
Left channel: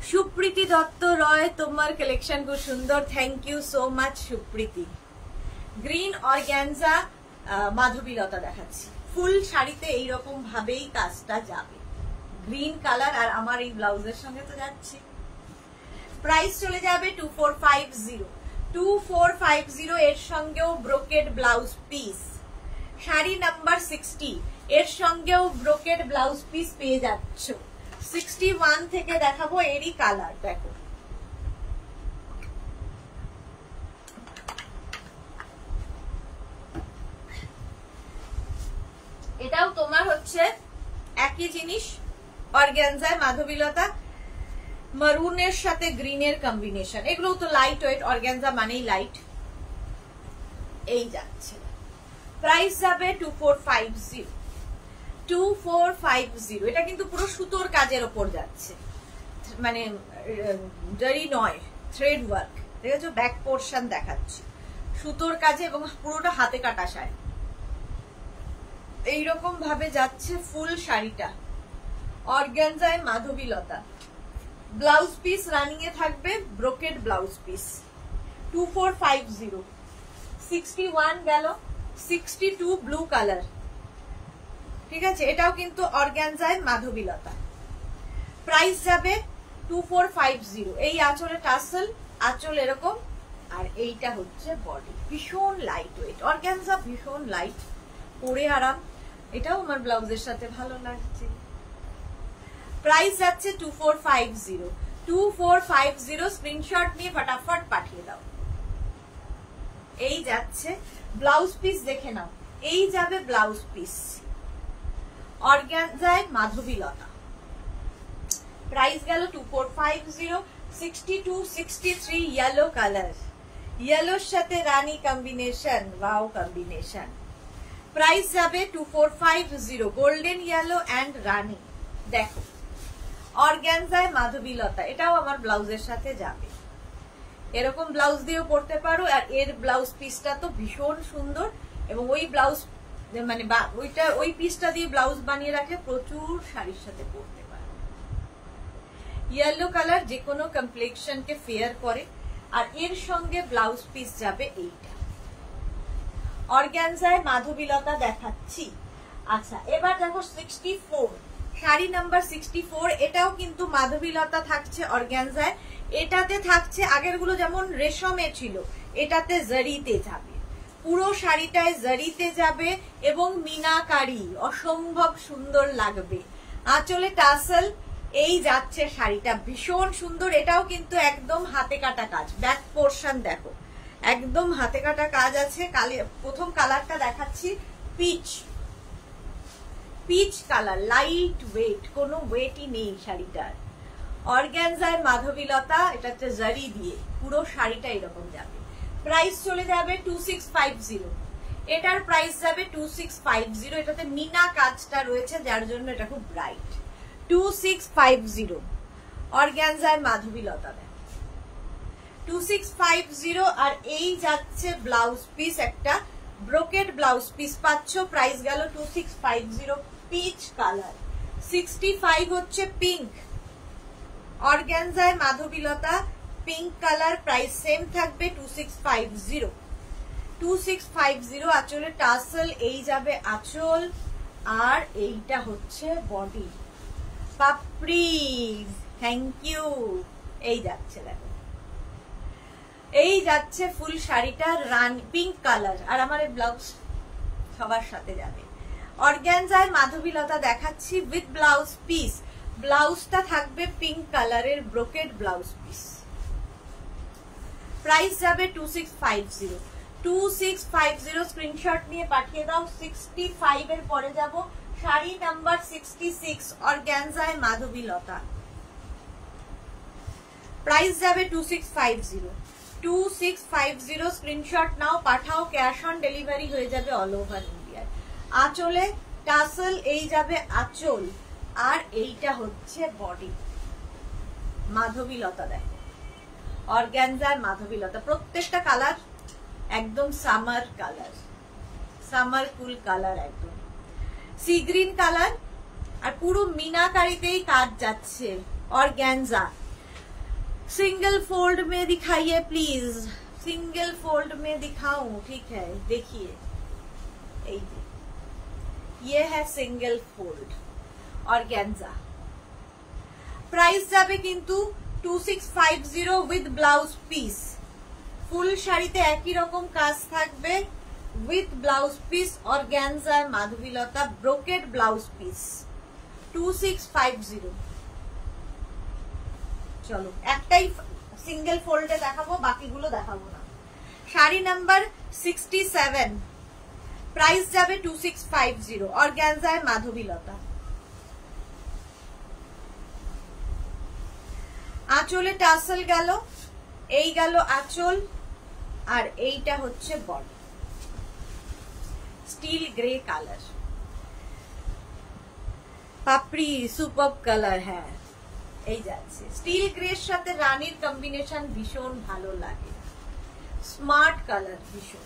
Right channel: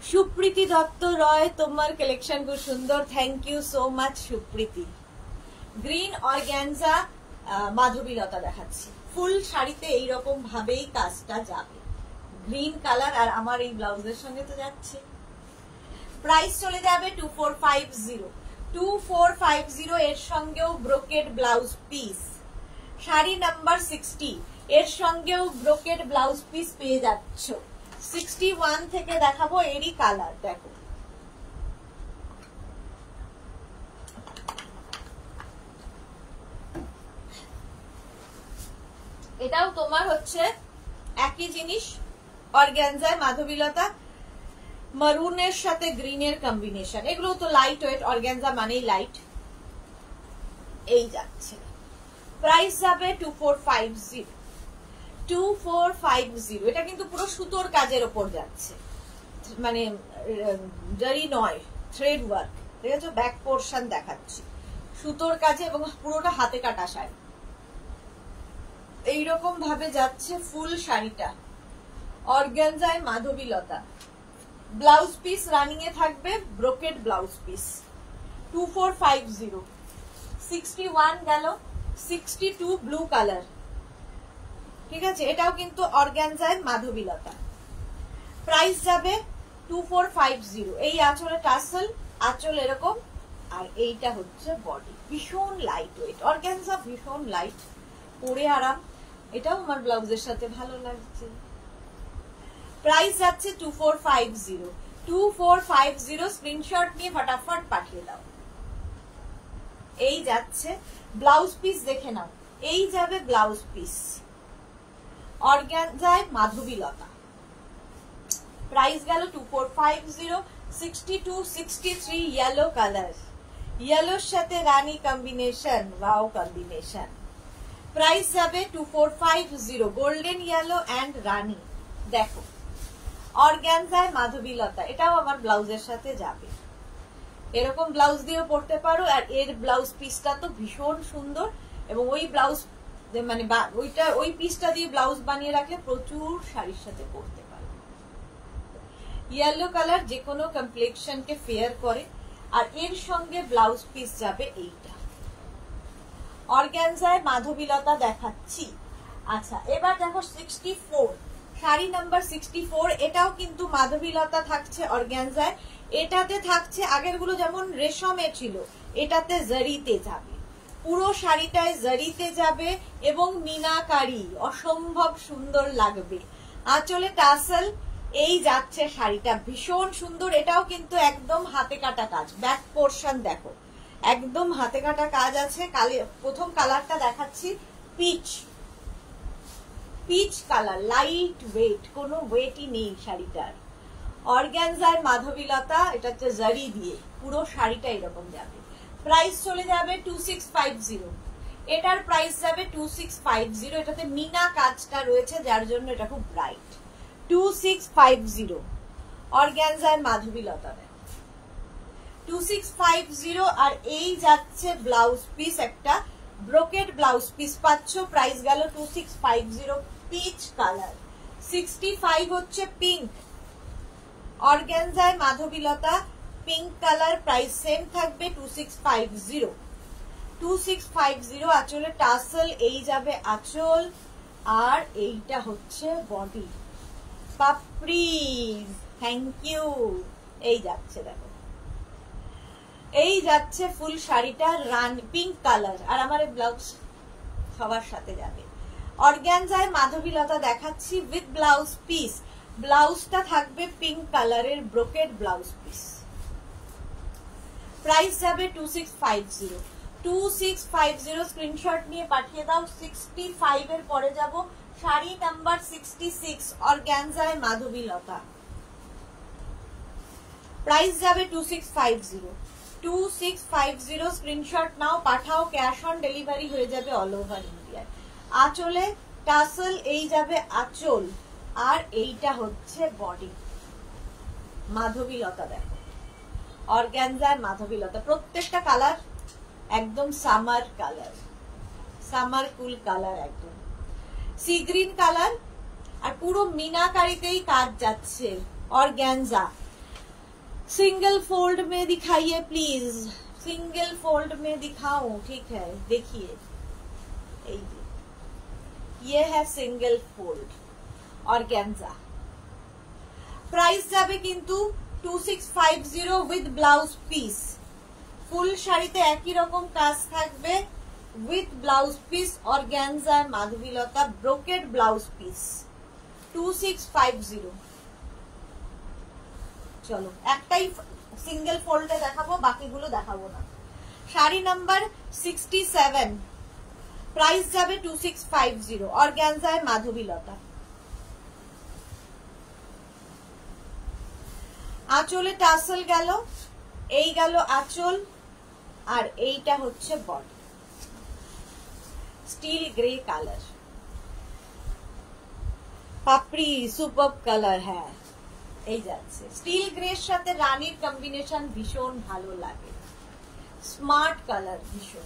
Supriti Dutta Roy, তোমার কালেকশন খুব সুন্দর, thank you so much Supriti. Green organza Madhabilata দেখাচ্ছি, ফুল শাড়িতে এইরকম ভাবেই কাজটা যাবে, গ্রিন কালার, আর আমার এই ব্লাউজের সঙ্গে তো যাচ্ছে। প্রাইস চলে যাবে 2450, 2450, এর সঙ্গেও brocade blouse piece. Sari number 60, এর সঙ্গেও ব্রোকেড ব্লাউজ পিস পেয়ে যাচ্ছ। 61 থেকে দেখাবো, এরই কালার দেখো, এটাও তোমার হচ্ছে একই জিনিস, অর্গ্যানজায় মাধবীলতা, মারুনের সাথে গ্রিনের কম্বিনেশন, এগুলো তো লাইট ওয়েট, অর্গ্যানজা মানেই লাইট, এই যাচ্ছে। প্রাইস যাবে 2450, 2450। এটা কিন্তু পুরো সুতোর কাজের ওপর যাচ্ছে, মানে জারি নয়, থ্রেড ওয়ার্ক, ঠিক আছে। ব্যাক পোর্শন দেখাচ্ছি, সুতোর কাজে এবং পুরোটা হাতে কাটা শাড়ি, এইরকম ভাবে যাচ্ছে ফুল শাড়িটা। অর্গ্যানজায় মাধবীলতা, ব্লাউজ পিস রানিং এ থাকবে, ব্রোকেড ব্লাউজ পিস। 2450, 61 গেল, 62 ব্লু কালার, ঠিক আছে। এটাও কিন্তু অর্গ্যানজায় মাধবীলতা। প্রাইস যাবে 2450। এই আঁচলে টাসেল, আঁচল এরকম, আর এইটা হচ্ছে বডি, ভীষণ লাইট ওয়েট, অর্গ্যানজা ভীষণ লাইট, পরে আরাম, এটাও আমার ব্লাউজের সাথে ভালো লাগছে। প্রাইস যাচ্ছে 2450, 2450। স্ক্রিনশট নিয়ে ফটাফট পাঠিয়ে দাও। এই যাচ্ছে ব্লাউজ পিস, দেখে নাও, এই যাবে ব্লাউজ পিস, অর্গ্যানজায় মাধবীলতা। প্রাইস গেল 2450, 62, 63 ইয়েলো কালার, ইয়েলোর সাথে রানী কম্বিনেশন, ওয়াও কম্বিনেশন। প্রাইস যাবে 2450, গোল্ডেন ইয়েলো অ্যান্ড রানী। দেখো অর্গ্যানজায় মাধবীলতা, এটাও আমার ব্লাউজের সাথে যাবে, এরকম ব্লাউজ দিয়েও পরতে পারো, আর এর ব্লাউজ পিসটা তো ভীষণ সুন্দর, এবং ওই ব্লাউজ মানে ওইটা ওই পিসটা দিয়ে ব্লাউজ বানিয়ে রাখলে প্রচুর শাড়ির সাথে পরতে পারো। ইয়েলো কালার যে কোনো কমপ্লেক্সনকে ফেয়ার করে, আর এর সঙ্গে ব্লাউজ পিস যাবে এইটা। অর্গ্যানজায় মাধবীলতা দেখাচ্ছি। আচ্ছা, এবার দেখো 64, শাড়ি নাম্বার 64, এটাও কিন্তু মাধবীলতা থাকছে অর্গ্যানজায়। এটাতে থাকছে, আগের গুলো যেমন রেশমে ছিল, এটাতে জারিতে যাবে, পুরো শাড়িটায় জারিতে যাবে এবং মিনাকারি, অসম্ভব সুন্দর লাগবে। আঁচলে টাসেল, এই যাচ্ছে শাড়িটা, ভীষণ সুন্দর। এটাও কিন্তু একদম হাতে কাটা কাজ, ব্যাক পোর্শন দেখো একদম হাতে কাটা কাজ আছে। প্রথম কালারটা দেখাচ্ছি, peach, peach colour, light weight, কোনো ওয়েটই নেই শাড়িটার। অর্গ্যানজার মাধবীলতা, এটা হচ্ছে জারি দিয়ে, পুরো শাড়িটা এরকম যাবে। প্রাইস চলে যাবে 2650, এটার প্রাইস যাবে 2650। এটাতে মিনা কাজটা রয়েছে যার জন্য এটা খুব ব্রাইট। 2650 অর্গ্যানজার মাধবীলতা, 2650। আর এই যাচ্ছে ব্লাউজ পিস, একটা ব্রোকেড ব্লাউজ পিস পাচ্ছ। প্রাইস গেল 2650, পিচ কালার। 65 হচ্ছে পিঙ্ক, অর্গ্যানজায় Madhabilata, pink colour, price same থাকবে 2650, 2650। আঁচলে টাসেল, এই যাবে আঁচল, আর এইটা হচ্ছে বডি। পাপড়ি, থ্যাংক ইউ, এই যাচ্ছে দেখো এই যাচ্ছে ফুল শাড়িটা পিঙ্ক কালার, আর আমার এই ব্লাউজ সবার সাথে যাবে। অর্গানজায় মাধবীলতা দেখাচ্ছি উইথ ব্লাউজ পিস। ব্লাউজটা থাকবে পিঙ্ক কালারের ব্রোকেড ব্লাউজ পিস। প্রাইস যাবে 2650। 2650 স্ক্রিনশট নিয়ে পাঠিয়ে দাও। 65 এর পরে যাব শাড়ি নাম্বার 66 অর্গানজায় মাধবীলতা। প্রাইস যাবে 2650। 2650 স্ক্রিনশট নাও, পাঠাও। ক্যাশ অন ডেলিভারি হয়ে যাবে অল ওভার ইন্ডিয়ায়। আঁচলে টাসেল, এই যাবে আঁচল, আর এইটা হচ্ছে বডি। মাধবীলতা দেখো, অর্গানজার মাধবীলতা। প্রত্যেকটা কালার একদম সামার কালার, সামার কুল কালার, একদম সি গ্রিন কালার, আর পুরো मीनाकारीতেই কাজ যাচ্ছে। ऑर्गेन्जा सिंगल फोल्ड में दिखाइए प्लीज, सिंगल फोल्ड में दिखाऊं? ठीक है, देखिए ये है सिंगल फोल्ड ऑर्गेन्जा। प्राइस যাবে কিন্তু 2650 উইথ ব্লাউজ পিস। ফুল শাড়িতে একই রকম কাজ থাকবে with blouse piece. Organza Madhabilata brocade blouse piece 2650। চলো একটাই সিঙ্গেল ফোল্ডে দেখাবো, বাকিগুলো দেখাবো না। শাড়ি নাম্বার 67, প্রাইস যাবে 2650। অর্গানজায় মাধবীলতা। আঁচলে টাসেল গেল, এই গেল আঁচল, আর এইটা হচ্ছে বডি। স্টিল গ্রে কালার, পাপড়ি সুপার কালার। হ্যাঁ, এই যাচ্ছে স্টিল গ্রের সাথে রানীর কম্বিনেশন ভীষণ ভালো লাগে। স্মার্ট কালার ভীষণ,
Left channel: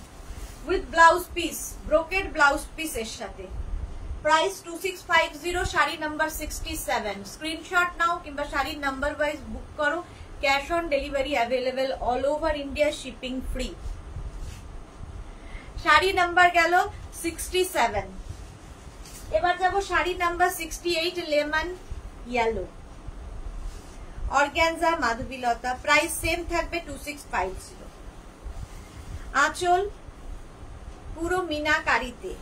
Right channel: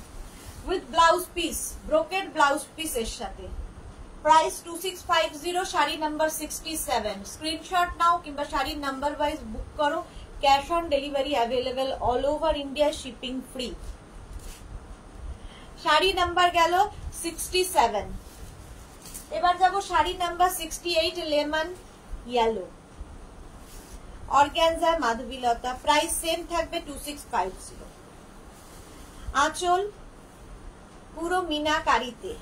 with blouse piece, brocade blouse piece এর সাথে। প্রাইস 2650। শাড়ি নাম্বার 67। স্ক্রিনশট নাও কিংবা শাড়ির নাম্বার ওয়াইজ বুক করো। Cash on delivery available all over India, shipping free. Sari number গেল 67। এবার যাব sari number 68 lemon yellow organza Madhabilata. Price same থাকবে 2650। আঁচল পুরো मीनाकारीতে,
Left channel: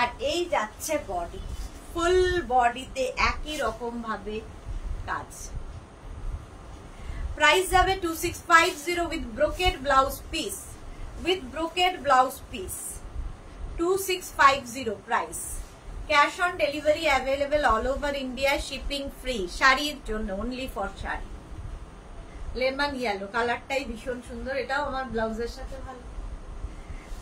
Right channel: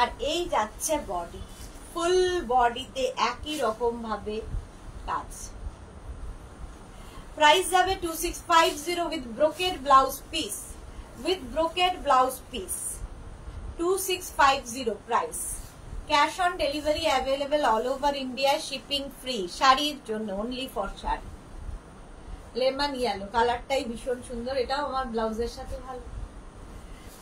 আর এই যাচ্ছে বডি। ফুল বডিতে একই রকম ভাবে কাজ। প্রাইস যাবে 2650 with brocade blouse piece, with brocade blouse piece 2650 price. Cash on delivery available all over India, shipping free. শাড়ির জন্য, only for sari. Lemon yellow কালারটাই ভীষণ সুন্দর, এটাও আমার ব্লাউজের সাথে ভালো।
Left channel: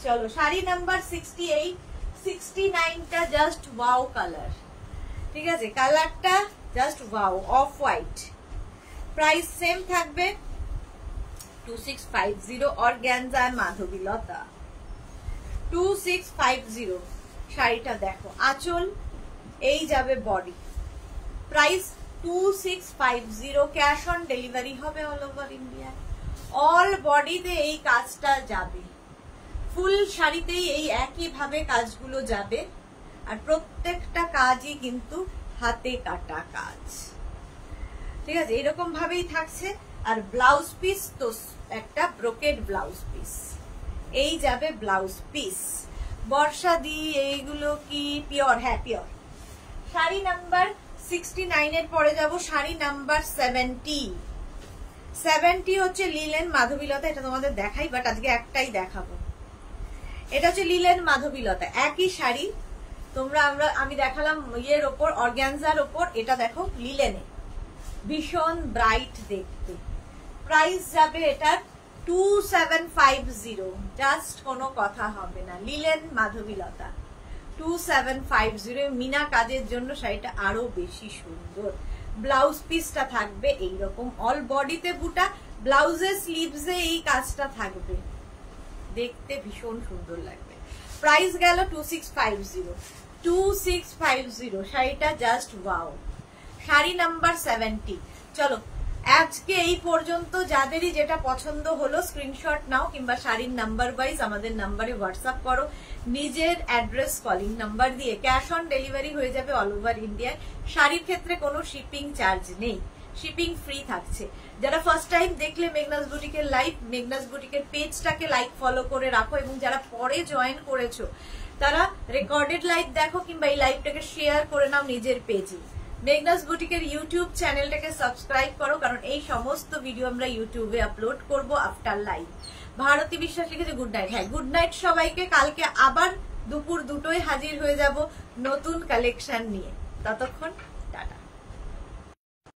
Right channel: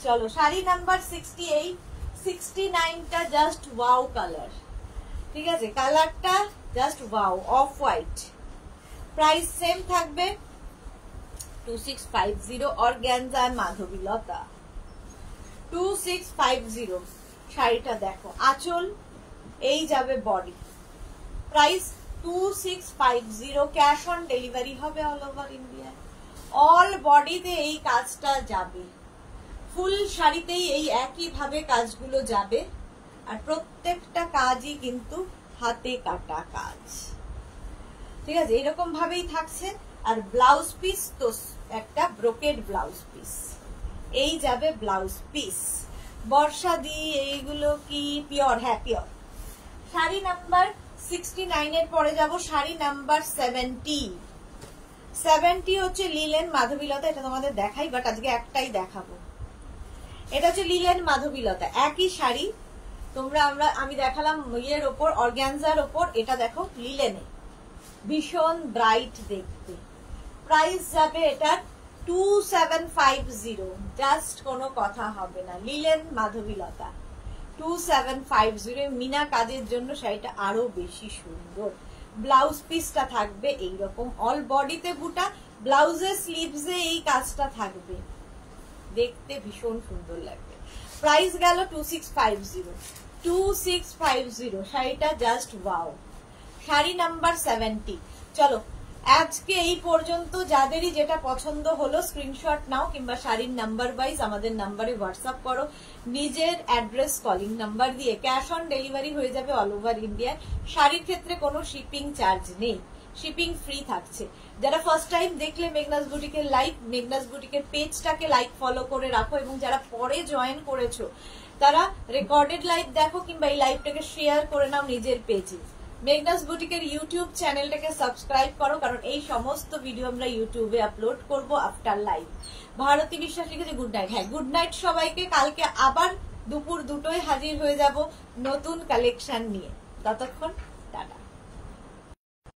চলো শাড়ি নাম্বার 68। 69টা জাস্ট ওয়াও কালার, ঠিক আছে? কালারটা just wow, off white. Price same থাকবে 2650। অর্গানজা মাধবীলতা 2650। শাড়িটা দেখো, আঁচল, এই যাবে body. Price 2650। Cash on delivery হবে অল ওভার ইন্ডিয়া। অল বডিতে এই কাজটা যাবে, ফুল শাড়িতেই এই একই ভাবে কাজগুলো যাবে, আর প্রত্যেকটা কাজই কিন্তু হাতে কাটা কাজ, ঠিক আছে? এরকম ভাবেই থাকছে। আর ব্লাউজ পিস তো একটা ব্রোকেড ব্লাউজ পিস, এই যাবে ব্লাউজ পিস। বর্ষা দি এইগুলো কি পিওর? হ্যাঁ পিওর। শাড়ি নাম্বার 69 এর পরে যাব শাড়ি নাম্বার 70। 70 হচ্ছে লিলেন মাধবীলতা। এটা তোমাদের দেখাই, বাট আজকে একটাই দেখাবো। এটা হচ্ছে লিলেন মাধবীলতা, একই শাড়ি। তোমরা আমি দেখালাম ইয়ের ওপর, অর্গানজার ওপর, এটা দেখো লিলেনে, ভীষণ ব্রাইট দেখতে। প্রাইস যাবে এটার 2750। জাস্ট কোনো কথা হবে না, লিলেন মাধবীলতা 2750। মিনা কাজের জন্য শাড়িটা আরো বেশি সুন্দর। ব্লাউজ পিসটা থাকবে এইরকম, অল বডিতে বুটা, ব্লাউজের স্লিভসে এই কাজটা থাকবে, দেখতে ভীষণ সুন্দর লাগবে। প্রাইস গেল 2650। 2650 শাড়িটা জাস্ট ওয়াও। শাড়ি নাম্বার 70। চলো আজকে এই পর্যন্ত। যাদেরই যেটা পছন্দ হলো স্ক্রিনশট নাও কিংবা শাড়ির নাম্বার ওয়াইজ আমাদের নাম্বারে হোয়াটসঅ্যাপ করো, নিজের অ্যাড্রেস কলিং নাম্বার দিয়ে। ক্যাশ অন ডেলিভারি হয়ে যাবে অল ওভার ইন্ডিয়া। শাড়ির ক্ষেত্রে কোনো শিপিং চার্জ নেই। শিপিং ফ্রি থাকছে। যারা ফার্স্ট টাইম দেখলে মেঘনাস বুটিকের লাইভ, মেঘনাস বুটিকের পেজটাকে লাইক ফলো করে রাখো, এবং যারা পরে জয়েন করেছো তারা রেকর্ডেড লাইভ দেখো কিংবা এই লাইভটাকে শেয়ার করে নাও নিজের পেজে। মেঘনাস বুটিকের ইউটিউব চ্যানেলটাকে সাবস্ক্রাইব করো, কারণ এই সমস্ত ভিডিও আমরা ইউটিউবে আপলোড করব আফটার লাইভ। ভারতী বিশ্বাস লিখেছে গুড নাইট। হ্যাঁ, গুড নাইট সবাইকে। কালকে আবার দুপুর 2টোয় হাজির হয়ে যাব নতুন কালেকশন নিয়ে। ততক্ষণ